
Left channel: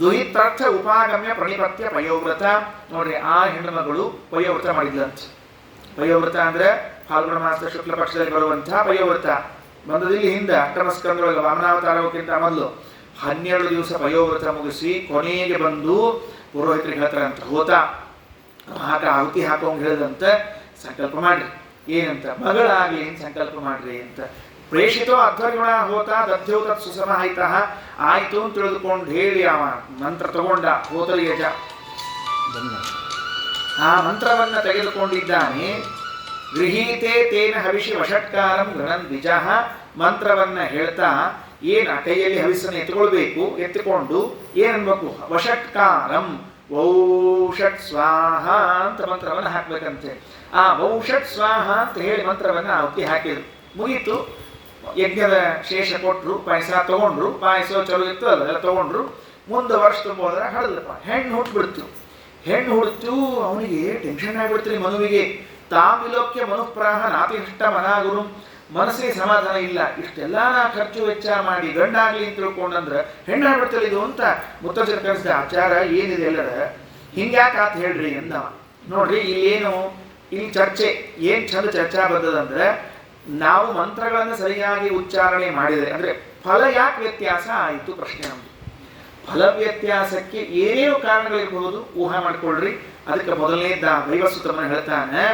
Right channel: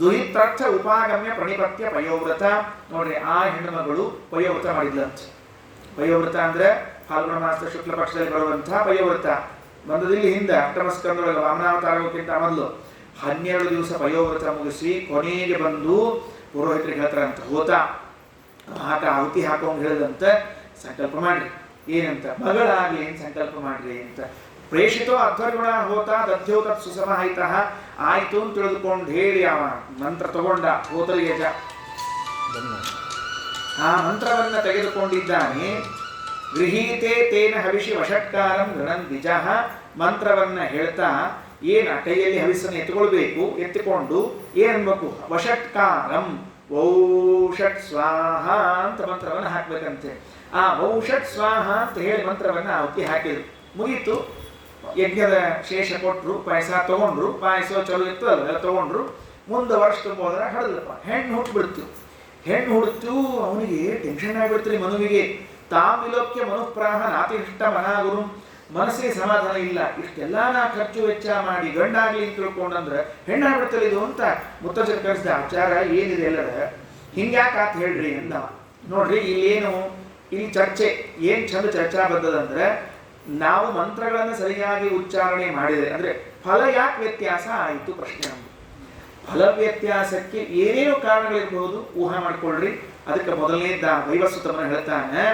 ದುಹಿತಾರ್ಥ ಉಪಾಗಮ್ಯ ಪ್ರಣಿಪತ್ಯ ಪಯೋವ್ರತ. ನೋಡ್ರಿ, ಆ ಹೆಣ್ಣು ಮಗಳು ಪಯೋವ್ರತ ಮಾಡಿದ್ಲಂತ. ಪಯೋವ್ರತ ಅಂದ್ರೆ ಫಾಲ್ಗುಣ ಮಾಸದ ಶುಕ್ಲ ಪಕ್ಷದಲ್ಲಿ ಬರುವಂತಹ ಪಯೋವ್ರತ. ಬಂದದಿಲ್ಲಿ ಹಿಂದೆ ಅಷ್ಟಮಸ್ಕಂದೊಳಗೆ ವಾಮನಾವತಾರಕ್ಕಿಂತ ಮೊದಲು 12 ದಿವಸ ಪಯೋವ್ರತ ಮುಗಿಸಿ ಕೊನೆಗೆ ಬಂದು ಪುರೋಹಿತರಿಗೆ ಹೇಳ್ತಾರಂತ, ಹೋತ ಆಟ ಆಹುತಿ ಹಾಕೋಂಗ್ ಹೇಳಿದಂತ ಸಂಕಲ್ಪ ಮಾಡ್ರಿ. ಏನಂತ? ಮಗಳಾಗ್ಲಿ ಅಂತ ಸಂಕಲ್ಪ ಮಾಡ್ರಿ ಅಂತ. ಪ್ರೇಷಿತೋ ಅಧ್ವರ್ಗುಣ ಹೋತ ದಧ್ಯೋ ತತ್ ಸುಸಮಾಹಿತ. ಆಯ್ತು ಅಂತ ತಿಳಿದುಕೊಂಡು ಹೇಳಿ ಅವ ಮಂತ್ರ ತಗೊಂಡ ಹೋತರಿ ಯಜ. ಆ ಮಂತ್ರವನ್ನ ತೆಗೆದುಕೊಂಡಿದ್ದಾನೆ. ಗೃಹೀತೆ ತೇನ ಹವಿಷಿ ವಷಟ್ಕಾರಂ ಗಣನ್ ದ್ವಿಜಃ. ಮಂತ್ರವನ್ನ ಹೇಳ್ತಾ ಏನು ಕೈಯಲ್ಲಿ ಹವಿಸನ್ನು ಎತ್ತುಕೊಳ್ಬೇಕು, ಎತ್ತಿಕೊಂಡು ಏನನ್ಬೇಕು? ವಷಟ್ಕಾರಂ ವೌಷಟ್ ಸ್ವಾಹ ಅಂತ ಮಂತ್ರವನ್ನು ಹಾಕ್ಬೇಕಂತೆ. ಆ ವೌಷಟ್ ಸ್ವಾಹ ಅಂತ ಹೇಳಿ ಮಂತ್ರವನ್ನು ಆಹುತಿ ಹಾಕಿದ್ರು. ಮುಗೀತು. ಯಜ್ಞದ ಶೇಷ ಕೊಟ್ಟರು, ಪಾಯಸ ತಗೊಂಡ್ರು. ಪಾಯಸ ಚಲೋ ಇತ್ತು ಅಲ್ಲ, ತಗೊಂಡ್ರು. ಮುಂದೆ ವರ್ಷ ತುಂಬೋದ್ರೆ ಹಡದಪ್ಪ, ಹೆಣ್ಣು ಹುಟ್ಟುಬಿಡ್ತು. ಹೆಣ್ಣು ಹುಡುತು. ಅವನಿಗೆ ಟೆನ್ಷನ್ ಆಗಿಬಿಡ್ತೀರಿ ಮನುವಿಗೆ. ತಾಮಿಲೋಕ್ಯ ಮನುಪ್ರಾಹ ನಾತಿಷ್ಟ ಮನಾಗುರು. ಮನಸ್ಸಿಗೆ ಸಮಾಧಾನ ಇಲ್ಲ. ಇಷ್ಟೆಲ್ಲ ನಾ ಖರ್ಚು ವೆಚ್ಚ ಮಾಡಿ ಗಂಡಾಗ್ಲಿ ಅಂತ ತಿಳ್ಕೊಂಡಂದ್ರೆ ಹೆಣ್ಣಾಗ್ಬಿಡ್ತಲ್ಲ ಇದು ಅಂತ ಮುತ್ತಜ್ಜನ ಕರೆಸಿದ. ಆಚಾರ ಏನಿದೆ ಎಲ್ಲರ ಹಿಂಗ್ಯಾಕೆ ಆತ ಹೇಳ್ರಿ ಅಂದ. ನೋಡ್ರಿ, ಇಲ್ಲೇನು ಇಲ್ಲಿ ಚರ್ಚೆ ಏನು ಚಂದ ಚರ್ಚಾ ಬಂದದಂದ್ರೆ, ನಾವು ಮಂತ್ರಗಳನ್ನು ಸರಿಯಾಗಿ ಉಚ್ಚಾರಣೆ ಮಾಡಿದರೆ ಅಂದರೆ ಫಲ ಯಾಕೆ ವ್ಯತ್ಯಾಸ ಆಯಿತು ಪ್ರಶ್ನೆ ನಮ್ಮದು. ಫಲ ವ್ಯತ್ಯಾಸಕ್ಕೆ ಏನೇನು ಕಾರಣಗಳಿರಬಹುದು ಊಹೆ ಮಾಡ್ಕೊಳ್ರಿ. ಅದಕ್ಕೆ ಮೊದಲನೇದ ವೈವಸ್ವತಮನ ಹೇಳ್ತಾನೆ,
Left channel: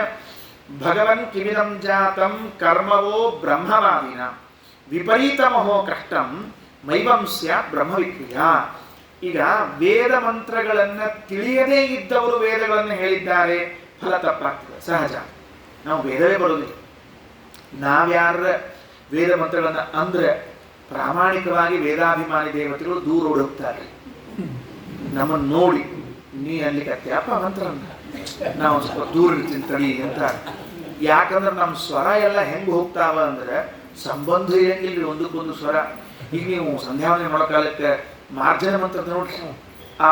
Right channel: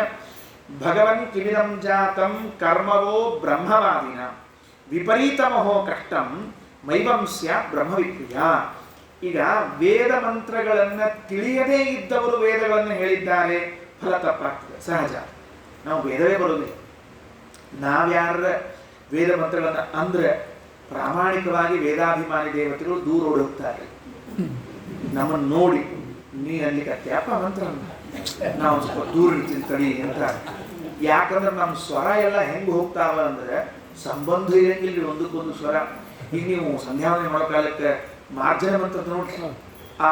ಭಗವನ್ ಕಿಮಿದಂ ಜಾತಂ ಕರ್ಮವೋ ಬ್ರಹ್ಮವಾದಿನ ವಿಪರೀತಮಹೋ ಕಷ್ಟಂ ಮೈವಂಸ್ಯ ಬ್ರಹ್ಮವಿಕ್ರಿಯ. ಈಗ ವೇದ ಮಂತ್ರಗಳನ್ನು ತಿಳಿಯದೇ ಇದ್ದವರು ವೇದಗಳನ್ನು ಹೇಳಿದ್ದಾರೆ, ಫಲ ತಪ್ಪಾಗ್ತದೆ ಸಹಜ. ನಾವು ವೇದವೇ ಬರೋದಿಲ್ಲ. ನಾವ್ಯಾರ ವೇದ ಮಂತ್ರಗಳನ್ನು ಅಂದ್ರೆ ಪ್ರಾಮಾಣಿಕವಾಗಿ ವೇದಾಭಿಮಾನಿ ದೇವತೆಗಳು ದೂರ ಓಡುತ್ತಾರೆ. ನಮ್ಮನ್ನು ನೋಡಿ, ನೀ ಅಲ್ಲಿಕತ್ತೆ ಅಪ್ಪ ಮಂತ್ರ ನಾವು ಸ್ವಲ್ಪ ದೂರ ಇರ್ತೀನಿ ತಡಿ ಅಂತ. ಯಾಕಂದ್ರೆ ನಮ್ಮ ಸ್ವರ ಎಲ್ಲ ಹೆಂಗೆ ಹೋಗ್ತಾವ ಅಂದ್ರೆ ಸಂಬಂಧ ಇರಂಗಿಲ್ಲ ಒಂದಕ್ಕೊಂದು ಸ್ವರ. ಈಗ ನೀವು ಸಂಧ್ಯಾವನೆ ಮಾಡೋ ಕಾಲಕ್ಕೆ ಮಾರ್ಜನ ಮಂತ್ರ ನೋಡ್ರಿ, ಆ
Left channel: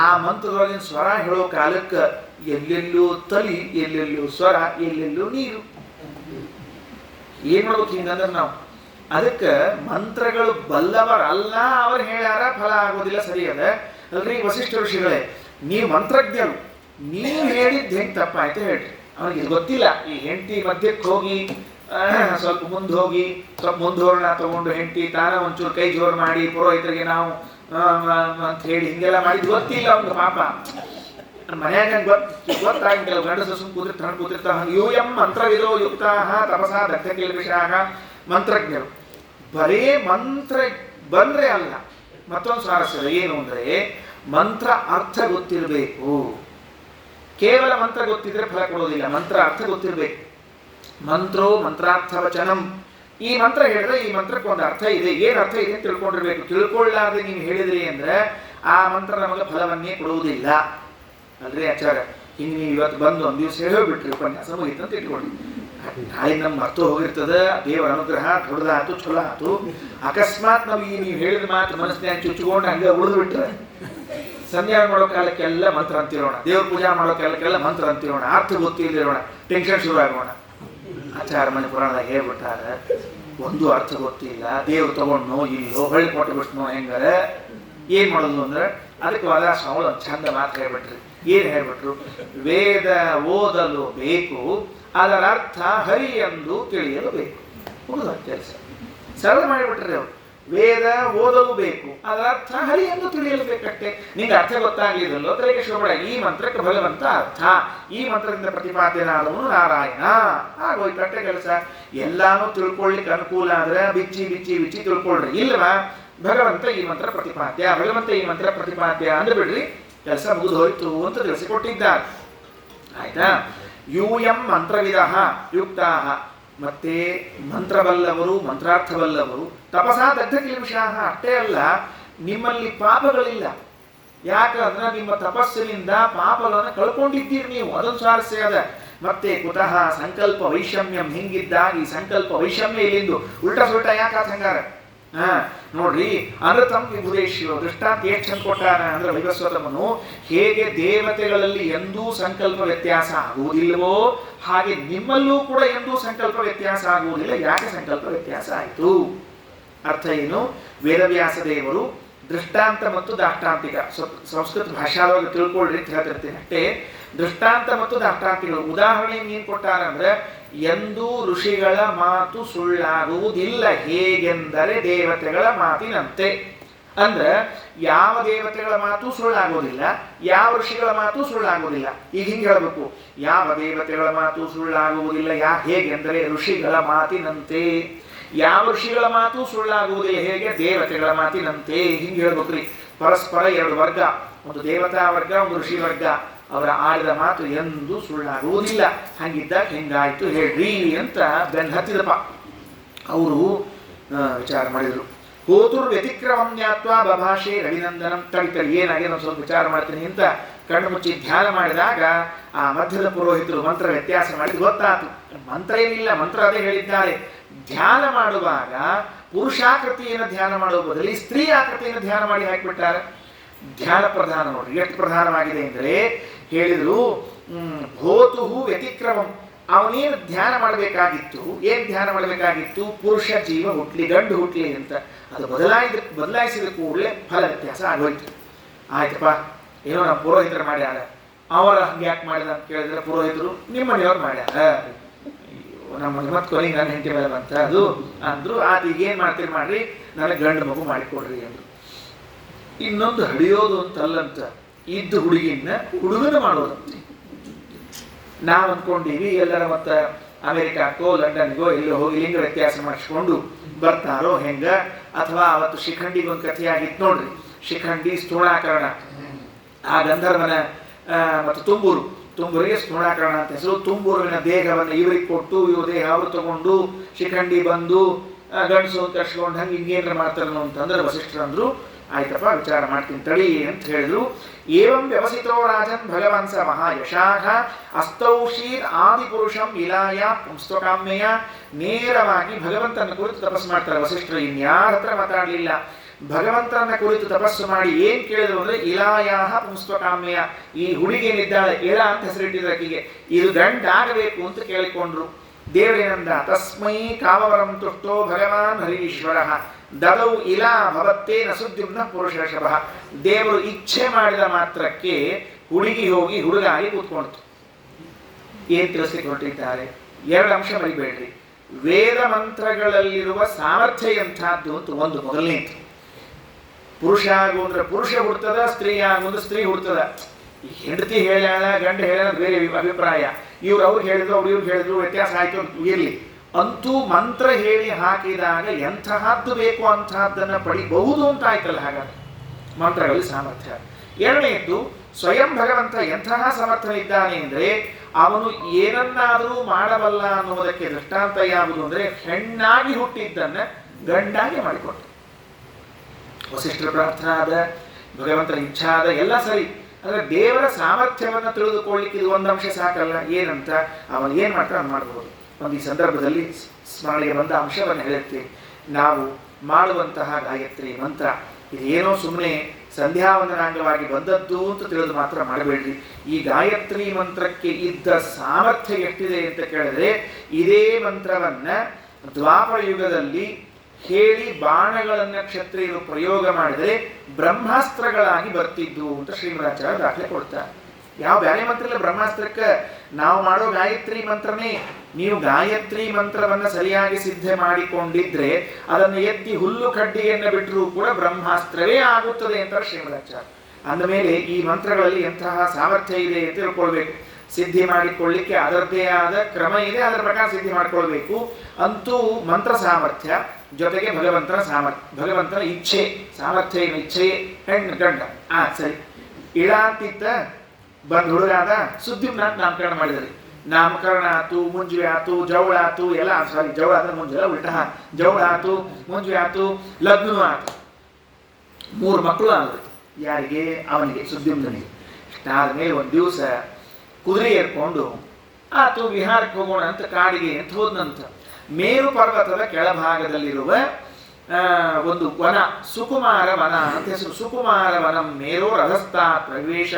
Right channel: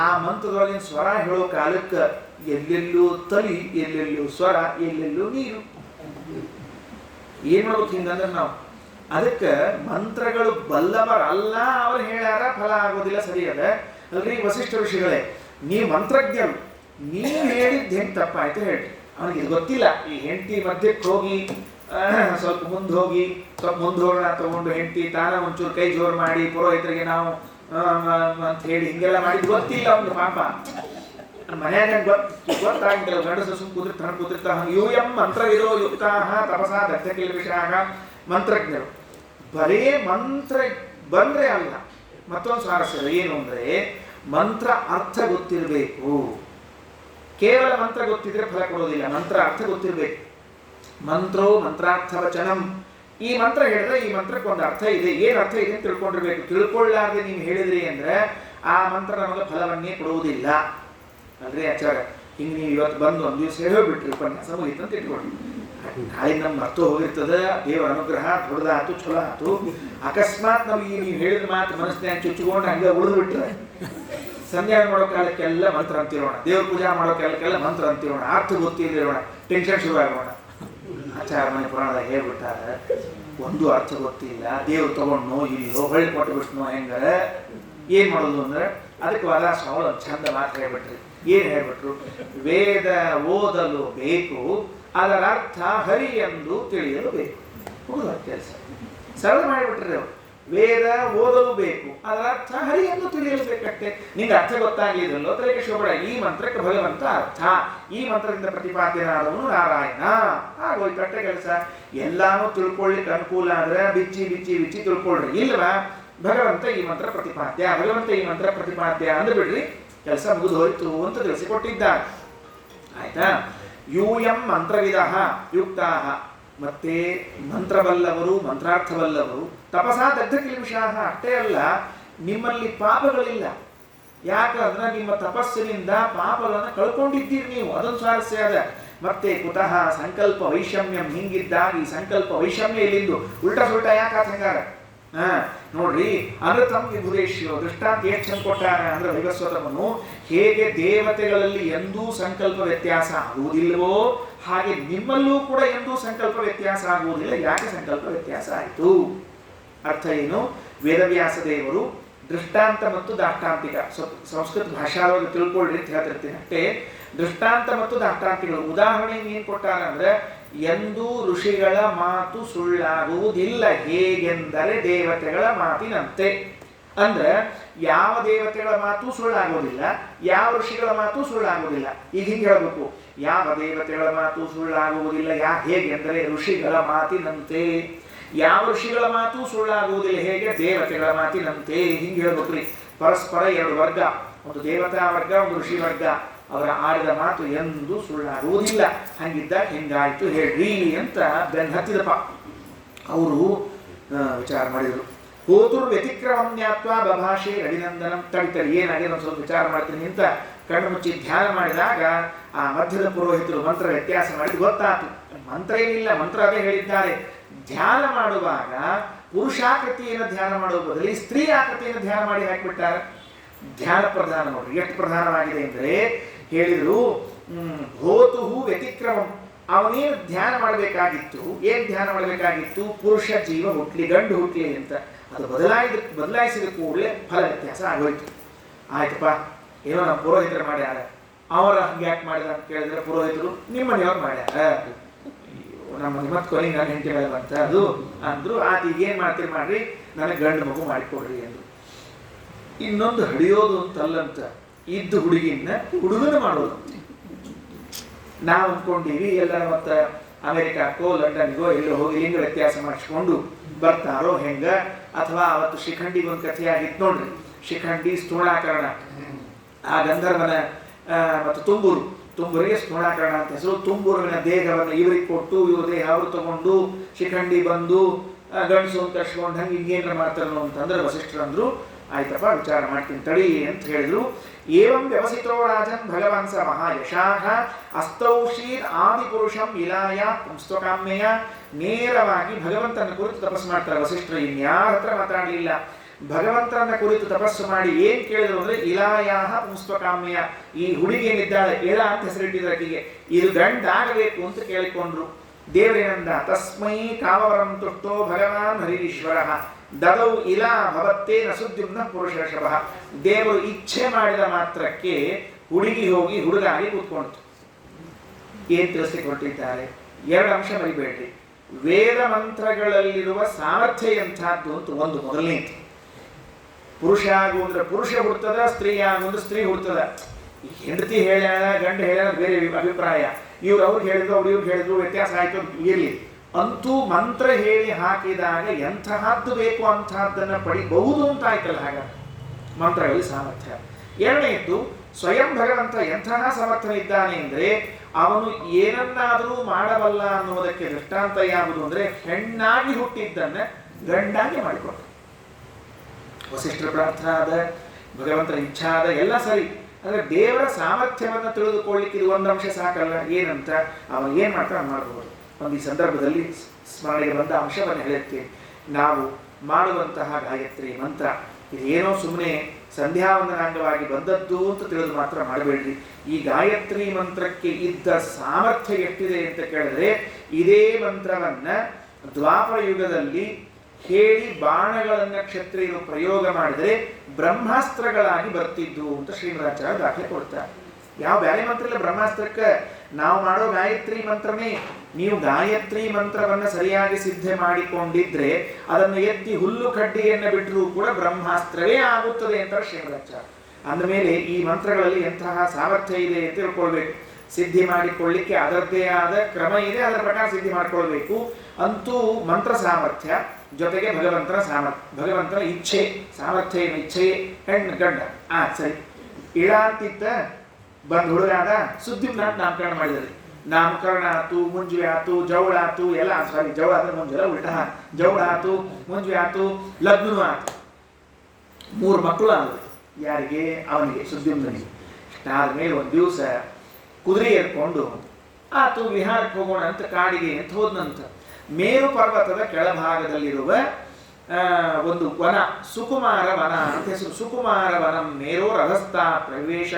ಆ ಮಂತ್ರದೊಳಗಿನ ಸ್ವರ ಹೇಳೋ ಕಾಲಕ್ಕೆ ಎಲ್ಲೆಲ್ಲೂ ತಲಿ, ಎಲ್ಲೆಲ್ಲೂ ಸ್ವರ, ಎಲ್ಲೆಲ್ಲೂ ನೀರು. ಏನ್ ಮಾಡ್ಬೇಕು ಹಿಂಗಂದ್ರೆ ನಾವು ಅದಕ್ಕೆ ಮಂತ್ರಗಳು ಬಲ್ಲವರಲ್ಲ, ಅವರು ಹೇಳ್ಯಾರ ಫಲ ಆಗೋದಿಲ್ಲ, ಸರಿ ಅದ ಅಲ್ರಿ. ವಸಿಷ್ಠ ಋಷಿಗಳೇ, ನೀವು ಮಂತ್ರಜ್ಞರು, ನೀವು ಹೇಳಿದ್ದು ಹೆಂಗೆ ತಪ್ಪಾಯ್ತು ಹೇಳ್ರಿ. ಅವನಿಗೆ ಇದು ಗೊತ್ತಿಲ್ಲ. ಈ ಹೆಂಡತಿ ಮಧ್ಯಕ್ಕೆ ಹೋಗಿ ಸ್ವಲ್ಪ ಮುಂದೆ ಹೋಗಿ ಸ್ವಲ್ಪ ಮುಂದೋರಣ ತಗೊಂಡು ಹೆಂಡತಿ ತಾನ ಒಂಚೂರು ಕೈ ಜೋರು ಮಾಡಿ ಪುರೋಹಿತರಿಗೆ ನಾವು ಅಂತ ಹೇಳಿ ಹಿಂಗೆಲ್ಲ ಮಾಡಿದ್ ಗೊತ್ತಿಲ್ಲ ಅವ್ನಿಗೆ ಪಾಪ. ಮನ್ಯಾಗ ಗೊತ್ತಾಗಿಲ್ಲ. ಗಂಡಸು ಸುಮ್ ಕೂತಿರ್ತಾವ. ಯೂಯಂ ಮಂತ್ರವಿದೋ ಯುಕ್ತಾ ತಪಸಾ ದಗ್ಧ ಕಿಲ್ಬಿಷಾಗ. ಮಂತ್ರಜ್ಞರು ಬರೇ ಮಂತ್ರ ಬಂದ್ರೆ ಅಲ್ಲ. ಮತ್ತೊಂದು ಸ್ವಾರಸ್ಯ ಏನು ಅಂದ್ರೆ ಮಂತ್ರ ಅರ್ಥ ಗೊತ್ತಿರಬೇಕು. ಕೇವಲ ಮಂತ್ರ ಗೊತ್ತಿದ್ರೆ ಫಲ ಕೊಡೋದಿಲ್ಲ, ಮಂತ್ರ ಅರ್ಥ ಗೊತ್ತಿರಬೇಕು. ಮಂತ್ರೋ ಮಂತ್ರಾರ್ಥ ವಚನಂ. ಈ ಮಂತ್ರ ಹೇಳಿದ್ರೆ ಈ ಮಂತ್ರಕ್ಕೆ ಒಂದು ಅರ್ಥ ಇದೆ, ಏನು ಅರ್ಥ ಇದೆ ಅಂತ ತಿಳ್ಕೊಂಡಿರ್ಬೇಕು. ತಿಳ್ಕೊಳ್ಳಾರ್ದೆ ನೀವು ಹೇಳಿದ್ರಿ ಅಂದ್ರೆ ಆ ಮಂತ್ರ ನಮಗೆ ಫಲವನ್ನೇ ಕೊಡುವುದಿಲ್ಲ ಅಲ್ರಿ ಆಚಾರ್ಯ. ಹಿಂಗೆ ನೀವು ಇವತ್ತು ಬಂದು ಒಂದು ದಿವಸ ಹೇಳೋಗ್ಬಿಟ್ರಿ ಉಪನ್ಯಾಸ ಮುಗೀತಂತ ಇಟ್ಕೊಡ್ರಿ. ನಾಳೆ ನಮ್ಮ ಮರ್ತು ಹೋಗಿರ್ತದೆ. ದೇವರ ಅನುಗ್ರಹ ದೊಡ್ಡದಾಯ್ತು, ಚಲೋ ಆಯ್ತು. ಅಕಸ್ಮಾತ್ ನಮಗೆ ನೀವು ಹೇಳಿದ ಮಾತು ಮನಸ್ಸಿನಾಗ ಚುಚ್ಚಿಕೊಂಡು ಹಂಗೆ ಉಳಿದು ಬಿಟ್ರೆ ಸಂಧ್ಯಾ ಮಾಡೋ ಕಾಲಕ್ಕೆಲ್ಲ ಮಂತ್ರ ಅಂತಿರೋಣ, ದೇವ್ರ ಪೂಜಾ ಮಾಡೋ ಕಾಲಕ್ಕೆಲ್ಲ ಮಂತ್ರ ಅಂತಿರೋಣ, ಅರ್ಥ ಗೊತ್ತಿಲ್ಲಿರೋಣ, ಟೆನ್ಷನ್ ಶುರು ಆಗೋಣ. ಆಚಾರ ಮನೆ ಪುರಾಣ ಹೇಳ್ಬಿಟ್ಟಾಗ ಒಂದು ಅರ್ಥ ಗೊತ್ತಿಲ್ಲ, ದೇವ್ರು ತಗೊಂಡ್ನೋ ಇಲ್ಲೋ ಹೊಳ್ಳಿ ಕೊಟ್ಟು ಬಿಟ್ನೋ ಹೆಂಗಾರ ಏನ್ ಮಾಡೋದು ಅಂದ್ರೆ ಅದಕ್ಕೆ ವದಾಸ್ವಾಮಿ ಒಂದು ಚಂದ ಮಾತು ಹೇಳ್ಬಿಟ್ರಿ. ಏನ್ ಹೇಳ್ಬಿಟ್ರು? ವೇದ ಓದಲು ಬೇಕು, ಅದರ ಅರ್ಥ ಹರಿ ಎಂದು ತಿಳಿಯಲು ಬೇಕು. ಹೌದು ಕೆಲಸ ಸರಳ ಮಾಡಿಬಿಟ್ರಿ ಅವರು. ವೇದ ಓದಲು ಬೇಕು, ಅದರ ಅರ್ಥ ಹರಿ ಎಂದು ತಿಳಿಯಲು ಬೇಕಷ್ಟೇ. ನಿಂಗೆ ಅರ್ಥ ಗೊತ್ತಾಗ್ಲಿದಲ್ಲೋ ತಲೆಗೆ ಶೋಭಡ. ಈ ಮಂತ್ರಕ್ಕೆ ಭಗವಂತ ಅರ್ಥ, ಈ ಮಂತ್ರದಿಂದ ಪ್ರತಿಪಾದ್ಯನಾದವನು ನಾರಾಯಣ. ಆಗೋಯ್ತಟ್ಟೆ ಕೆಲಸ. ಎಲ್ಲಾನು ತಿಳ್ಕೊಳ್ಳಿಕ್ಕೆ ಅನುಕೂಲ ಆದ್ರೆ ಬಿಚ್ಚಿ ಬಿಚ್ಚಿ ಬಿಚ್ಚಿ ತಿಳ್ಕೊಳ್ರಿ. ಇಲ್ವಾ ಭಗವಂತ ಈ ಮಂತ್ರ ಪ್ರತಿಪಾದ್ಯ, ಭಗವಂತ ಈ ಮಂತ್ರ ಪ್ರತಿಪಾದ್ಯ ಅಂದ್ಬಿಡ್ರಿ, ಕೆಲಸ ಮುಗಿದು ಹೋಯ್ತು ಅಂತ ತಿಳಿಸಿಕೊಟ್ಟಿದ್ದಾರೆ. ಆಯ್ತಾ? ಯೂಯಂ ಮಂತ್ರವಿದ ಯುಕ್ತಾ, ಮತ್ತೆ ಮಂತ್ರಬಲ್ಲವರು ಮಂತ್ರಾರ್ಥಬಲ್ಲವರು ತಪಸಾ ದಗ್ಧ ಕಿಲ್ಬಿಷಾಃ. ಅಷ್ಟೇ ಅಲ್ಲ, ನಿಮ್ಮಲ್ಲಿ ಪಾಪಗಳಿಲ್ಲ. ಯಾಕಂದ್ರೆ ನಿಮ್ಮ ತಪಸ್ಸಿನಿಂದ ಪಾಪಗಳನ್ನು ಕಳ್ಕೊಂಡಿದ್ದೀರಿ ನೀವು, ಅದೊಂದು ಸ್ವಾರಸ್ಯ ಅದ. ಮತ್ತೆ ಕುತಃ ಸಂಕಲ್ಪ ವೈಷಮ್ಯಂ, ಹಿಂಗಿದ್ದಾಗ ಈ ಸಂಕಲ್ಪ ವೈಷಮ್ಯ ಇಲ್ಲಿಂದು ಉಲ್ಟಾ ಸುಲ್ಟಾ ಯಾಕಾತ್ ಹಂಗಾರ? ನೋಡ್ರಿ, ಅನೃತಂ ವಿಭುದೇಶ್ವರ ದೃಷ್ಟಾಂತ ಎಷ್ಟು ಚಂದ ಕೊಟ್ಟಾರ ಅಂದ್ರೆ ವೈವಸ್ವತಮನು ಹೇಗೆ ದೇವತೆಗಳಲ್ಲಿ ಎಂದೂ ಸಂಕಲ್ಪ ವ್ಯತ್ಯಾಸ ಆಗುವುದಿಲ್ಲವೋ ಹಾಗೆ ನಿಮ್ಮಲ್ಲೂ ಕೂಡ ಎಂದೂ ಸಂಕಲ್ಪ ವ್ಯತ್ಯಾಸ ಆಗುವುದಿಲ್ಲ. ಯಾಕೆ ಸಂಕಲ್ಪ ವ್ಯತ್ಯಾಸ ಆಯಿತು? ಅರ್ಥ ಏನು? ವೇದವ್ಯಾಸ ದೇವರು ದೃಷ್ಟಾಂತ ಮತ್ತು ದಾಷ್ಟಾಂತಿಕ, ಸಂಸ್ಕೃತ ಭಾಷಾದೊಳಗೆ ತಿಳ್ಕೊಳ್ರಿ ಅಂತ ಹೇಳ್ತಿರ್ತೀನಿ ಅಷ್ಟೇ. ದೃಷ್ಟಾಂತ ಮತ್ತು ದಾಷ್ಟಾಂತಿಗಳು ಉದಾಹರಣೆ ಏನ್ ಕೊಟ್ಟಾರ ಅಂದ್ರೆ, ಎಂದೂ ಋಷಿಗಳ ಮಾತು ಸುಳ್ಳಾಗುವುದಿಲ್ಲ, ಹೇಗೆಂದರೆ ದೇವತೆಗಳ ಮಾತಿನಂತೆ. ಅಂದ್ರೆ ಯಾವ ದೇವತೆಗಳ ಮಾತು ಸುಳ್ಳಾಗೋದಿಲ್ಲ, ಯಾವ ಋಷಿಗಳ ಮಾತು ಸುಳ್ಳಾಗುವುದಿಲ್ಲ. ಈಗ ಹಿಂಗೆ ಹೇಳಬೇಕು, ಯಾವ ದೇವತೆಗಳ ಮಾತು ಸುಳ್ಳಾಗುವುದಿಲ್ಲ, ಹೇಗೆಂದರೆ ಋಷಿಗಳ ಮಾತಿನಂತೆ. ಯಾವ ಋಷಿಗಳ ಮಾತು ಸುಳ್ಳಾಗುವುದಿಲ್ಲ, ಹೇಗೆ ದೇವತೆಗಳ ಮಾತಿನಂತೆ. ಹಿಂಗೆ ಹೇಳ್ಬೇಕ್ರಿ. ಪರಸ್ಪರ ಎರಡು ವರ್ಗ, ಒಂದು ದೇವತಾ ವರ್ಗ, ಒಂದು ಋಷಿ ವರ್ಗ. ಅವರ ಆಡಿದ ಮಾತು ಎಂದೂ ಸುಳ್ಳಾಗುವುದಿಲ್ಲ. ಹಂಗಿದ್ದಾಗ ಹಿಂಗಾಯ್ತು ಹೇಳ್ರಿ ಅಂತ ಬೆನ್ ಹತ್ತಿದಪ್ಪ. ಅವರು ವಿಚಾರ ಮಾಡಿದರು. ಹೋತುರ್ ವ್ಯತಿಕ್ರಮಂ ಜ್ಞಾತ್ವಾ ಬಭಾಷೆ ರವಿನಂದನಂ. ತಡಿತಡಿ ಏನಾಗಿದೆ ಒಂದು ಸ್ವಲ್ಪ ವಿಚಾರ ಮಾಡ್ತೀನಿ ಅಂತ ಕಣ್ಣು ಮುಚ್ಚಿ ಧ್ಯಾನ ಮಾಡಿದಾಗ ಆ ಮಧ್ಯದ ಪುರೋಹಿತರು ಮಂತ್ರ ವ್ಯತ್ಯಾಸ ಮಾಡಿದ್ದು ಗೊತ್ತಾಯ್ತು. ಮಂತ್ರ ಏನಿಲ್ಲ, ಮಂತ್ರ ಅದೇ ಹೇಳಿದ್ದಾರೆ. ಧ್ಯಾನ ಮಾಡುವಾಗ ಪುರುಷಾಕೃತಿಯನ್ನು ಧ್ಯಾನ ಮಾಡುವ ಬದಲಿ ಸ್ತ್ರೀ ಆಕೃತಿಯನ್ನು ಧ್ಯಾನ ಮಾಡಿ ಹಾಕಿಬಿಟ್ಟಾರೆ. ಧ್ಯಾನ ಪ್ರಧಾನ ನೋಡಿ ಎಷ್ಟು ಪ್ರಧಾನವಾಗಿದೆ ಅಂದರೆ, ಹೇಳಿದ್ರು ಭೋತುಹು ವ್ಯತಿಕ್ರಮಂ. ಅವನೇನು ಧ್ಯಾನ ಮಾಡಬೇಕಾಗಿತ್ತು, ಏನು ಧ್ಯಾನ ಮಾಡಬೇಕಾಗಿತ್ತು? ಪುರುಷ ಜೀವ ಹುಟ್ಲಿ, ಗಂಡು ಹುಟ್ಲಿ ಅಂತ. ಅದು ಬದಲಾಯಿಸಿದ ಕೂಡಲೇ ಫಲ ವ್ಯತ್ಯಾಸ ಆಗೋಯ್ತು. ಆಯ್ತಪ್ಪ, ಏನೋ ನಮ್ಮ ಪುರೋಹಿತರು ಮಾಡ್ಯಾರ, ಅವರ ಹಂಗೆ ಯಾಕೆ ಮಾಡಿದ ಅಂತ ಕೇಳಿದ್ರೆ, ಪುರೋಹಿತರು ನಿಮ್ಮ ಮನೆಯವ್ರು ಮಾಡ್ಯಾರ, ನಮ್ಮ ಮತ್ತೆ ಕೊನೆಗೆ ನನ್ನ ಹೆಂಡತಿ ಮೇಲೆ ಬಂತ ಅದು ಅಂದ್ರು. ಈಗ ಏನು ಮಾಡ್ತೀರಿ ಮಾಡ್ರಿ, ನನಗೆ ಗಂಡು ಮಗು ಮಾಡಿಕೊಡ್ರಿ ಅಂದ್ರು. ಇನ್ನೊಂದು ಹಡಿಯೋದು ಅಂತಲ್ಲಂತ, ಇದ್ದು ಹುಡುಗನ ಮಾಡೋದಂತೆ. ನಾವು ಅಂದ್ಕೊಂಡೀವಿ ಎಲ್ಲರ ಮತ್ತೆ ಅಮೆರಿಕಕ್ಕೋ ಲಂಡನ್ಗೋ ಎಲ್ಲೋ ಹೋಗಿ ಲಿಂಗ ವ್ಯತ್ಯಾಸ ಮಾಡಿಸ್ಕೊಂಡು ಬರ್ತಾರೋ ಹೆಂಗ. ಅಥವಾ ಅವತ್ತು ಶಿಖಂಡಿಗೆ ಒಂದು ಕಥೆ ಆಗಿತ್ತು ನೋಡ್ರಿ. ಶಿಖಂಡಿ ಸ್ಥೂಣಾಕರಣ, ಆ ಗಂಧರ್ವನ ಮತ್ತು ತುಂಬೂರಿಗೆ ಸ್ಥೂಣಾಕರಣ ಅಂತ ಹೆಸರು. ತುಂಬೂರುವಿನ ದೇಹವನ್ನು ಇವರಿಗೆ ಕೊಟ್ಟು, ಇವ್ರ ದೇಹ ಅವರು ತಗೊಂಡು ಶಿಖಂಡಿ ಬಂದು ಗಂಡಸು ಅಂತ ಕರ್ಸ್ಕೊಂಡು ಹಂಗೆ ಹಿಂಗೇನ್ರ ಮಾಡ್ತಾರನು ಅಂತಂದ್ರೆ ವಸಿಷ್ಠರಂದ್ರು, ಆಯ್ತಪ್ಪ ವಿಚಾರ ಮಾಡ್ತೀನಿ ತಡಿ ಅಂತ ಹೇಳಿದ್ರು. ಏವಂ ವ್ಯವಸಿತೋ ರಾಜನ್ ಭಗವಾನ್ ಸ ಮಹಾಯಶಾಃ ಅಸ್ತೌಷೀದ್ ಆದಿಪುರುಷಂ ಇಲಾಯ ಪುಂಸ್ತಕಾಮ್ಯಯ. ನೇರವಾಗಿ ಭಗವಂತನ ಕುರಿತು ತಪಸ್ಸು ಮಾಡ್ತಾರೆ ವಸಿಷ್ಠರು, ಇನ್ಯಾರ ಹತ್ರ ಮಾತಾಡಲಿಲ್ಲ. ಭಗವಂತನ ಕುರಿತು ತಪಸ್ಸು ಮಾಡಿ ಏನ್ ಕೇಳಿದ್ರು ಅಂದ್ರೆ, ಇಲಾಯಾಹ ಪುಂಸ್ತಕಾಮ್ಯಯ, ಈ ಹುಡುಗಿಯೇನಿದ್ದಾಳೆ ಇಳ ಅಂತ ಹೆಸರಿಟ್ಟಿದ್ರು ಆಕೆಗೆ, ಇದು ಗಂಡಾಗಬೇಕು ಅಂತ ಕೇಳಿಕೊಂಡ್ರು. ದೇವರೇನಂದ, ತಸ್ಮೈ ಕಾಮವರಂ ತುಷ್ಟೋ ಭಗವಾನ್ ಹರೀಶ್ವರ ದದೌ ಇಲಾ ಭವತ್ತೇನ ಸುದ್ಯುಮ್ನ ಪುರುಷರ್ಷಭ. ದೇವರು ಇಚ್ಛೆ ಮಾಡಿದ ಮಾತ್ರಕ್ಕೆ ಹುಡುಗಿ ಹೋಗಿ ಹುಡುಗಾಗಿ ಕೂತ್ಕೊಂಡಿತು. ಏನ್ ತಿಳಿಸ್ಲಿಕ್ಕೆ ಹೊರಟಿದ್ದಾರೆ? ಎರಡು ಅಂಶ ಮರಿಬೇಡ್ರಿ. ವೇದ ಮಂತ್ರಗಳಲ್ಲಿರುವ ಸಾಮರ್ಥ್ಯ ಎಂಥದ್ದು ಅಂತ ಒಂದು ಮೊದಲನೇ. ಪುರುಷ ಆಗು ಅಂದ್ರೆ ಪುರುಷ ಹುಡ್ತದ, ಸ್ತ್ರೀ ಆಗು ಅಂದ್ರೆ ಸ್ತ್ರೀ ಹುಡ್ತದ. ಹೆಂಡತಿ ಹೇಳ್ಯಾಳ, ಗಂಡ ಹೇಳ್ಯಾಳ ಬೇರೆ ಅಭಿಪ್ರಾಯ. ಇವ್ರು ಅವ್ರಿಗೆ ಹೇಳಿದ್ರು, ಅವ್ರು ಇವ್ರಿಗೆ ಹೇಳಿದ್ರು, ವ್ಯತ್ಯಾಸ ಆಯ್ತು ಇರಲಿ. ಅಂತೂ ಮಂತ್ರ ಹೇಳಿ ಹಾಕಿದಾಗ ಎಂತಹದ್ದು ಬೇಕು ಅಂತಹದ್ದನ್ನು ಪಡಿಬಹುದು ಅಂತ ಆಯ್ತಲ್ಲ. ಹಾಗಾದ್ರೆ ಮಂತ್ರಗಳಲ್ಲಿ ಸಾಮರ್ಥ್ಯ. ಎರಡನೆಯದ್ದು, ಸ್ವಯಂ ಭಗವಂತ ಎಂತಹ ಸಮರ್ಥನೆ ಇದ್ದಾನೆ ಅಂದರೆ, ಅವನು ಏನನ್ನಾದರೂ ಮಾಡಬಲ್ಲ ಅನ್ನುವುದಕ್ಕೆ ದೃಷ್ಟಾಂತ ಯಾವುದು ಅಂದರೆ, ಹೆಣ್ಣಾಗಿ ಹುಟ್ಟಿದ್ದನ್ನ ಗಂಡಾಗಿ ಮಾಡಿಕೊಟ್ಟು. ವಸಿಷ್ಠರ ಪ್ರಾರ್ಥನಾ ಅದ, ಭಗವಂತನ ಇಚ್ಛಾ ಅದ, ಎಲ್ಲ ಸರಿ. ಅಂದರೆ ದೇವರ ಸಾಮರ್ಥ್ಯವನ್ನು ತಿಳಿದುಕೊಳ್ಳಿಕ್ಕೆ ಇದು ಒಂದು ಅಂಶ ಸಾಕಲ್ಲ. ಏನಂತ ಅವನು ಏನು ಮಾಡ್ತಾನೆ ಮಾಡಬಹುದು. ಒಂದು ಈ ಸಂದರ್ಭದಲ್ಲಿ ಸ್ಮರಣೆಗೆ ಬಂದ ಅಂಶವನ್ನು ಹೇಳುತ್ತೇವೆ. ನಾವು ಮಾಡುವಂತಹ ಗಾಯತ್ರಿ ಮಂತ್ರ ಇದೇನೋ ಸುಮ್ಮನೆ ಸಂಧ್ಯಾವಂದನಾಂಗವಾಗಿ ಬಂದದ್ದು ಅಂತ ತಿಳಿದು ಮಾತ್ರ ಮಾಡಬೇಡ್ರಿ. ಈ ಗಾಯತ್ರಿ ಮಂತ್ರಕ್ಕೆ ಇದ್ದ ಸಾಮರ್ಥ್ಯ ಎಷ್ಟಿದೆ ಅಂತ ಕೇಳಿದ್ರೆ, ಇದೇ ಮಂತ್ರವನ್ನ ದ್ವಾಪರ ಯುಗದಲ್ಲಿ ಹೇಳಿ ಬಾಣಗಳನ್ನು ಕ್ಷತ್ರಿಯರು ಪ್ರಯೋಗ ಮಾಡಿದರೆ ಬ್ರಹ್ಮಾಸ್ತ್ರಗಳಾಗಿ ಬರ್ತಿದ್ವು ಅಂತ ಶ್ರೀಮದಾಚಾರ್ಯ ದಾಖಲೆ ಕೊಡ್ತಾರೆ. ಯಾವ ಬೇರೆ ಮಂತ್ರ ಇಲ್ಲ ಬ್ರಹ್ಮಾಸ್ತ್ರಕ್ಕೆ. ನಾವು ಮಾಡೋ ಗಾಯತ್ರಿ ಮಂತ್ರನೇ. ನೀವು ಗಾಯತ್ರಿ ಮಂತ್ರವನ್ನು ಸರಿಯಾಗಿ ಸಿದ್ಧ ಮಾಡಿಕೊಂಡಿದ್ರೆ ಅದನ್ನು ಎತ್ತಿ ಹುಲ್ಲು ಕಡ್ಡಿಯನ್ನು ಬಿಟ್ಟರೂ ಕೂಡ ಬ್ರಹ್ಮಾಸ್ತ್ರವೇ ಆಗುತ್ತದೆ ಅಂತಾರೆ ಶ್ರೀಮದಾಚಾರ್ಯ. ಅಂದಮೇಲೆ ಈ ಮಂತ್ರಗಳಲ್ಲಿ ಎಂತಹ ಸಾಮರ್ಥ್ಯ ಇದೆ ಅಂತ ತಿಳ್ಕೊಳ್ಬೇಕು. ಸಿದ್ಧಿ ಮಾಡಿಕೊಳ್ಳಿಕ್ಕೆ ಅದರದ್ದೇ ಆದ ಕ್ರಮ ಇದೆ, ಅದರ ಪ್ರಕಾರ ಸಿದ್ಧಿ ಮಾಡಿಕೊಳ್ಬೇಕು. ಅಂತೂ ಮಂತ್ರ ಸಾಮರ್ಥ್ಯ ಜೊತೆಗೆ ಭಗವಂತನ ಇಚ್ಛೆ ಸಾಮರ್ಥ್ಯ ಏನು, ಇಚ್ಛೆಯೇ ಹೆಣ್ಣು ಗಂಡ. ಸರಿ, ಇಳ ಅಂತಿತ್ತ ಬಂದು ಹುಡುಗಾದ ಸುದ್ದಿಮ್ನ ನಾಮಕರಣ ಮಾಡಿದ್ರಿ. ನಾಮಕರಣ ಆತು, ಮುಂಜುವೆ ಆತು, ಜವಳ ಆತು, ಎಲ್ಲ ಸಾರಿ ಜವಳ ಅಂದ್ರೆ ಮುಂಜುವೆ ಉಲ್ಟ, ಜವಳ ಆತು, ಮುಂಜುವೆ ಆತು, ಲಗ್ನೂ ಆತು. 3 ಮಕ್ಕಳು ಆದ್ರು. ಯಾರಿಗೆ? ಅವನಿಗೆ, ಸುದ್ದಿಮ್ನಿಗೆ. ಇಷ್ಟಾದ ಮೇಲೆ ಒಂದು ದಿವಸ ಕುದುರೆ ಏರ್ಕೊಂಡು ಆತು ವಿಹಾರಕ್ಕೆ ಹೋಗೋಣ ಅಂತ ಕಾಡಿಗೆ ಅಂತ ಹೋದ್ನಂತ. ಮೇರು ಪರ್ವತದ ಕೆಳಭಾಗದಲ್ಲಿರುವ ಒಂದು ವನ, ಸುಕುಮಾರ ವನ ಅಂತ ಹೆಸರು. ಸುಕುಮಾರ ವನಂ ಮೇರೋ ರಥಸ್ಥಾ ಪ್ರವೇಶ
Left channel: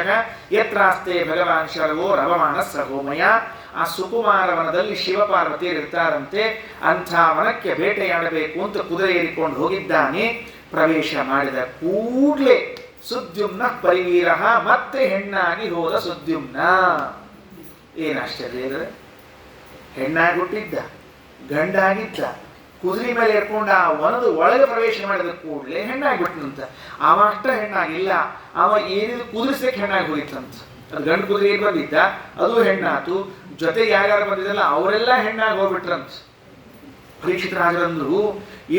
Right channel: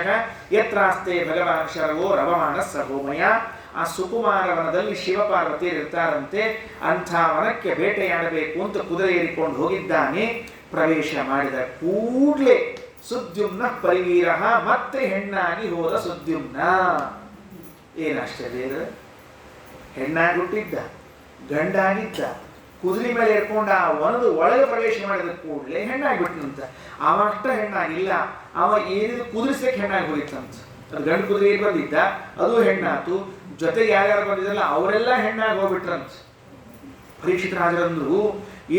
ಯತ್ರಾಸ್ತೆ ಭಗವಾನ್ ಶರವೋ ರವಮಾನ ಸಹೋಮಯ. ಆ ಸುಕುಮಾರ ವನದಲ್ಲಿ ಶಿವಪಾರ್ವತಿಯರು ಇರ್ತಾರಂತೆ. ಅಂಥ ವನಕ್ಕೆ ಬೇಟೆಯಾಡಬೇಕು ಅಂತ ಕುದುರೆ ಏರಿಕೊಂಡು ಹೋಗಿದ್ದಾನೆ. ಪ್ರವೇಶ ಮಾಡಿದ ಕೂಡಲೇ ಸುದ್ಯುಮ್ನ ಪರಿವೀರ, ಮತ್ತೆ ಹೆಣ್ಣಾಗಿ ಹೋದ ಸುದ್ಯುಮ್ನ. ಏನು ಆಶ್ಚರ್ಯ ಇದ್ರೆ, ಹೆಣ್ಣಾಗಿ ಹುಟ್ಟಿದ್ದ, ಗಂಡಾಗಿದ್ದ, ಕುದುರೆ ಮೇಲೆ ಏರ್ಕೊಂಡು ಆ ವನದ ಒಳಗೆ ಪ್ರವೇಶ ಮಾಡಿದ ಕೂಡಲೇ ಹೆಣ್ಣಾಗಿಬಿಟ್ಟನಂತ. ಅವ ಅಷ್ಟ ಹೆಣ್ಣಾಗಿಲ್ಲ, ಅವ ಏನಿದು ಕುದುರಿಸಕ್ಕೆ ಹೆಣ್ಣಾಗಿ ಹೋಗಿತ್ತಂತ. ಅದು ಗಂಡು ಕುದುರೆ ಏನ್ ಬಂದಿದ್ದ, ಅದು ಹೆಣ್ಣಾತು. ಜೊತೆ ಯಾರ್ಯಾರು ಬಂದಿದ್ದಲ್ಲ ಅವರೆಲ್ಲ ಹೆಣ್ಣಾಗಿ ಹೋಗ್ಬಿಟ್ರಂತ. ಪರೀಕ್ಷಿತ ರಾಜರಂದ್ರು,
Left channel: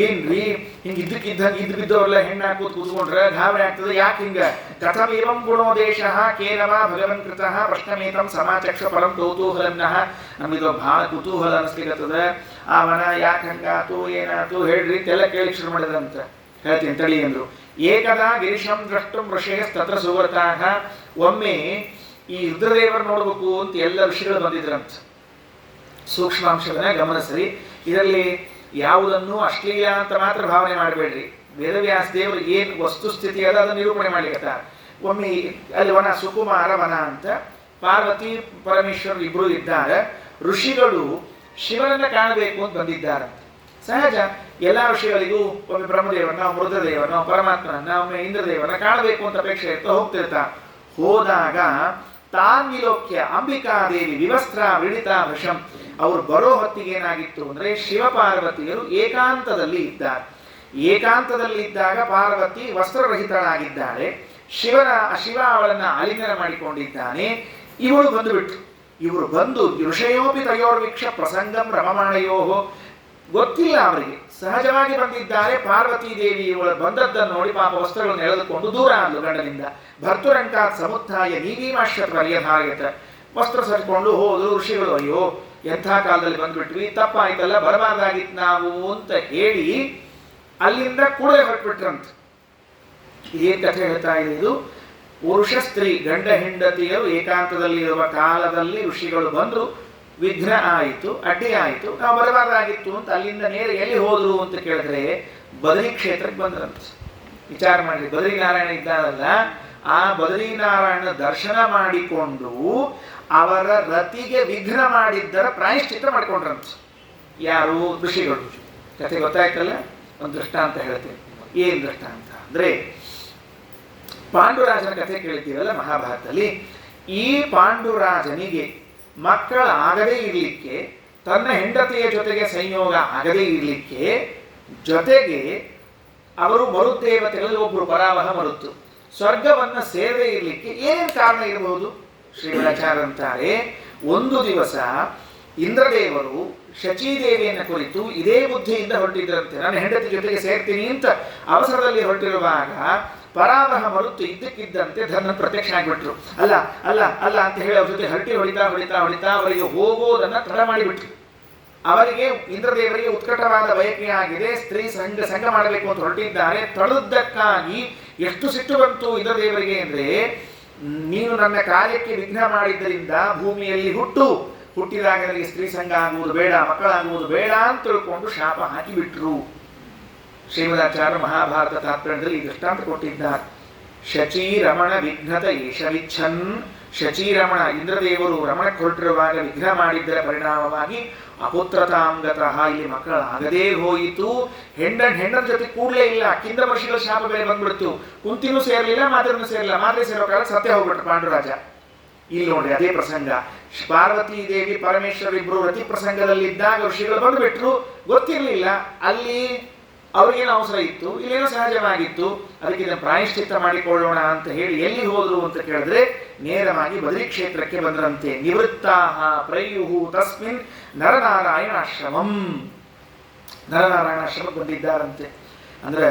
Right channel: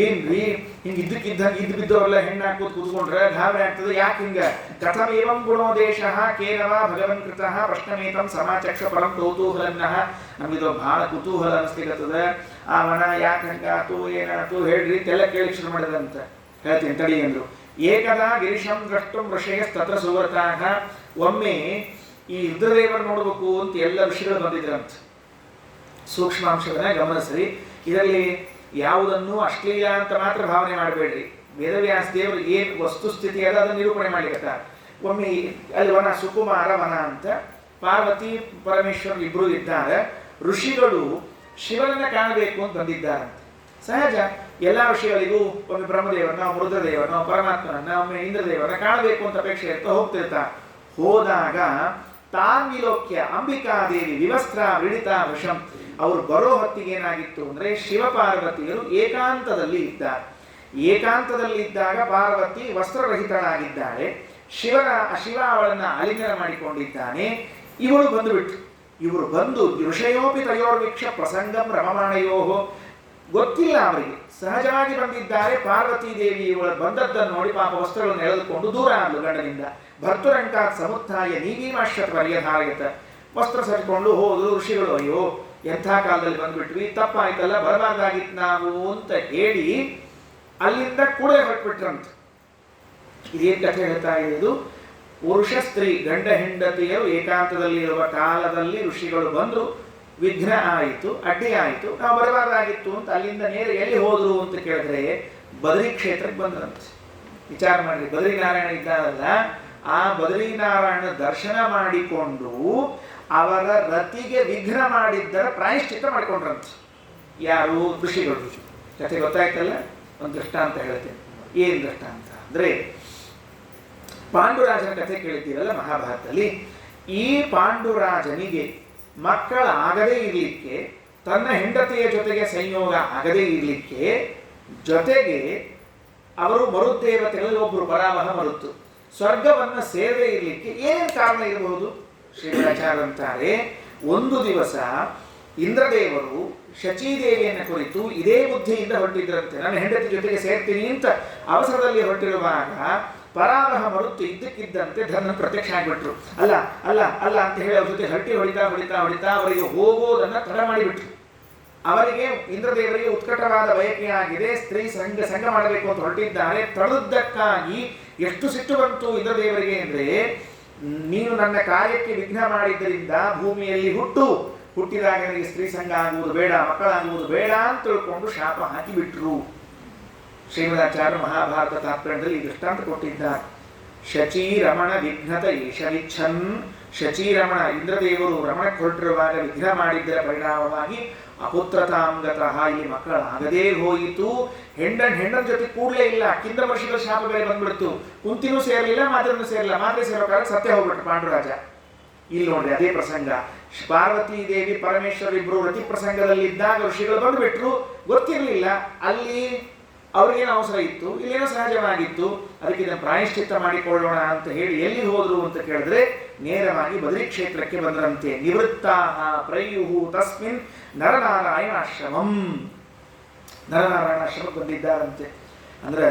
ಏನ್ರಿ ಹಿಂಗೆ ಇದ್ದಕ್ಕಿದ್ದಂಗೆ ಇದ್ದು ಬಿದ್ದವರೆಲ್ಲ ಹೆಣ್ಣಾಗಿ ಕೂತ್ಕೊಂಡ್ರೆ ಗಾಬರಿ ಆಗ್ತದೆ, ಯಾಕೆ ಹಿಂಗ? ಕಥಮೇವಂ ಗುಣೋ ದೇಶ ಕೇನವ ಭಗವನ್ ಕೃತಃ ಪ್ರಶ್ನಮೇತಂ ಸಮಾಚಕ್ಷ ಪರಂ ಕೌತೂಹಲನ್ನಃ. ನಮ್ಗಿದು ಬಹಳ ಕುತೂಹಲ ಅನಿಸ್ಲಿಕ್ಕತ್ತದ. ಆ ವನ ಯಾಕೆ ಹಂಗಾತು, ಏನಾಯ್ತು ಹೇಳ್ರಿ ಅಂತೆಲ್ಲ ಕೇಳಿ ಶುರು ಮಾಡಿದಂತ. ಹೇಳ್ತೀನಿ ತಡಿ ಅಂದ್ರು. ಏಕದಾ ಗಿರಿಶಂ ದ್ರಷ್ಟುಂ ಋಷಯಸ್ತತ್ರ ಸುವ್ರತಾಃ. ಒಮ್ಮೆ ಈ ರುದ್ರದೇವರು ನೋಡ್ಬೇಕು ಅಂತ ಎಲ್ಲ ಋಷಿಗಳು ಬಂದಿದ್ರಂತ. ಸೂಕ್ಷ್ಮಾಂಶವನ್ನ ಗಮನಿಸ್ರಿ. ಇದರಲ್ಲಿ ಯಾವುದನ್ನು ಅಶ್ಲೀಲ ಅಂತ ಮಾತ್ರ ಭಾವನೆ ಮಾಡಬೇಡ್ರಿ. ವೇದವ್ಯಾಸ ದೇವರು ಏನು ವಸ್ತುಸ್ಥಿತಿ ಅದ ಅದನ್ನು ನಿರೂಪಣೆ ಮಾಡ್ಲಿಕ್ಕತ್ತ. ಒಮ್ಮೆ ಅಲ್ಲಿ ವನ, ಸುಕುಮಾರ ವನ ಅಂತ, ಪಾರ್ವತಿ ಪರಮೇಶ್ವರ ಇಬ್ರು ಇದ್ದಾರೆ. ಋಷಿಗಳು ಶಿವನನ್ನ ಕಾಣಬೇಕು ಅಂತ ಬಂದಿದ್ದಾರಂತೆ. ಸಹಜ, ಎಲ್ಲ ಋಷಿಗಳಿಗೂ ಒಮ್ಮೆ ಬ್ರಹ್ಮದೇವರನ್ನ, ರುದ್ರದೇವರನ್ನ, ಪರಮಾತ್ಮನನ್ನ, ಒಮ್ಮೆ ಇಂದ್ರದೇವರನ್ನ ಕಾಣಬೇಕು ಅಂತ ಅಪೇಕ್ಷೆ ಇರ್ತಾ ಹೋಗ್ತಿರ್ತಾರೆ. ಹೋದಾಗ ತಾನ್ವಿಲೋಕ್ಯ ಅಂಬಿಕಾದೇವಿ ವಿವಸ್ತ್ರ ವಿಡಿತಾ ವಶಂ. ಅವರು ಬರೋ ಹೊತ್ತಿಗೆ ಏನಾಗಿತ್ತು ಅಂದ್ರೆ, ಶಿವಪಾರ್ವತಿಯರು ಏಕಾಂತದಲ್ಲಿ ಇದ್ದಾರೆ. ಏಕಾಂತದಲ್ಲಿ ಇದ್ದಾಗ ಪಾರ್ವತಿ ವಸ್ತ್ರರಹಿತಳಾಗಿದ್ದಾಳೆ. ಶಿವ ಅವಳನ್ನ ಆಲಿಂಗನ ಮಾಡಿಕೊಂಡಿದ್ದಾನೆ. ಇವಳು ಬಂದುಬಿಟ್ಟು, ಇವರು ಬಂದು ಋಷಯೋಪಿ ತಯೋರ್ವೀಕ್ಷ ಪ್ರಸಂಗಂ ರಮಮಾಣಯೋ. ಗೊತ್ತಿಲ್ಲ ಅವರಿಗೆ, ಸಹಜವಾಗಿ ಬಂದಿದ್ದಾರೆ. ಪಾರ್ವತೀ ದೇವಿ ಇವಳು ಬಂದದ್ದನ್ನು ನೋಡಿ ಪಾಪ ವಸ್ತ್ರಗಳನ್ನು ಎಳೆದುಕೊಂಡು ದೂರ ಆದ್ಲು ಗಂಡನಿಂದ. ಭರ್ತುರಂಕಾತ್ ಸಮುತ್ಥಾಯ ನೀವೀಮಾಶ್ವತ ಪರ್ಯಧಾಯತ. ವಸ್ತ್ರ ಸರಿಕೊಂಡು ಹೋದ್ರು ಋಷಿಗಳು. ಅಯ್ಯೋ ಎಂಥ ಕಾಲದಲ್ಲಿ ಬಂದ್ಬಿಟ್ವಿ, ತಪ್ಪಾಯ್ತಲ್ಲ, ಬರಬಾರ್ದಾಗಿತ್ತು ನಾವು ಅಂತ ಹೇಳಿ ಅಲ್ಲಿಂದ ಕೂಡ ಹೊರಟ್ಬಿಟ್ರಂತ. ಇದೇನು ಕಥೆ ಹೇಳ್ತಾ ಇದೆ ಇದು? ಪುರುಷ ಸ್ತ್ರೀ ಗಂಡ ಹೆಂಡತಿಯರು ಏಕಾಂತದಲ್ಲಿ ಇರುವ ಕಾಲದಲ್ಲಿ ಋಷಿಗಳು ಬಂದರು, ವಿಘ್ನ ಆಯಿತು, ಅಡ್ಡಿ ಆಯಿತು, ನಾವು ಬರಬಾರ್ದಾಗಿತ್ತು ಅಂತ ಅಲ್ಲಿಂದ ನೇರ ಎಲ್ಲಿ ಹೋದ್ರು ಅಂತ ಕೇಳಿದ್ರೆ ಬದರಿ ಕ್ಷೇತ್ರಕ್ಕೆ ಬಂದ್ರಂತೆ. ವಿಚಾರ ಮಾಡಿ, ಬದರಿನಾರಾಯಣ ಇದ್ದಾರಲ್ಲ, ಆ ಬದರಿನಾರಾಯಣ ದರ್ಶನ ಮಾಡಿಕೊಂಡು ಅವರ ರತಿಗೆ ವಿಘ್ನ ಮಾಡಿದ್ದರ ಪ್ರಾಯಶ್ಚಿತ್ತ ಮಾಡಿಕೊಂಡ್ರಂತೆ. ಯಾರು? ಋಷಿಗಳು. ಕಥೆ ಗೊತ್ತಾಯ್ತಲ್ಲ? ಒಂದು ದೃಷ್ಟಾಂತ ಹೇಳ್ತೇನೆ. ಏನು ದೃಷ್ಟಾಂತ ಅಂದ್ರೆ, ಪಾಂಡುರಾಜನ ಕಥೆ ಕೇಳಿದ್ದೀವಲ್ಲ ಮಹಾಭಾರತದಲ್ಲಿ. ಈ ಪಾಂಡುರಾಜನಿಗೆ ಮಕ್ಕಳಾಗದೇ ಇರಲಿಕ್ಕೆ, ತನ್ನ ಹೆಂಡತಿಯ ಜೊತೆಗೆ ಸಂಯೋಗ ಆಗದೇ ಇರಲಿಕ್ಕೆ, ಜೊತೆಗೆ ಅವರು ಮರುದೇವತೆಗಳಲ್ಲಿ ಒಬ್ಬರು ಪರಾವಹ ಮರುತ್ತು ಸ್ವರ್ಗವನ್ನು ಸೇರದೇ ಇರಲಿಕ್ಕೆ ಏನೇನು ಕಾರಣ ಇರಬಹುದು? ಶ್ರೀರಾಚಾರ್ಯ ಅಂತಾರೆ, ಒಂದು ದಿವಸ ಇಂದ್ರದೇವರು ಶಚೀದೇವಿಯನ್ನು ಕುರಿತು ಇದೇ ಬುದ್ಧಿಯಿಂದ ಹೊರಟಿದ್ರಂತೆ. ನನ್ನ ಹೆಂಡತಿ ಜೊತೆಗೆ ಸೇರ್ತೀನಿ ಅಂತ ಅವಸರದಲ್ಲಿ ಹೊರಟಿರುವಾಗ ಪರಾವಹ ಮರುತ್ತು ಇದ್ದಕ್ಕಿದ್ದಂತೆ ಧರ್ಮ ಪ್ರತ್ಯಕ್ಷ ಆಗಿಬಿಟ್ರು. ಅಲ್ಲ ಅಲ್ಲ ಅಲ್ಲ ಅಂತ ಹೇಳಿ ಅವ್ರ ಜೊತೆ ಹರಟಿ ಹೊಡಿತಾ ಅವರಿಗೆ ಹೋಗೋದನ್ನ ತಡ ಮಾಡಿಬಿಟ್ರು. ಅವರಿಗೆ ಇಂದ್ರದೇವರಿಗೆ ಉತ್ಕಟವಾದ ಬಯಕೆ ಆಗಿದೆ, ಸ್ತ್ರೀ ಸಂಘ ಮಾಡಬೇಕು ಅಂತ ಹೊರಟಿದ್ದಾರೆ. ತಡೆದಕ್ಕಾಗಿ ಎಷ್ಟು ಸಿಟ್ಟು ಬಂತು ಇಂದ್ರದೇವರಿಗೆ ಅಂದ್ರೆ, ನೀನು ನನ್ನ ಕಾರ್ಯಕ್ಕೆ ವಿಘ್ನ ಮಾಡಿದ್ದರಿಂದ ಭೂಮಿಯಲ್ಲಿ ಹುಟ್ಟಿದಾಗ ನನಗೆ ಸ್ತ್ರೀ ಸಂಘ ಆಗುವುದು ಬೇಡ, ಮಕ್ಕಳಾಗುವುದು ಬೇಡ ಅಂತ ತಿಳ್ಕೊಂಡು ಶಾಪ ಹಾಕಿಬಿಟ್ರು. ಶ್ರೀಮದಾಚಾರ್ಯ ಮಹಾಭಾರತ ತಾತ್ಪರ್ಯದಲ್ಲಿ ಈ ದೃಷ್ಟಾಂತ ಕೊಟ್ಟಿದ್ದಾರೆ. ಶಚೀರಮಣ ವಿಘ್ನತ ಏಷವಿಚ್ಛನ್. ಶಚೀರಮಣ ಇಂದ್ರದೇವರು ರಮಣಕ್ಕೆ ಹೊರಟಿರುವಾಗ ವಿಘ್ನ ಮಾಡಿದ್ದರ ಪರಿಣಾಮವಾಗಿ ಅಪುತ್ರತಾಂಗತಃ, ಇಲ್ಲಿ ಮಕ್ಕಳಾಗದೇ ಹೋಯಿತು. ಹೆಣ್ಣನ ಜೊತೆ ಕೂಡಲೇ ಇಲ್ಲ, ಕಿಂದ ವರ್ಷಗಳ ಶಾಪ ಬೇರೆ ಬಂದ್ಬಿಡ್ತು. ಕುಂತಿನೂ ಸೇರಲಿಲ್ಲ, ಮಾತ್ರನೂ ಸೇರಲಿಲ್ಲ. ಮಾತ್ರೆ ಸೇರೋ ಕಾಲ ಸತ್ಯ ಹೋಗ್ಬಿಟ್ರು ಪಾಂಡುರಾಜ. ಇಲ್ಲಿ ನೋಡ್ರಿ ಅದೇ ಪ್ರಸಂಗ. ಪಾರ್ವತಿ ದೇವಿ ಪರಮೇಶ್ವರ ಇಬ್ರು ರತಿ ಪ್ರಸಂಗದಲ್ಲಿದ್ದಾಗ ಋಷಿಗಳು ಬಂದುಬಿಟ್ರು. ಗೊತ್ತಿರಲಿಲ್ಲ, ಅಲ್ಲಿ ಅವ್ರಿಗೇನೋ ಅವಸರ ಇತ್ತು, ಇಲ್ಲೇನೋ ಸಹಜವಾಗಿತ್ತು. ಅದಕ್ಕೆ ಇದನ್ನು ಪ್ರಾಯಶ್ಚಿತ್ತ ಮಾಡಿಕೊಳ್ಳೋಣ ಅಂತ ಹೇಳಿ ಎಲ್ಲಿ ಹೋದ್ರು ಅಂತ ಕೇಳಿದ್ರೆ ನೇರವಾಗಿ ಬದರಿ ಕ್ಷೇತ್ರಕ್ಕೆ ಬಂದ್ರಂತೆ. ನಿವೃತ್ತಾಹ ಪ್ರಯುಹು ತಸ್ಮಿನ್ ನರನಾರಾಯಣಾಶ್ರಮಂ. ನರನಾರಾಯಣಾಶ್ರಮಕ್ಕೆ ಬಂದಿದ್ದಾರಂತೆ. ಅಂದ್ರೆ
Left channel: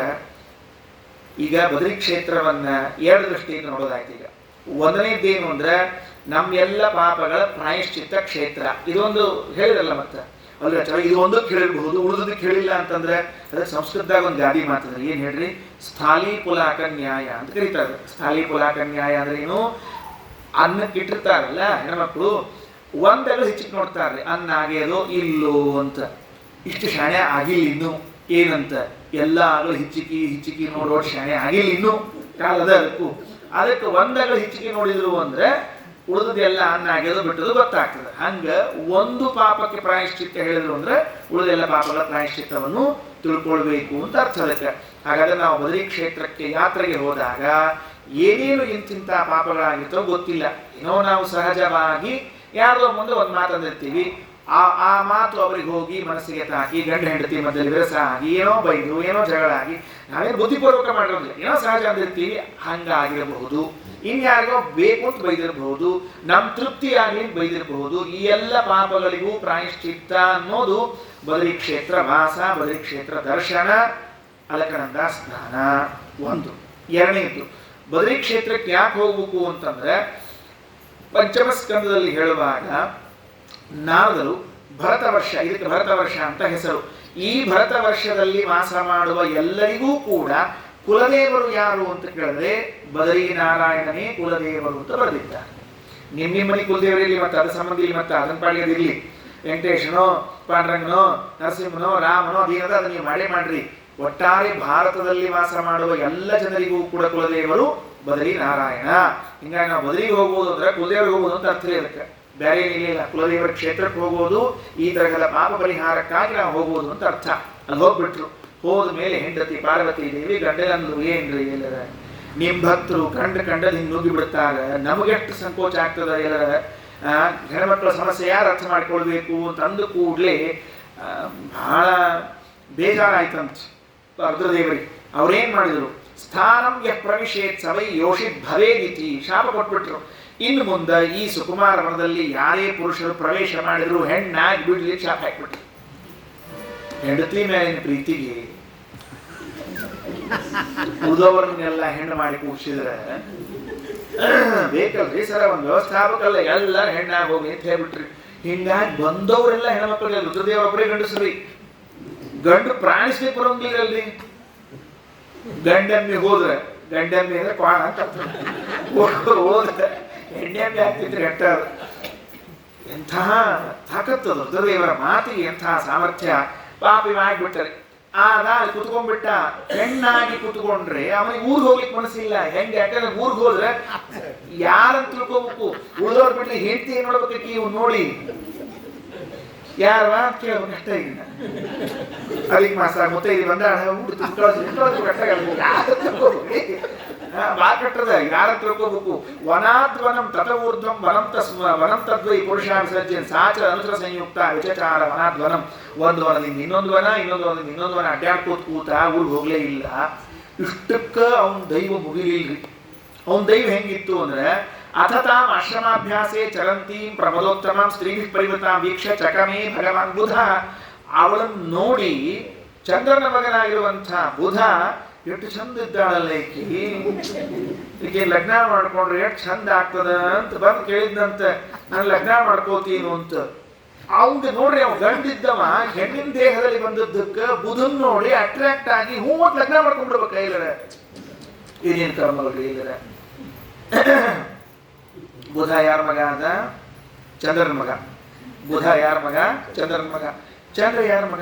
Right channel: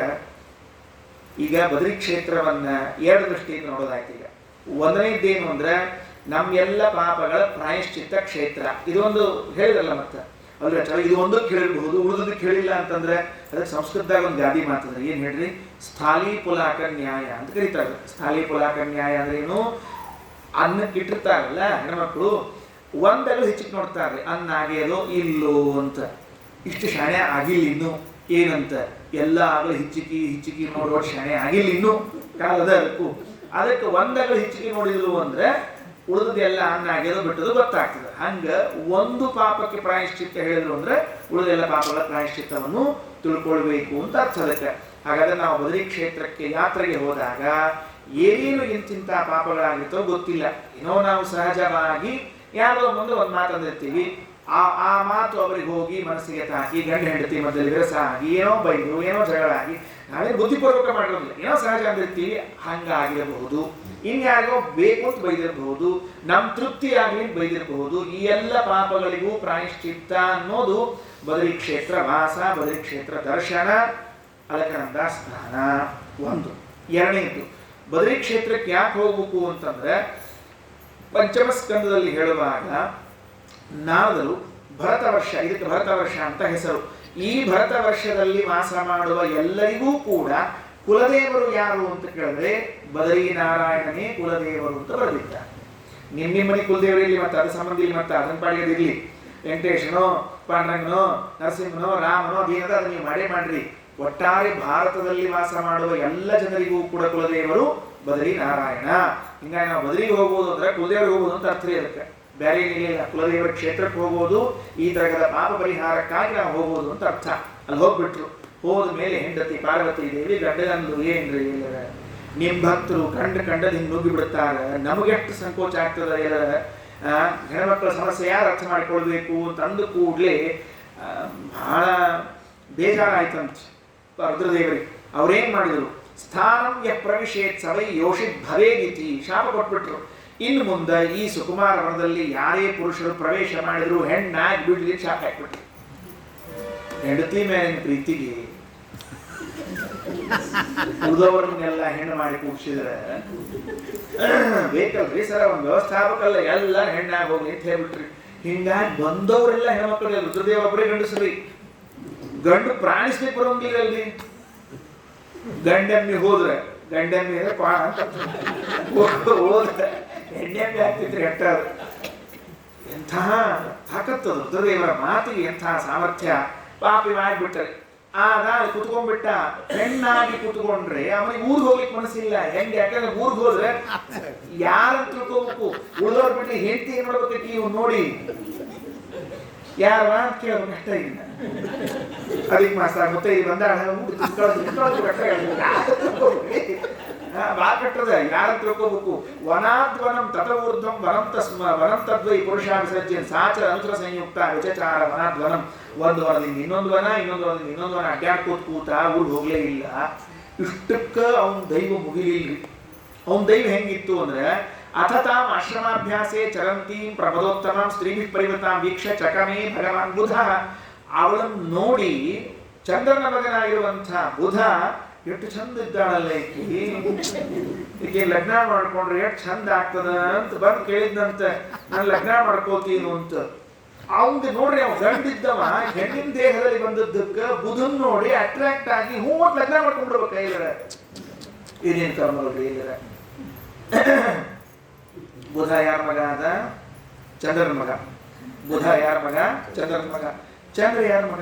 ಈಗ ಬದರಿ ಕ್ಷೇತ್ರವನ್ನ ಎರಡು ದೃಷ್ಟಿಯಿಂದ ನೋಡೋದಾಯ್ತು. ಈಗ ಒಂದನೇದ್ದೇನು ಅಂದ್ರೆ ನಮ್ಮೆಲ್ಲ ಪಾಪಗಳ ಪ್ರಾಯಶ್ಚಿತ್ತ ಕ್ಷೇತ್ರ. ಇದೊಂದು ಹೇಳಿದ್ರಲ್ಲ ಮತ್ತೆ ಅಲ್ರಿ ಆಚಾರ, ಇದು ಒಂದಕ್ಕೆ ಹೇಳಿರಬಹುದು, ಉಳಿದಕ್ಕೆ ಹೇಳಿಲ್ಲ ಅಂತಂದ್ರೆ ಅದಕ್ಕೆ ಸಂಸ್ಕೃತದಾಗ ಒಂದು ಗಾದಿ ಮಾತಂದ್ರೆ ಏನ್ ಹೇಳ್ರಿ, ಸ್ಥಾಲಿ ಪುಲಾಕ ನ್ಯಾಯ ಅಂತ ಕರೀತಾರೆ. ಸ್ಥಾಲಿ ಪುಲಾಕ ನ್ಯಾಯ ಅಂದ್ರೆ ಏನು, ಅನ್ನಕ್ಕೆ ಇಟ್ಟಿರ್ತಾರಲ್ಲ ಹೆಣ್ಮಕ್ಳು, ಒಂದಗಳು ಹೆಚ್ಚಿಗೆ ನೋಡ್ತಾರೆ, ಅನ್ನ ಆಗ್ಯದೋ ಇಲ್ಲೋ ಅಂತ. ಇಷ್ಟು ಶಾಣೆ ಆಗಿಲ್ಲ ಇನ್ನು ಏನಂತ, ಎಲ್ಲ ಆಗಲು ಹಿಚ್ಚಿಕಿ ನೋಡುವ ಶಾಣೆ ಆಗಿಲ್ಲ ಇನ್ನು ಕಾಲದ ಅದಕ್ಕೆ ಒಂದಗಳು ಹಿಚ್ಚಿಕಿ ನೋಡಿದ್ರು ಅಂದ್ರೆ ಉಳಿದದೆಲ್ಲ ಅನ್ನ ಆಗ್ಯದೋ ಬಿಟ್ಟದು ಗೊತ್ತಾಗ್ತದೆ. ಹಂಗ ಒಂದು ಪಾಪಕ್ಕೆ ಪ್ರಾಯಶ್ಚಿತ್ತ ಹೇಳಿದ್ರು ಅಂದ್ರೆ ಉಳಿದೆಲ್ಲ ಪಾಪಗಳ ಪ್ರಾಯಶ್ಚಿತ್ತವನ್ನು ತಿಳ್ಕೊಳ್ಬೇಕು ಅಂತ ಅರ್ಥ ಅದಕ್ಕೆ. ಹಾಗಾದ್ರೆ ನಾವು ಬದರಿ ಕ್ಷೇತ್ರಕ್ಕೆ ಯಾತ್ರೆಗೆ ಹೋದಾಗ ಏನೇನು ಇಂತಿಂತ ಪಾಪಗಳಾಗಿರ್ತವೋ ಗೊತ್ತಿಲ್ಲ. ಏನೋ ನಾವು ಸಹಜವಾಗಿ ಯಾರೋ ಮುಂದೆ ಒಂದು ಮಾತಂದಿರ್ತೀವಿ, ಆ ಮಾತು ಅವರಿಗೆ ಹೋಗಿ ಮನಸ್ಸಿಗೆ ತಾಕಿ ಗಂಡ ಹೆಂಡತಿ ಮಧ್ಯದಲ್ಲಿ ವಿರಸ ಆಗಿ ಏನೋ ಬೈದು ಏನೋ ಜಗಳ ಆಗಿ ನಾವೇನು ಬುದ್ಧಿಪೂರ್ವಕ ಮಾಡಿರೋದಿಲ್ಲ, ಏನೋ ಸಹಜ ಅಂದಿರ್ತೀವಿ, ಹಂಗಾಗಿರಬಹುದು. ಇನ್ಯಾರಿಗೋ ಬೇಕು ಅಂತ ಬೈದಿರಬಹುದು, ನಮ್ಮ ತೃಪ್ತಿ ಆಗಲಿ ಬೈದಿರಬಹುದು. ಈ ಎಲ್ಲ ಪಾಪಗಳಿಗೂ ಪ್ರಾಯಶ್ಚಿತ್ತ ಅನ್ನೋದು ಬದರಿ ಕ್ಷೇತ್ರ ವಾಸ, ಬದರಿ ಕ್ಷೇತ್ರ ದರ್ಶನ, ಅಲಕನಂದ ಸ್ನಾನ ಒಂದು. ಎರಡನೇದು, ಬದರಿ ಕ್ಷೇತ್ರಕ್ಕೆ ಯಾಕೆ ಹೋಗ್ಬೇಕು ಅಂತಂದ್ರೆ ಪಂಚಮ ಸ್ಕಂದದಲ್ಲಿ ಹೇಳುವಾಗ ನಾರದರು ಭರತ ವರ್ಷ, ಇದಕ್ಕೆ ಭರತ ವರ್ಷ ಅಂತ ಹೆಸರು. ಈ ಭರತ ವರ್ಷದಲ್ಲಿ ವಾಸ ಮಾಡುವ ಎಲ್ಲರಿಗೂ ಕೂಡ ಕುಲದೇವರು ಯಾರು ಅಂತ ಕೇಳಿದ್ರೆ ಬದರಿ ನಾರಾಯಣನೇ ಕುಲದೇವರು ಅಂತ ಬರೆದಿದ್ದಾರೆ. ನಿಮ್ಮನಿ ಕುಲದೇವರಿರ್ಲಿ, ಮತ್ತೆ ಅದ ಸಂಬಂಧಿ ಮತ್ತೆ ಅದನ್ನ ಪಾಡಿಗೆದಿರ್ಲಿ, ವೆಂಕಟೇಶನೋ ಪಾಂಡುರಂಗನೋ ನರಸಿಂಹನೋ ರಾಮನೋ ಅದೇನದ ಅದನ್ನ ನೀವು ಮಾಡೇ ಮಾಡ್ರಿ. ಒಟ್ಟಾರೆ ಭಾರತದಲ್ಲಿ ವಾಸ ಮಾಡುವ ಎಲ್ಲ ಜನರಿಗೂ ಕೂಡ ಕುಲದೇವರು ಬದರಿ ನಾರಾಯಣ. ಹಿಂಗಾಗಿ ನಾವು ಬದರಿಗೆ ಹೋಗ್ಬೋದು ಅಂದ್ರೆ ಕುಲದೇವರಿಗೆ ಹೋಗೋದು ಅಂತ ಅರ್ಥ ಅದಕ್ಕೆ, ಬೇರೆ ಏನಿಲ್ಲ. ಕುಲದೇವರ ಕ್ಷೇತ್ರಕ್ಕೆ ಹೋಗೋದು ಈ ತರಹದ ಪಾಪ ಪರಿಹಾರಕ್ಕಾಗಿ ನಾವು ಹೋಗೋದು ಅಂತ ಅರ್ಥ. ಅಲ್ಲಿ ಹೋಗ್ಬಿಟ್ರು. ಹೋದ ಮೇಲೆ ಹೆಂಡತಿ ಪಾರ್ವತಿ ದೇವಿ ಗಂಡಗಂದು ಏನ್ರಿ ಎಲ್ಲರ ನಿಮ್ ಭಕ್ತರು ಕಂಡಲ್ಲಿ ನುಗ್ಗಿ ಬಿಡ್ತಾರೆ, ನಮಗೆಷ್ಟು ಸಂಕೋಚ ಆಗ್ತದ ಎಲ್ಲರ ಹೆಣ್ಮಕ್ಳ ಸಮಸ್ಯೆ ಯಾರು ಅರ್ಥ ಮಾಡ್ಕೊಳ್ಬೇಕು ಅಂತ ಅಂದು ಕೂಡ್ಲೆ ಬಹಳ ಬೇಜಾರಾಯ್ತಂತ ರುದ್ರದೇವರಿಗೆ. ಅವ್ರೇನ್ ಮಾಡಿದ್ರು, ಸ್ಥಾನಂ ಯ ಪ್ರವಿಶೇತ್ ಸವೈ ಯೋಷಿತ್ ಭವೇದಿತಿ ಶಾಪ ಕೊಟ್ಬಿಟ್ರು. ಇನ್ನು ಮುಂದೆ ಈ ಸುಕುಮಾರ ವನದಲ್ಲಿ ಯಾರೇ ಪುರುಷರು ಪ್ರವೇಶ ಮಾಡಿದ್ರು ಹೆಣ್ಣಾಗಿ ಬಿಡ್ಲಿ ಶಾಪ ಹಾಕ್ಬಿಟ್ರು. ಹೆಂಡತಿ ಮೇಲಿನ ಪ್ರೀತಿಗೆ ಉಳಿದವರನ್ನೆಲ್ಲ ಹೆಣ್ಣು ಮಾಡಿ ಕೂಡಿಸಿದ್ರೆ ಬೇಕಲ್ರಿ ಸರ, ಒಂದು ವ್ಯವಸ್ಥಾಪಕಲ್ಲ ಎಲ್ಲ ಹೆಣ್ಣಾಗಿ ಹೋಗಿ ಅಂತ ಹೇಳ್ಬಿಟ್ರಿ. ಹಿಂಗಾಗಿ ಬಂದವರೆಲ್ಲ ಹೆಣ್ಮಕ್ಳು ರುದ್ರದೇವರೊಬ್ಬರೇ ಗಂಡಸ್ರಿ. ಗಂಡು ಪ್ರಾಣಿಸ್ಲಿಕ್ಕೆ ಬರೋಂಗಿಲ್ಲಲ್ರಿ. ಗಂಡಮ್ಮಿ ಹೋದ್ರೆ ಗಂಡಮ್ಮಿ ಅಂದ್ರೆ ಕ್ವಾಣ ಅಂತ ಹೋದ್ರೆ ಹೆಣ್ಣೆಮ್ಮಿ ಆಗ್ತಿದ್ರಿ ಹೆಟ್ಟ. ಎಂಥ ತಾಕತ್ತದು ರುದ್ರದೇವರ ಮಾತಿಗೆ, ಎಂಥ ಸಾಮರ್ಥ್ಯ. ಪಾಪಿ ಮಾಡಿಬಿಟ್ಟರೆ ಆಗ ಕುತ್ಕೊಂಡ್ಬಿಟ್ಟ. ಹೆಣ್ಣಾಗಿ ಕುತ್ಕೊಂಡ್ರೆ ಅವನಿಗೆ ಊರಿಗೆ ಹೋಗ್ಲಿಕ್ಕೆ ಮನಸ್ಸಿಲ್ಲ. ಹೆಂಗೆ, ಯಾಕಂದ್ರೆ ಊರಿಗೆ ಹೋದ್ರೆ ಯಾರಂತ ತಿಳ್ಕೋಬೇಕು, ಉಳಿದವ್ರು ಬಿಟ್ರೆ ಹೆಂಡತಿ ಏನ್ ಮಾಡ್ಬೇಕು ಇವ್ ನೋಡಿ ಯಾರವ ಅಂತ ಕೇಳ್ಬೇಕು ಅಷ್ಟ. ಈಗ ಅದಕ್ಕೆ ಮಾಸ ಮತ್ತೆ ಇದು ಬಂದ ಬಾ ಕಟ್ಟದ ಯಾರಂತ ತಿಳ್ಕೋಬೇಕು. ವನಾದ್ವನಂ ತಥವೂರ್ಧ್ವಂ ವನಂತದ್ವೈ ಪುರುಷ ವಿಸರ್ಜನ್ ಸಾಚರ ಅನುಸರ ಸಂಯುಕ್ತ ವಿಚಚಾರ ವನಾದ್ವನಂ. ಒಂದು ವನದಿಂದ ಇನ್ನೊಂದು ವನ, ಇನ್ನೊಂದು ವನದಿಂದ ಇನ್ನೊಂದು ವನ ಅಡ್ಡಾಡ್ಕೋತ ಕೂತ ಊರಿಗೆ ಹೋಗ್ಲೇ ಇಲ್ಲ. ಇಷ್ಟಕ್ಕ ಅವನ ದೈವ ಮುಗಿಲಿಲ್ರಿ. ಅವನ ದೈವ ಹೆಂಗಿತ್ತು ಅಂದ್ರೆ ಅಥತಾಂ ಆಶ್ರಮಾಭ್ಯಾಸೆ ಚರಂತೀಂ ಪ್ರಮದೋತ್ತಮಂ ಸ್ತ್ರೀಭಿ ಪರಿವೃತಾಂ ವೀಕ್ಷ ಚಕಮೇ ಭಗವಾನ್ ಬುಧ. ಅವಳನ್ನು ನೋಡಿ ಚಂದ್ರನ ಮಗನಾಗಿರುವಂಥ ಬುಧ ಎಷ್ಟು ಚಂದ ಇದ್ದಾಳಲ್ಲ ಈಕೆ ಲಗ್ನ ಮಾಡ್ಕೊಂಡ್ರೆ ಎಷ್ಟು ಚಂದ ಆಗ್ತದ ಅಂತ ಬಂದು ಕೇಳಿದ್ನಂತ. ನಾನು ಲಗ್ನ ಮಾಡ್ಕೋತೀನಿ ಅಂತ. ಅವಂಗ ನೋಡ್ರಿ, ಅವ್ ಗಂಡಿದ್ದವ ಹೆಣ್ಣಿನ ದೇಹದಲ್ಲಿ ಬಂದದ್ದಕ್ಕ ಬುಧನ್ ನೋಡಿ ಅಟ್ರಾಕ್ಟ್ ಆಗಿ ಹೂ ಅಂತ ಲಗ್ನ ಮಾಡ್ಕೊಂಡ್ಬಿಡ್ಬೇಕ. ಇಲ್ಲರ ಏನೇನ್ ಕರ್ಮಲ್ರಿ ಇಲ್ಲರ ಬುಧ ಯಾರ ಮಗ ಆದ? ಚಂದ್ರನ ಮಗ. ಬುಧ ಯಾರ ಮಗ? ಚಂದ್ರನ ಮಗ. ಚಂದ್ರ ಯಾರ ಮಗ?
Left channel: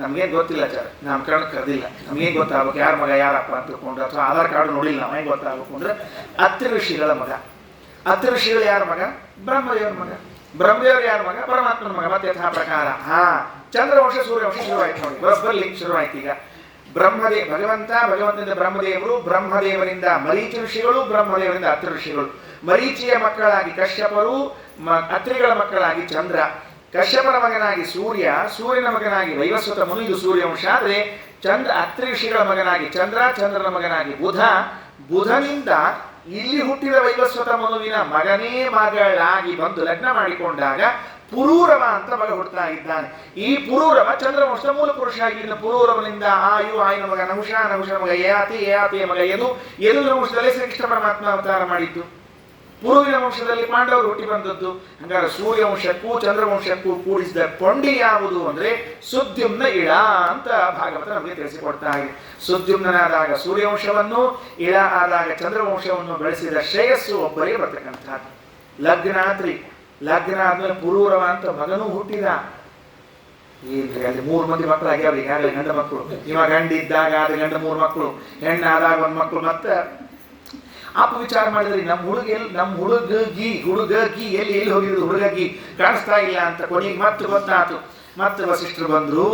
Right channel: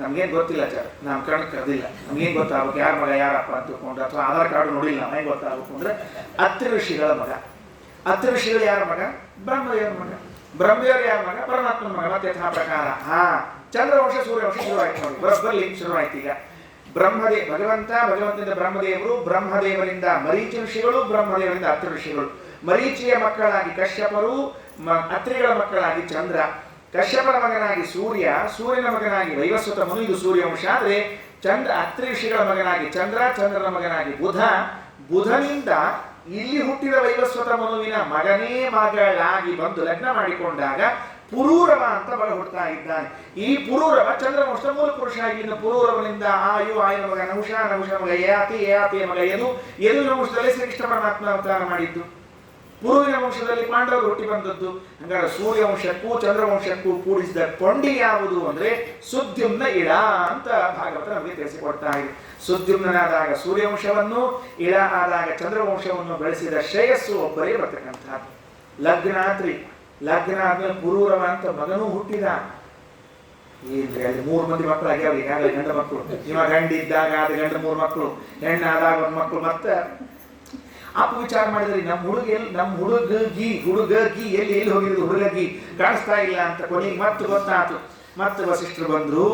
ನಮ್ಗೇನು ಗೊತ್ತಿಲ್ಲ ನಾಮಕರಣ ಕರೆದಿಲ್ಲ. ನಮ್ಗೇನು ಗೊತ್ತಾಗಬೇಕು ಯಾರ ಮಗ ಯಾರಪ್ಪ ಅಂತ ತಿಳ್ಕೊಂಡು, ಅಥವಾ ಆಧಾರ್ ಕಾರ್ಡ್ ನೋಡಿಲ್ಲ ನಾವು ಹೆಂಗೆ ಗೊತ್ತಾಗಬೇಕು ಅಂದರೆ ಅತ್ರಿ ಋಷಿಗಳ ಮಗ. ಅತ್ರಿ ಋಷಿಗಳು ಯಾರ ಮಗ? ಬ್ರಹ್ಮದೇವರ ಮಗ. ಬ್ರಹ್ಮದೇವರು ಯಾರ ಮಗ? ಪರಮಾತ್ಮನ ಮಗ. ಮತ್ತೆ ಯಥಾ ಪ್ರಕಾರ ಚಂದ್ರವಂಶ ಸೂರ್ಯವಂಶ ಶುರುವಾಯ್ತು ನೋಡಿ, ಬರೋಬ್ಬರ್ಲಿ ಶುರುವಾಯ್ತು. ಈಗ ಭಗವಂತನಿಂದ ಬ್ರಹ್ಮದೇವರು, ಬ್ರಹ್ಮದೇವರಿಂದ ಮರೀಚಿ ಋಷಿಗಳು, ಬ್ರಹ್ಮದೇವರಿಂದ ಅತ್ರಿ ಋಷಿಗಳು. ಮರೀಚಿಯ ಮಕ್ಕಳಾಗಿ ಕಶ್ಯಪರು, ಅತ್ರಿಗಳ ಮಕ್ಕಳಾಗಿ ಚಂದ್ರ, ಕಶ್ಯಪರ ಮಗನಾಗಿ ಸೂರ್ಯ, ಸೂರ್ಯನ ಮಗನಾಗಿ ವೈವಸ್ವತ ಮುನಿ, ಇದು ಸೂರ್ಯವಂಶ. ಆದರೆ ಅತ್ರಿ ಋಷಿಗಳ ಮಗನಾಗಿ ಚಂದ್ರ, ಚಂದ್ರನ ಮಗನಾಗಿ ಬುಧ, ಬುಧನಿಂದ ಇಲ್ಲಿ ಹುಟ್ಟಿದ ವೈವಸ್ವತ ಮನುವಿನ ಮಗನೇ ಮಗಳಾಗಿ ಬಂದು ಲಗ್ನ ಮಾಡಿಕೊಂಡಾಗ ಪುರೂರವ ಅಂತ ಮಗ ಹುಡ್ತಾ ಇದ್ದಾನೆ. ಈ ಪುರೂರವ ಚಂದ್ರವಂಶದ ಮೂಲ ಪುರುಷ. ಇನ್ನು ಪುರೂರವನಿಂದ ಆಯನ ಮಗ ನಹುಷ, ನಹುಷ ಮಗ ಯಯಾತಿಯ ಮಗ ಯದುವಿನ ವಂಶದಲ್ಲಿ ಶ್ರೀಕೃಷ್ಣ ಪರಮಾತ್ಮ ಅವತಾರ ಮಾಡಿದ್ದು. ಪುರುವಿನ ವಂಶದಲ್ಲಿ ಪಾಂಡವರು ಹುಟ್ಟಿ ಬಂದದ್ದು. ಹಂಗಾರೆ ಸೂರ್ಯವಂಶಕ್ಕೂ ಚಂದ್ರವಂಶಕ್ಕೂ ಕೂಡಿಸಿದ ಕೊಂಡಿ ಯಾವುದು ಅಂದ್ರೆ ಸುದ್ಯುಮ್ನ ಇಳ ಅಂತ ಭಾಗವತ ನಮಗೆ ತಿಳಿಸಿಕೊಡ್ತಾ ಇದೆ. ಸುದ್ಯುಮ್ನಾದಾಗ ಸೂರ್ಯವಂಶವನ್ನು, ಇಳ ಆದಾಗ ಚಂದ್ರವಂಶವನ್ನು ಬೆಳೆಸಿದ ಶ್ರೇಯಸ್ಸು ಒಬ್ಬರೇ ಬರ್ತಕ್ಕಂಥದ್ದು. ಲಗ್ನ ಆದ್ಮೇಲೆ ಪುರೂರವ ಅಂತ ಮಗನೂ ಹುಟ್ಟಿದ. ಏನ್ರಿ ಅಲ್ಲಿ 3 ಮಂದಿ ಮಕ್ಕಳು ಆಗ್ಯಾವ ಈಗಾಗಲೇ, ಗಂಡ ಮಕ್ಕಳು. ಇವ ಗಂಡಿದ್ದಾಗ ಆದ ಗಂಡ 3 ಮಕ್ಕಳು, ಹೆಣ್ಣಾದಾಗ 1 ಮಕ್ಕಳು. ಮತ್ತೆ ಅಪ್ಪ ವಿಚಾರ ಮಾಡಿದ್ರಿ, ನಮ್ಮ ಹುಡುಗಗಿ ಎಲ್ಲಿ ಹೋಗಿದ್ದು, ಹುಡುಗಗಿ ಕಾಣಿಸ್ತಾ ಇಲ್ಲ ಅಂತ. ಕೊನೆಗೆ ಮತ್ತೆ ಗೊತ್ತಾಯ್ತು. ಮತ್ತೆ ವಸಿಷ್ಠರು ಬಂದ್ರು.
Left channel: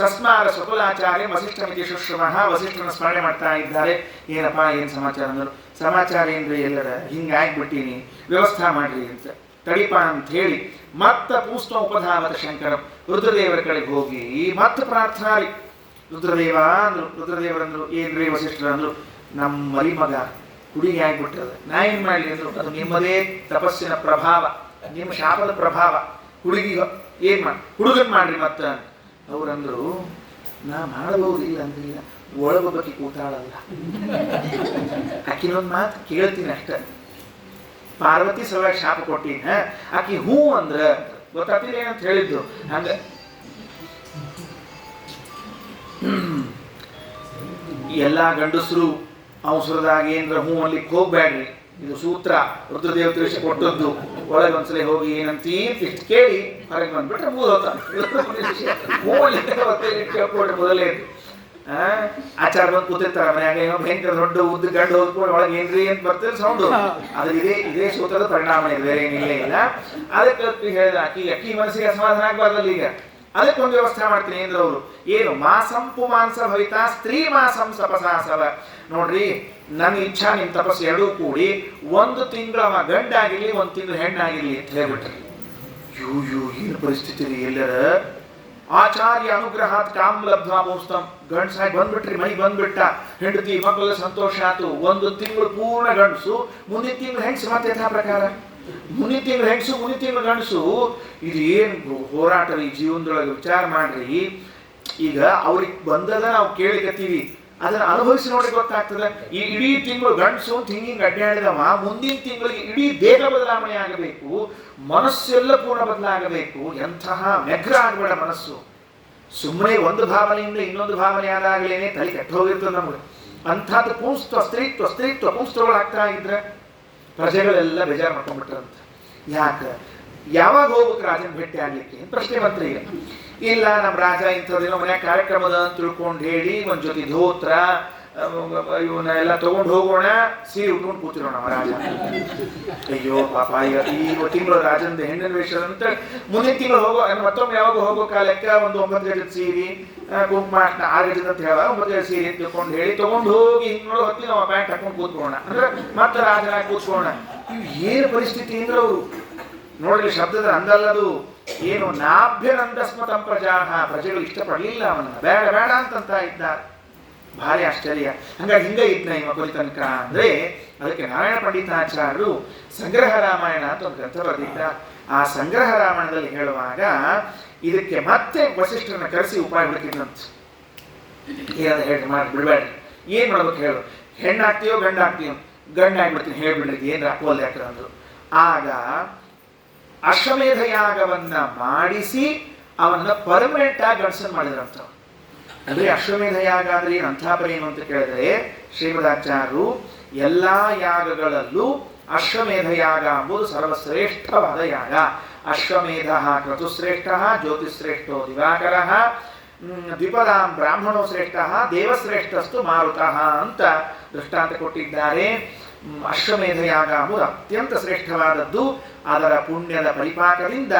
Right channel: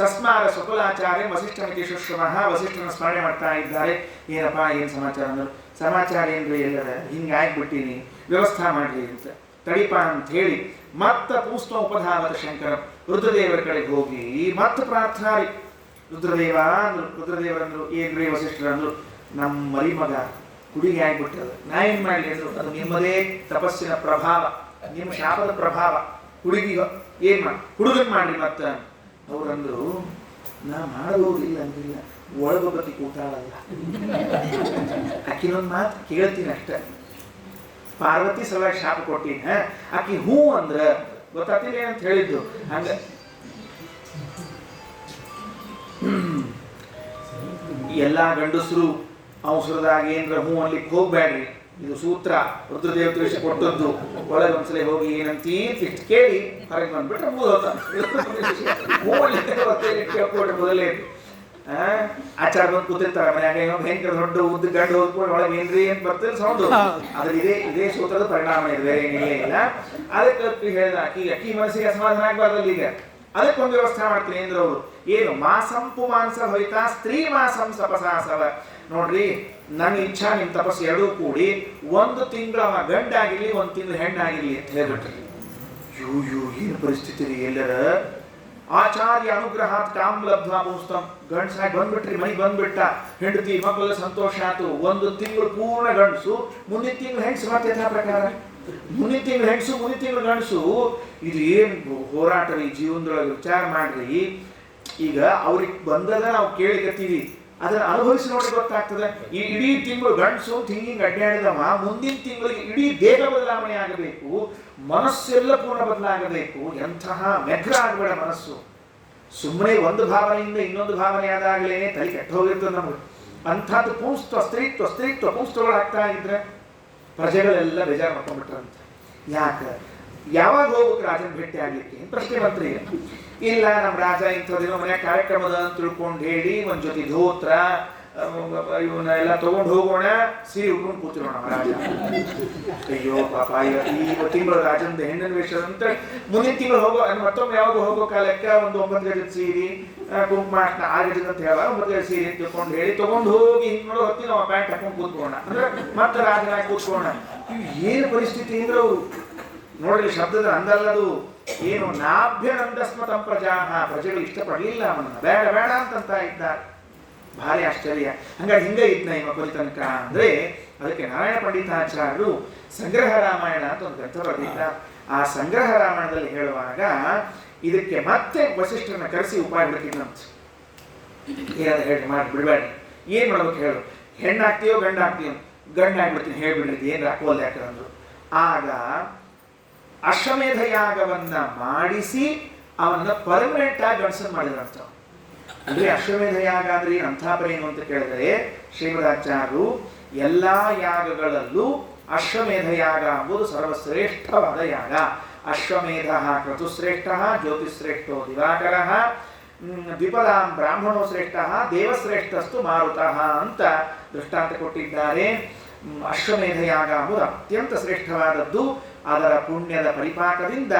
ಸಸ್ಮಾರ ಸ್ವಕುಲಾಚಾರ್ಯ ವಸಿಷ್ಠ ಮಿತಿ ಶುಶ್ರಮಃ, ವಸಿಷ್ಠನ ಸ್ಮರಣೆ ಮಾಡ್ತಾ ಇದ್ದಾರೆ. ಏನಪ್ಪ ಏನು ಸಮಾಚಾರ ಅಂದರು. ಸಮಾಚಾರ ಏನ್ರಿ, ಎಲ್ಲರ ಹಿಂಗಾಗ್ಬಿಟ್ಟಿನಿ, ವ್ಯವಸ್ಥೆ ಮಾಡ್ರಿ ಅಂತ. ತಡಿಪ ಅಂತ ಹೇಳಿ ಮತ್ತ ಪೂಸ್ತ ಉಪಧಾವತ ಶಂಕರ ರುದ್ರದೇವರ ಕಡೆಗೆ ಹೋಗಿ ಮತ್ತೆ ಪ್ರಾರ್ಥನಾರಿ. ರುದ್ರದೇವರಂದ್ರು, ಏನ್ರಿ ವಸಿಷ್ಠರಂದ್ರು, ನಮ್ಮ ಮರಿ ಮಗ ಹುಡುಗಿ ಆಗ್ಬಿಟ್ರದ, ನಾ ಏನ್ ಮಾಡ್ಲಿ ಅಂದ್ರು. ಅದು ನಿಮ್ಮದೇ ತಪಸ್ಸಿನ ಪ್ರಭಾವ, ನಿಮ್ಮ ಶಾಪದ ಪ್ರಭಾವ. ಹುಡುಗನ್ ಮಾಡ್ರಿ ಮತ್ತ. ಅವ್ರಂದ್ರು, ನಾ ಮಾಡಬಹುದಿಲ್ಲ ಅಂದ್ರಿಲ್ಲ, ಒಳಗೊಬ್ಬಕಿ ಕೂತಾಳಲ್ಲ, ಆಕಿನೊಂದು ಮಾತು ಕೇಳ್ತೀನಿ ಅಷ್ಟ. ಪಾರ್ವತಿ ಸಲುವಾಗಿ ಶಾಪ ಕೊಟ್ಟಿನ, ಆಕಿ ಹೂ ಅಂದ್ರ ಗೊತ್ತಾಗ್ತಿಲ್ಲ ಏನಂತ ಹೇಳಿದ್ದು. ಹಂಗ ಎಲ್ಲಾ ಗಂಡಸರು ಅವಸರದಾಗ ಏನ್ರ ಹೂ ಅನ್ಲಿಕ್ಕೆ ಹೋಗ್ಬೇಡ್ರಿ. ಇದು ಸೂತ್ರ ರುದ್ರದೇವ ತಿಳಿಸಿ ಕೊಟ್ಟದ್ದು. ಒಳಗೆ ಒಂದ್ಸಲ ಹೋಗಿ ಏನಂತೀ ಇಷ್ಟು ಕೇಳಿ ಹೊರಗೆ ಬಂದ್ಬಿಟ್ರೆ ಮುಗಿದೋತ. ಹೂ ಅಲ್ಲಿ ಕೇಳ್ಕೊಡ್ರಿ ಮೊದಲೇ. ಆಚಾರ ಬಂದು ಕೂತಿರ್ತಾರ ಮನ್ಯಾಗ, ಭಯಂಕರ ದೊಡ್ಡ ಉದ್ದ ಗಂಡು ಹೋಗ್ಕೊಂಡು ಒಳಗೆ ಏನ್ರಿ ಅಂತ ಬರ್ತಿಲ್ಲ ಸೌಂಡು. ಅದು ಇದೇ ಸೂತ್ರದ ಪರಿಣಾಮ ಇದೆ, ಬೇರೆ ಏನಿಲ್ಲೇ ಇಲ್ಲ. ಅದಕ್ಕೆ ಹೇಳಿದ ಅಕ್ಕಿ ಮನಸ್ಸಿಗೆ ಅಸಮಾಧಾನ ಆಗ್ಬಾರ್ದಲ್ಲ. ಈಗ ಅದಕ್ಕೊಂದು ವ್ಯವಸ್ಥೆ ಮಾಡ್ತೀನಿ ಅಂದ್ರೆ ಅವರು ಏನು ಮಾಸಂ ಪುಮಾಂಸ ಭವಿತ ಸ್ತ್ರೀ ಮಾಸಂ ಸಪಸಾಸವ. ನೋಡ್ರಿ, ನನ್ನ ಇಚ್ಛಾ ನಿಮ್ಮ ತಪಸ್ಸು ಎರಡೂ ಕೂಡಿ 1 ತಿಂಗಳ ಗಂಡಾಗಿರ್ಲಿ 1 ತಿಂಗಳು ಹೆಣ್ಣಾಗಿರ್ಲಿ ಅಂತ ಹೇಳ್ಬಿಟ್ರಿ. ಏನು ಪರಿಸ್ಥಿತಿ ರೀ ಎಲ್ಲರ. ಆಚಾರ್ಯ ಅನುಗ್ರಹಾತ್ ಕಾಮ್ ಲಬ್ಧ್ವಾ ಪುಸ್ತಂ, ಗಂಡಸಾಗಿ ಬಂದ್ಬಿಟ್ರಿ, ಮನೆಗೆ ಬಂದ್ಬಿಟ್ಟ, ಹೆಂಡತಿ ಮಕ್ಕಳೆಲ್ಲ ಸಂತೋಷ ಆಯ್ತು. 1 ತಿಂಗಳು ಪೂರ್ಣ ಗಂಡಸು, ಮುಂದಿನ ತಿಂಗಳು ಹೆಂಗಸು. ಮತ್ತೆ ಯಥಾ ಪ್ರಕಾರ ಮುಂದಿನ ತಿಂಗಳು ಹೆಂಗಸು, ಮುಂದಿನ ತಿಂಗಳು ಗಂಡಸು. ಇದು ಏನು ಹೋರಾಟ ರೀ ಜೀವನದೊಳಗೆ. ವಿಚಾರ ಮಾಡ್ರಿ. ಈಗ ಅವ್ರಿಗೆ ಬಂದದ ನಾವು ಕೇಳಿಕತ್ತೀವಿ, ಅದನ್ನ ಅನುಭವಿಸಿ ನೋಡಿ ಗೊತ್ತಾಗ್ತದೆ. ಈ ಇಡೀ ತಿಂಗಳು ಗಂಡಸು ಅಂತ ಹಿಂಗೆ ಅಡ್ಡಾಡಿದವ, ಮುಂದಿನ ತಿಂಗಳಿಗೆ ಇಡೀ ದೇಹ ಬದಲಾವಣೆ ಆಗಬೇಕು, ಮನಸ್ಸೆಲ್ಲ ಪೂರ್ಣ ಬದಲಾಗಬೇಕು. ಎಂತಹ ವ್ಯಗ್ರ ಆಗಬೇಡ ಮನಸ್ಸು. ಸುಮ್ಮನೆ ಒಂದು ಭಾವನೆಯಿಂದ ಇನ್ನೊಂದು ಭಾವನೆ ಆದಾಗಲೇನೆ ತಲೆ ಕೆಟ್ಟು ಹೋಗಿರ್ತದೆ ನಮಗೆ. ಅಂಥದ್ದು ಸ್ತ್ರೀತ್ವ ಪುಂಸ್ತಗಳಾಗ್ತಾ ಇದ್ರೆ ಪ್ರಜೆಗಳೆಲ್ಲ ಬೇಜಾರು ಮಾಡ್ಕೊಂಡ್ಬಿಟ್ರಂತ. ಯಾಕೆ ಯಾವಾಗ ಹೋಗ್ಬೇಕು ರಾಜನ ಭೇಟಿ ಆಗ್ಲಿಕ್ಕೆ ಅಂತ ಪ್ರಶ್ನೆ ಬಂತ್ರಿಗೆ. ಇಲ್ಲ, ನಮ್ಮ ರಾಜ ಇಂಥದಿನೋ ಮನ್ಯಾಗ ಕಾರ್ಯಕ್ರಮದ ಅಂತ ತಿಳ್ಕೊಂಡು ಹೇಳಿ ಒಂದ್ ಜೊತೆ ಧೋತ್ರ ಇವನ್ನೆಲ್ಲ ತಗೊಂಡು ಹೋಗೋಣ, ಸೀರೆ ಉಟ್ಕೊಂಡು ಕೂತಿರೋಣ ರಾಜ. ಅಯ್ಯೋ ಪಾಪ, ಈ ತಿಂಗಳು ರಾಜಂದ ಹೆಣ್ಣಿನ ವೇಷ ಅಂತ. ಮುಂದಿನ ತಿಂಗಳು ಹೋಗೋ ಮತ್ತೊಮ್ಮೆ ಯಾವಾಗ ಹೋಗೋ ಕಾಲಕ್ಕೆ ಒಂದು 9 ಗಜದ ಸೀರೆ, ಕುಂಕುಮ 6 ಗಜದ ಅಂತ ಹೇಳ 9 ಗಜದ ಸೀರೆ ಅಂತ ತಿಳ್ಕೊಂಡು ಹೇಳಿ ತಗೊಂಡು ಹೋಗಿ ಹಿಂಗ್ ನೋಡೋ ಹೊತ್ತಿಗೆ ನಾವು ಪ್ಯಾಂಟ್ ಹಾಕೊಂಡು ಕೂತ್ಕೋಣ ಅಂದ್ರೆ ಮತ್ತೆ ರಾಜನಾಗಿ ಕೂತ್ಕೋಣ. ಏನು ಪರಿಸ್ಥಿತಿ ಅಂದ್ರೆ ಅವರು ನೋಡ್ರಿ, ಶಬ್ದದ ಅಂದಲ್ಲದು. ಏನು ನಾಭ್ಯನಂದಸ್ಮತಂ ಪ್ರಜಾಹ, ಪ್ರಜೆಗಳು ಇಷ್ಟಪಡಲಿಲ್ಲ ಅವನ್ನ, ಬೇಡ ಅಂತ ಇದ್ದಾರೆ. ಭಾರಿ ಆಶ್ಚರ್ಯ. ಹಂಗಾಗಿ ಹಿಂಗ ಇದ್ನ ಇವ ಕೊನೆ ತನಕ ಅಂದ್ರೆ ಅದಕ್ಕೆ ನಾರಾಯಣ ಪಂಡಿತಾಚಾರ್ಯರು ಸಂಗ್ರಹ ರಾಮಾಯಣ ಅಂತ ಒಂದು ಗ್ರಂಥ ಬರೆದಿದ್ದಾರೆ. ಆ ಸಂಗ್ರಹ ರಾಮಾಯಣದಲ್ಲಿ ಹೇಳುವಾಗ ಇದಕ್ಕೆ ಮತ್ತೆ ವಸಿಷ್ಠರನ್ನ ಕರೆಸಿ ಉಪಾಯ ಹುಡುಕಿದಂತ. ಏನಾದ್ರು ಹೇಳಿ ಮಾಡಿ ಬಿಡಬೇಡ್ರಿ, ಏನ್ ಮಾಡ್ಬೇಕು ಹೇಳು, ಹೆಣ್ಣಾಗ್ತೀಯೋ ಗಂಡಾಗ್ತೀಯೋ, ಗಂಡಾಗ್ಬಿಡ್ತೀನಿ ಹೇಳ್ಬಿಡ್ರಿ, ಏನ್ರ ಅಪೋಲ್ ಯಾಕ್ರ ಅಂದ್ರು. ಆಗ ಅಶ್ವಮೇಧ ಯಾಗವನ್ನ ಮಾಡಿಸಿ ಅವನ್ನ ಪರ್ಮನೆಂಟ್ ಆಗಿ ಗಂಡಸನ್ ಮಾಡಿದ್ರಂತ. ಅಂದ್ರೆ ಅಶ್ವಮೇಧ ಯಾಗ ಅಂದ್ರೆ ಅಂಥಾಪರ ಏನು ಅಂತ ಕೇಳಿದ್ರೆ, ಶ್ರೀಮದಾಚಾರ್ಯರು ಎಲ್ಲಾ ಯಾಗಗಳಲ್ಲೂ ಅಶ್ವಮೇಧ ಯಾಗ ಎಂಬುದು ಸರ್ವಶ್ರೇಷ್ಠವಾದ ಯಾಗ. ಅಶ್ವಮೇಧ ಕ್ರತುಶ್ರೇಷ್ಠ, ಜ್ಯೋತಿಶ್ರೇಷ್ಠೋ ದಿವಾಕರ, ದ್ವಿಪದಾಂ ಬ್ರಾಹ್ಮಣೋ ಶ್ರೇಷ್ಠ, ದೇವಶ್ರೇಷ್ಠಸ್ತು ಮಾರುತಃ ಅಂತ ದೃಷ್ಟಾಂತ ಕೊಟ್ಟಿದ್ದಾರೆ. ಅಶ್ವಮೇಧ ಯಾಗ ಎಂಬುದು ಅತ್ಯಂತ ಶ್ರೇಷ್ಠವಾದದ್ದು. ಅದರ ಪುಣ್ಯದ ಪರಿಪಾಕದಿಂದ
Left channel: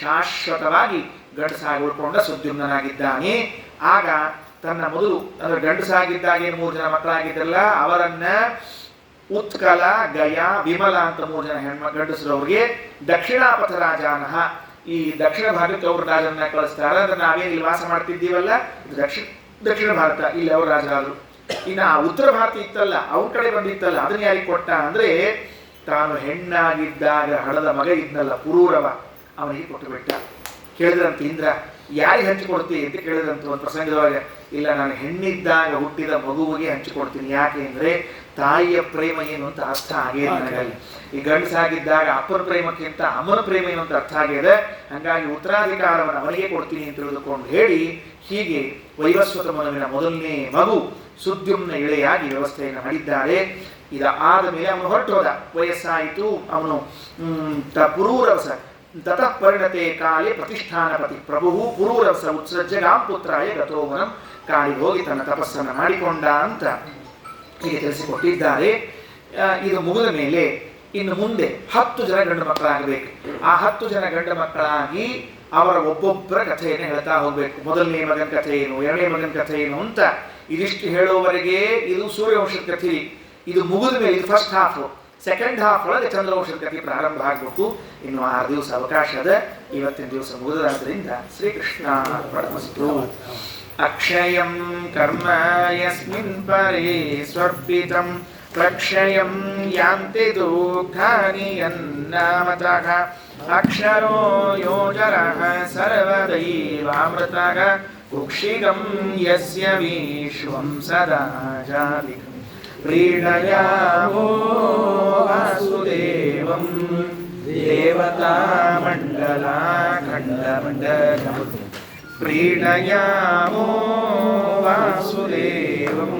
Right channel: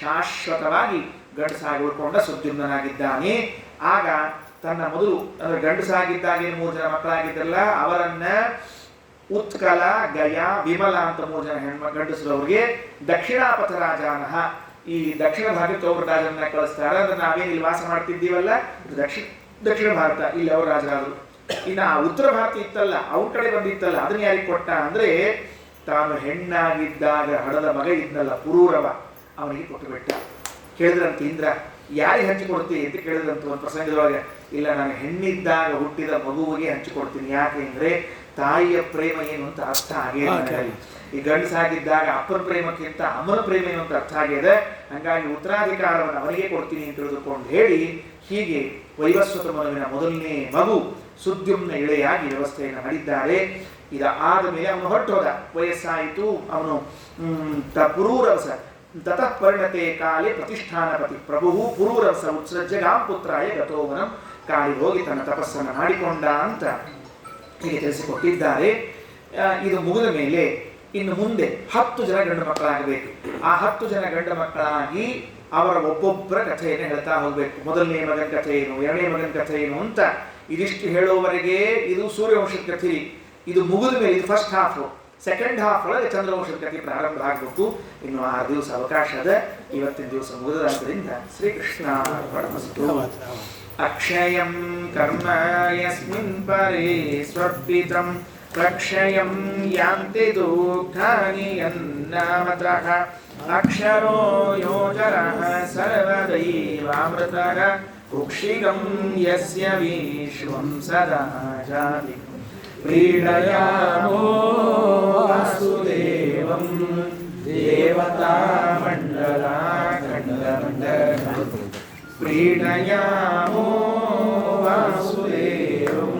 ಶಾಶ್ವತವಾಗಿ ಗಂಡಸಾಗಿ ಉಳ್ಕೊಂಡ ಸುದ್ಯುಮ್ನಾಗಿದ್ದಾನೆ. ಆಗ ತನ್ನ ಮೊದಲು ಅಂದರೆ ಗಂಡಸಾಗಿದ್ದಾಗೆ 3 ಜನ ಮಕ್ಕಳಾಗಿದ್ದಲ್ಲ, ಅವರನ್ನ ಉತ್ಕಲ, ಗಯ, ವಿಮಲ ಅಂತ 3 ಜನ ಗಂಡಸರವ್ರಿಗೆ ದಕ್ಷಿಣಾಪಥ ರಾಜಾನಹ, ಈ ದಕ್ಷಿಣ ಭಾಗಕ್ಕೆ ಅವ್ರ ರಾಜರನ್ನ ಕಳಿಸ್ತಾರೆ. ಅಂದ್ರೆ ನಾವೇನು ಇಲ್ಲಿ ವಾಸ ಮಾಡ್ತಿದ್ದೀವಲ್ಲ, ದಕ್ಷಿಣ ಭಾರತ, ಇಲ್ಲಿ ಅವ್ರ ರಾಜರಾದರು. ಇನ್ನು ಆ ಉತ್ತರ ಭಾರತ ಇತ್ತಲ್ಲ, ಅವ್ರ ಕಡೆ ಬಂದಿತ್ತಲ್ಲ, ಅದನ್ನ ಯಾರಿಗೆ ಕೊಟ್ಟ ಅಂದ್ರೆ ತಾನು ಹೆಣ್ಣಾಗಿದ್ದಾಗ ಹಡದ ಮಗ ಇದ್ನಲ್ಲ ಪುರೂರವ, ಅವನಿಗೆ ಕೊಟ್ಟು ಬಿಟ್ಟ. ಕೇಳಿದ್ರಂತ ಇಂದ್ರ, ಯಾರಿಗೆ ಹಂಚಿಕೊಡ್ತೀವಿ ಅಂತ ಕೇಳಿದ್ರಂತ ಒಂದು ಪ್ರಸಂಗದೊಳಗೆ. ಇಲ್ಲ, ನಾನು ಹೆಣ್ಣಿದ್ದಾಗ ಹುಟ್ಟಿದ ಮಗುವಿಗೆ ಹಂಚಿಕೊಡ್ತೀನಿ. ಯಾಕೆ ಅಂದ್ರೆ ತಾಯಿಯ ಪ್ರೇಮ ಏನು ಅಂತ ಅರ್ಥ ಆಗೇ ನನಗೆ. ಈ ಗಂಡಸಾಗಿದ್ದಾಗ ಅಪ್ಪನ ಪ್ರೇಮಕ್ಕಿಂತ ಅಮ್ಮನ ಪ್ರೇಮ ಏನು ಅಂತ ಅರ್ಥ ಆಗಿದೆ. ಹಾಗಾಗಿ ಉತ್ತರಾಧಿಕಾರವನ್ನು ಅವನಿಗೆ ಕೊಡ್ತೀನಿ ಅಂತ ತಿಳಿದುಕೊಂಡು ಹೇಳಿ, ಹೀಗೆ ವೈವಸ್ವತ ಮನುವಿನ ಮೊದಲನೇ ಮಗು ಸುದ್ಯುಮ್ನ ಇಳೆಯಾಗಿ ವ್ಯವಸ್ಥೆಯನ್ನು ಮಾಡಿದ್ದಾರೆ. ಇದಾದ ಮೇಲೆ ಅವನು ಹೊರಟೋದ, ವಯಸ್ಸಾಯಿತು. ಅವನು ಪುರೂರವಸ ತತಃ ಪರಿಣತೆ ಕಾಲೇ ಪ್ರತಿಷ್ಠಾನಪತಿ ಪ್ರಭು ಪುರೂರವಸ ಉತ್ಸೃಜ್ಯ ಗಾಂಪುತ್ರಾಯ ಗತೋವನಂ, ಕಾಳಿ ಹೋಗಿ ತನ್ನ ತಪಸ್ಸನ್ನು ಮಾಡಿಕೊಂಡ ಅಂತ ಹೀಗೆ ತಿಳಿಸಿಕೊಟ್ಟಿದ್ದಾರೆ. ಇದು ಮುಗಿದ ಮೇಲೆ ಇನ್ನು ಮುಂದೆ 10 ಜನ ಗಂಡು ಮಕ್ಕಳಾಗಬೇಕು. ಆ 10 ಜನ ಗಂಡು ಮಕ್ಕಳಾಗಿ ಅವರ ಒಬ್ಬೊಬ್ಬರ ಕಥೆಯನ್ನು ಹೇಳ್ತಾ ಹೋಗ್ಬೇಕು. ಮೊದಲನೇ ಮಗನ ಕಥೆ ಏನು, ಎರಡನೇ ಮಗನ ಕಥೆ ಏನು ಅಂತ ಇದಿಷ್ಟು ಹೇಳೋವರೆಗೆ ಇದು ಸೂರ್ಯವಂಶದ ಕಥೆ. ಇದು ಮುಗಿದ ಮೇಲೆ, ಇದು ಫಸ್ಟ್ ಹಾಫ್. ಸೆಕೆಂಡ್ ಹಾಫ್ ಒಳಗೆ ಚಂದ್ರವಂಶದ ಕಥೆ ಪ್ರಾರಂಭ ಆಗಬೇಕು. ಇನ್ನು 6 ದಿವಸ ಅವಕಾಶ ಅದ. ಇವತ್ತಿನ ದಿವಸ ಮುಗಿದದ್ದರಿಂದ ಶ್ರೀಕೃಷ್ಣ ಅರ್ಪಣಮಸ್ತು. ಅಕ್ಷಯಂ ಕರ್ಮ ಯಸ್ಮಿನ್ ಪರೇ ಸ್ವರ್ಪಿತಂ ಪ್ರಕ್ಷಯಂ ಯಾಂತಿ ದುಃಖಾನಿ ಯನ್ನಾಮತಃ ಅಕ್ಷರೋ ಯೋಜರಃ ಸರ್ವದೈವಾಮೃತಃ ಕುಕ್ಷಿಗಂ ಯಸ್ಯ ವಿಶ್ವಂ ಸದಾ ಜಾತಿಕಂ ಪ್ರೀಣಯಾಮೋ ವಾಸುದೇವಂ ದೇವತಾ ಮಂಡಲ ಖಂಡಮಂಡಲ ಪ್ರೀಣಯಾಮೋ ವಾಸುದೇವಂ.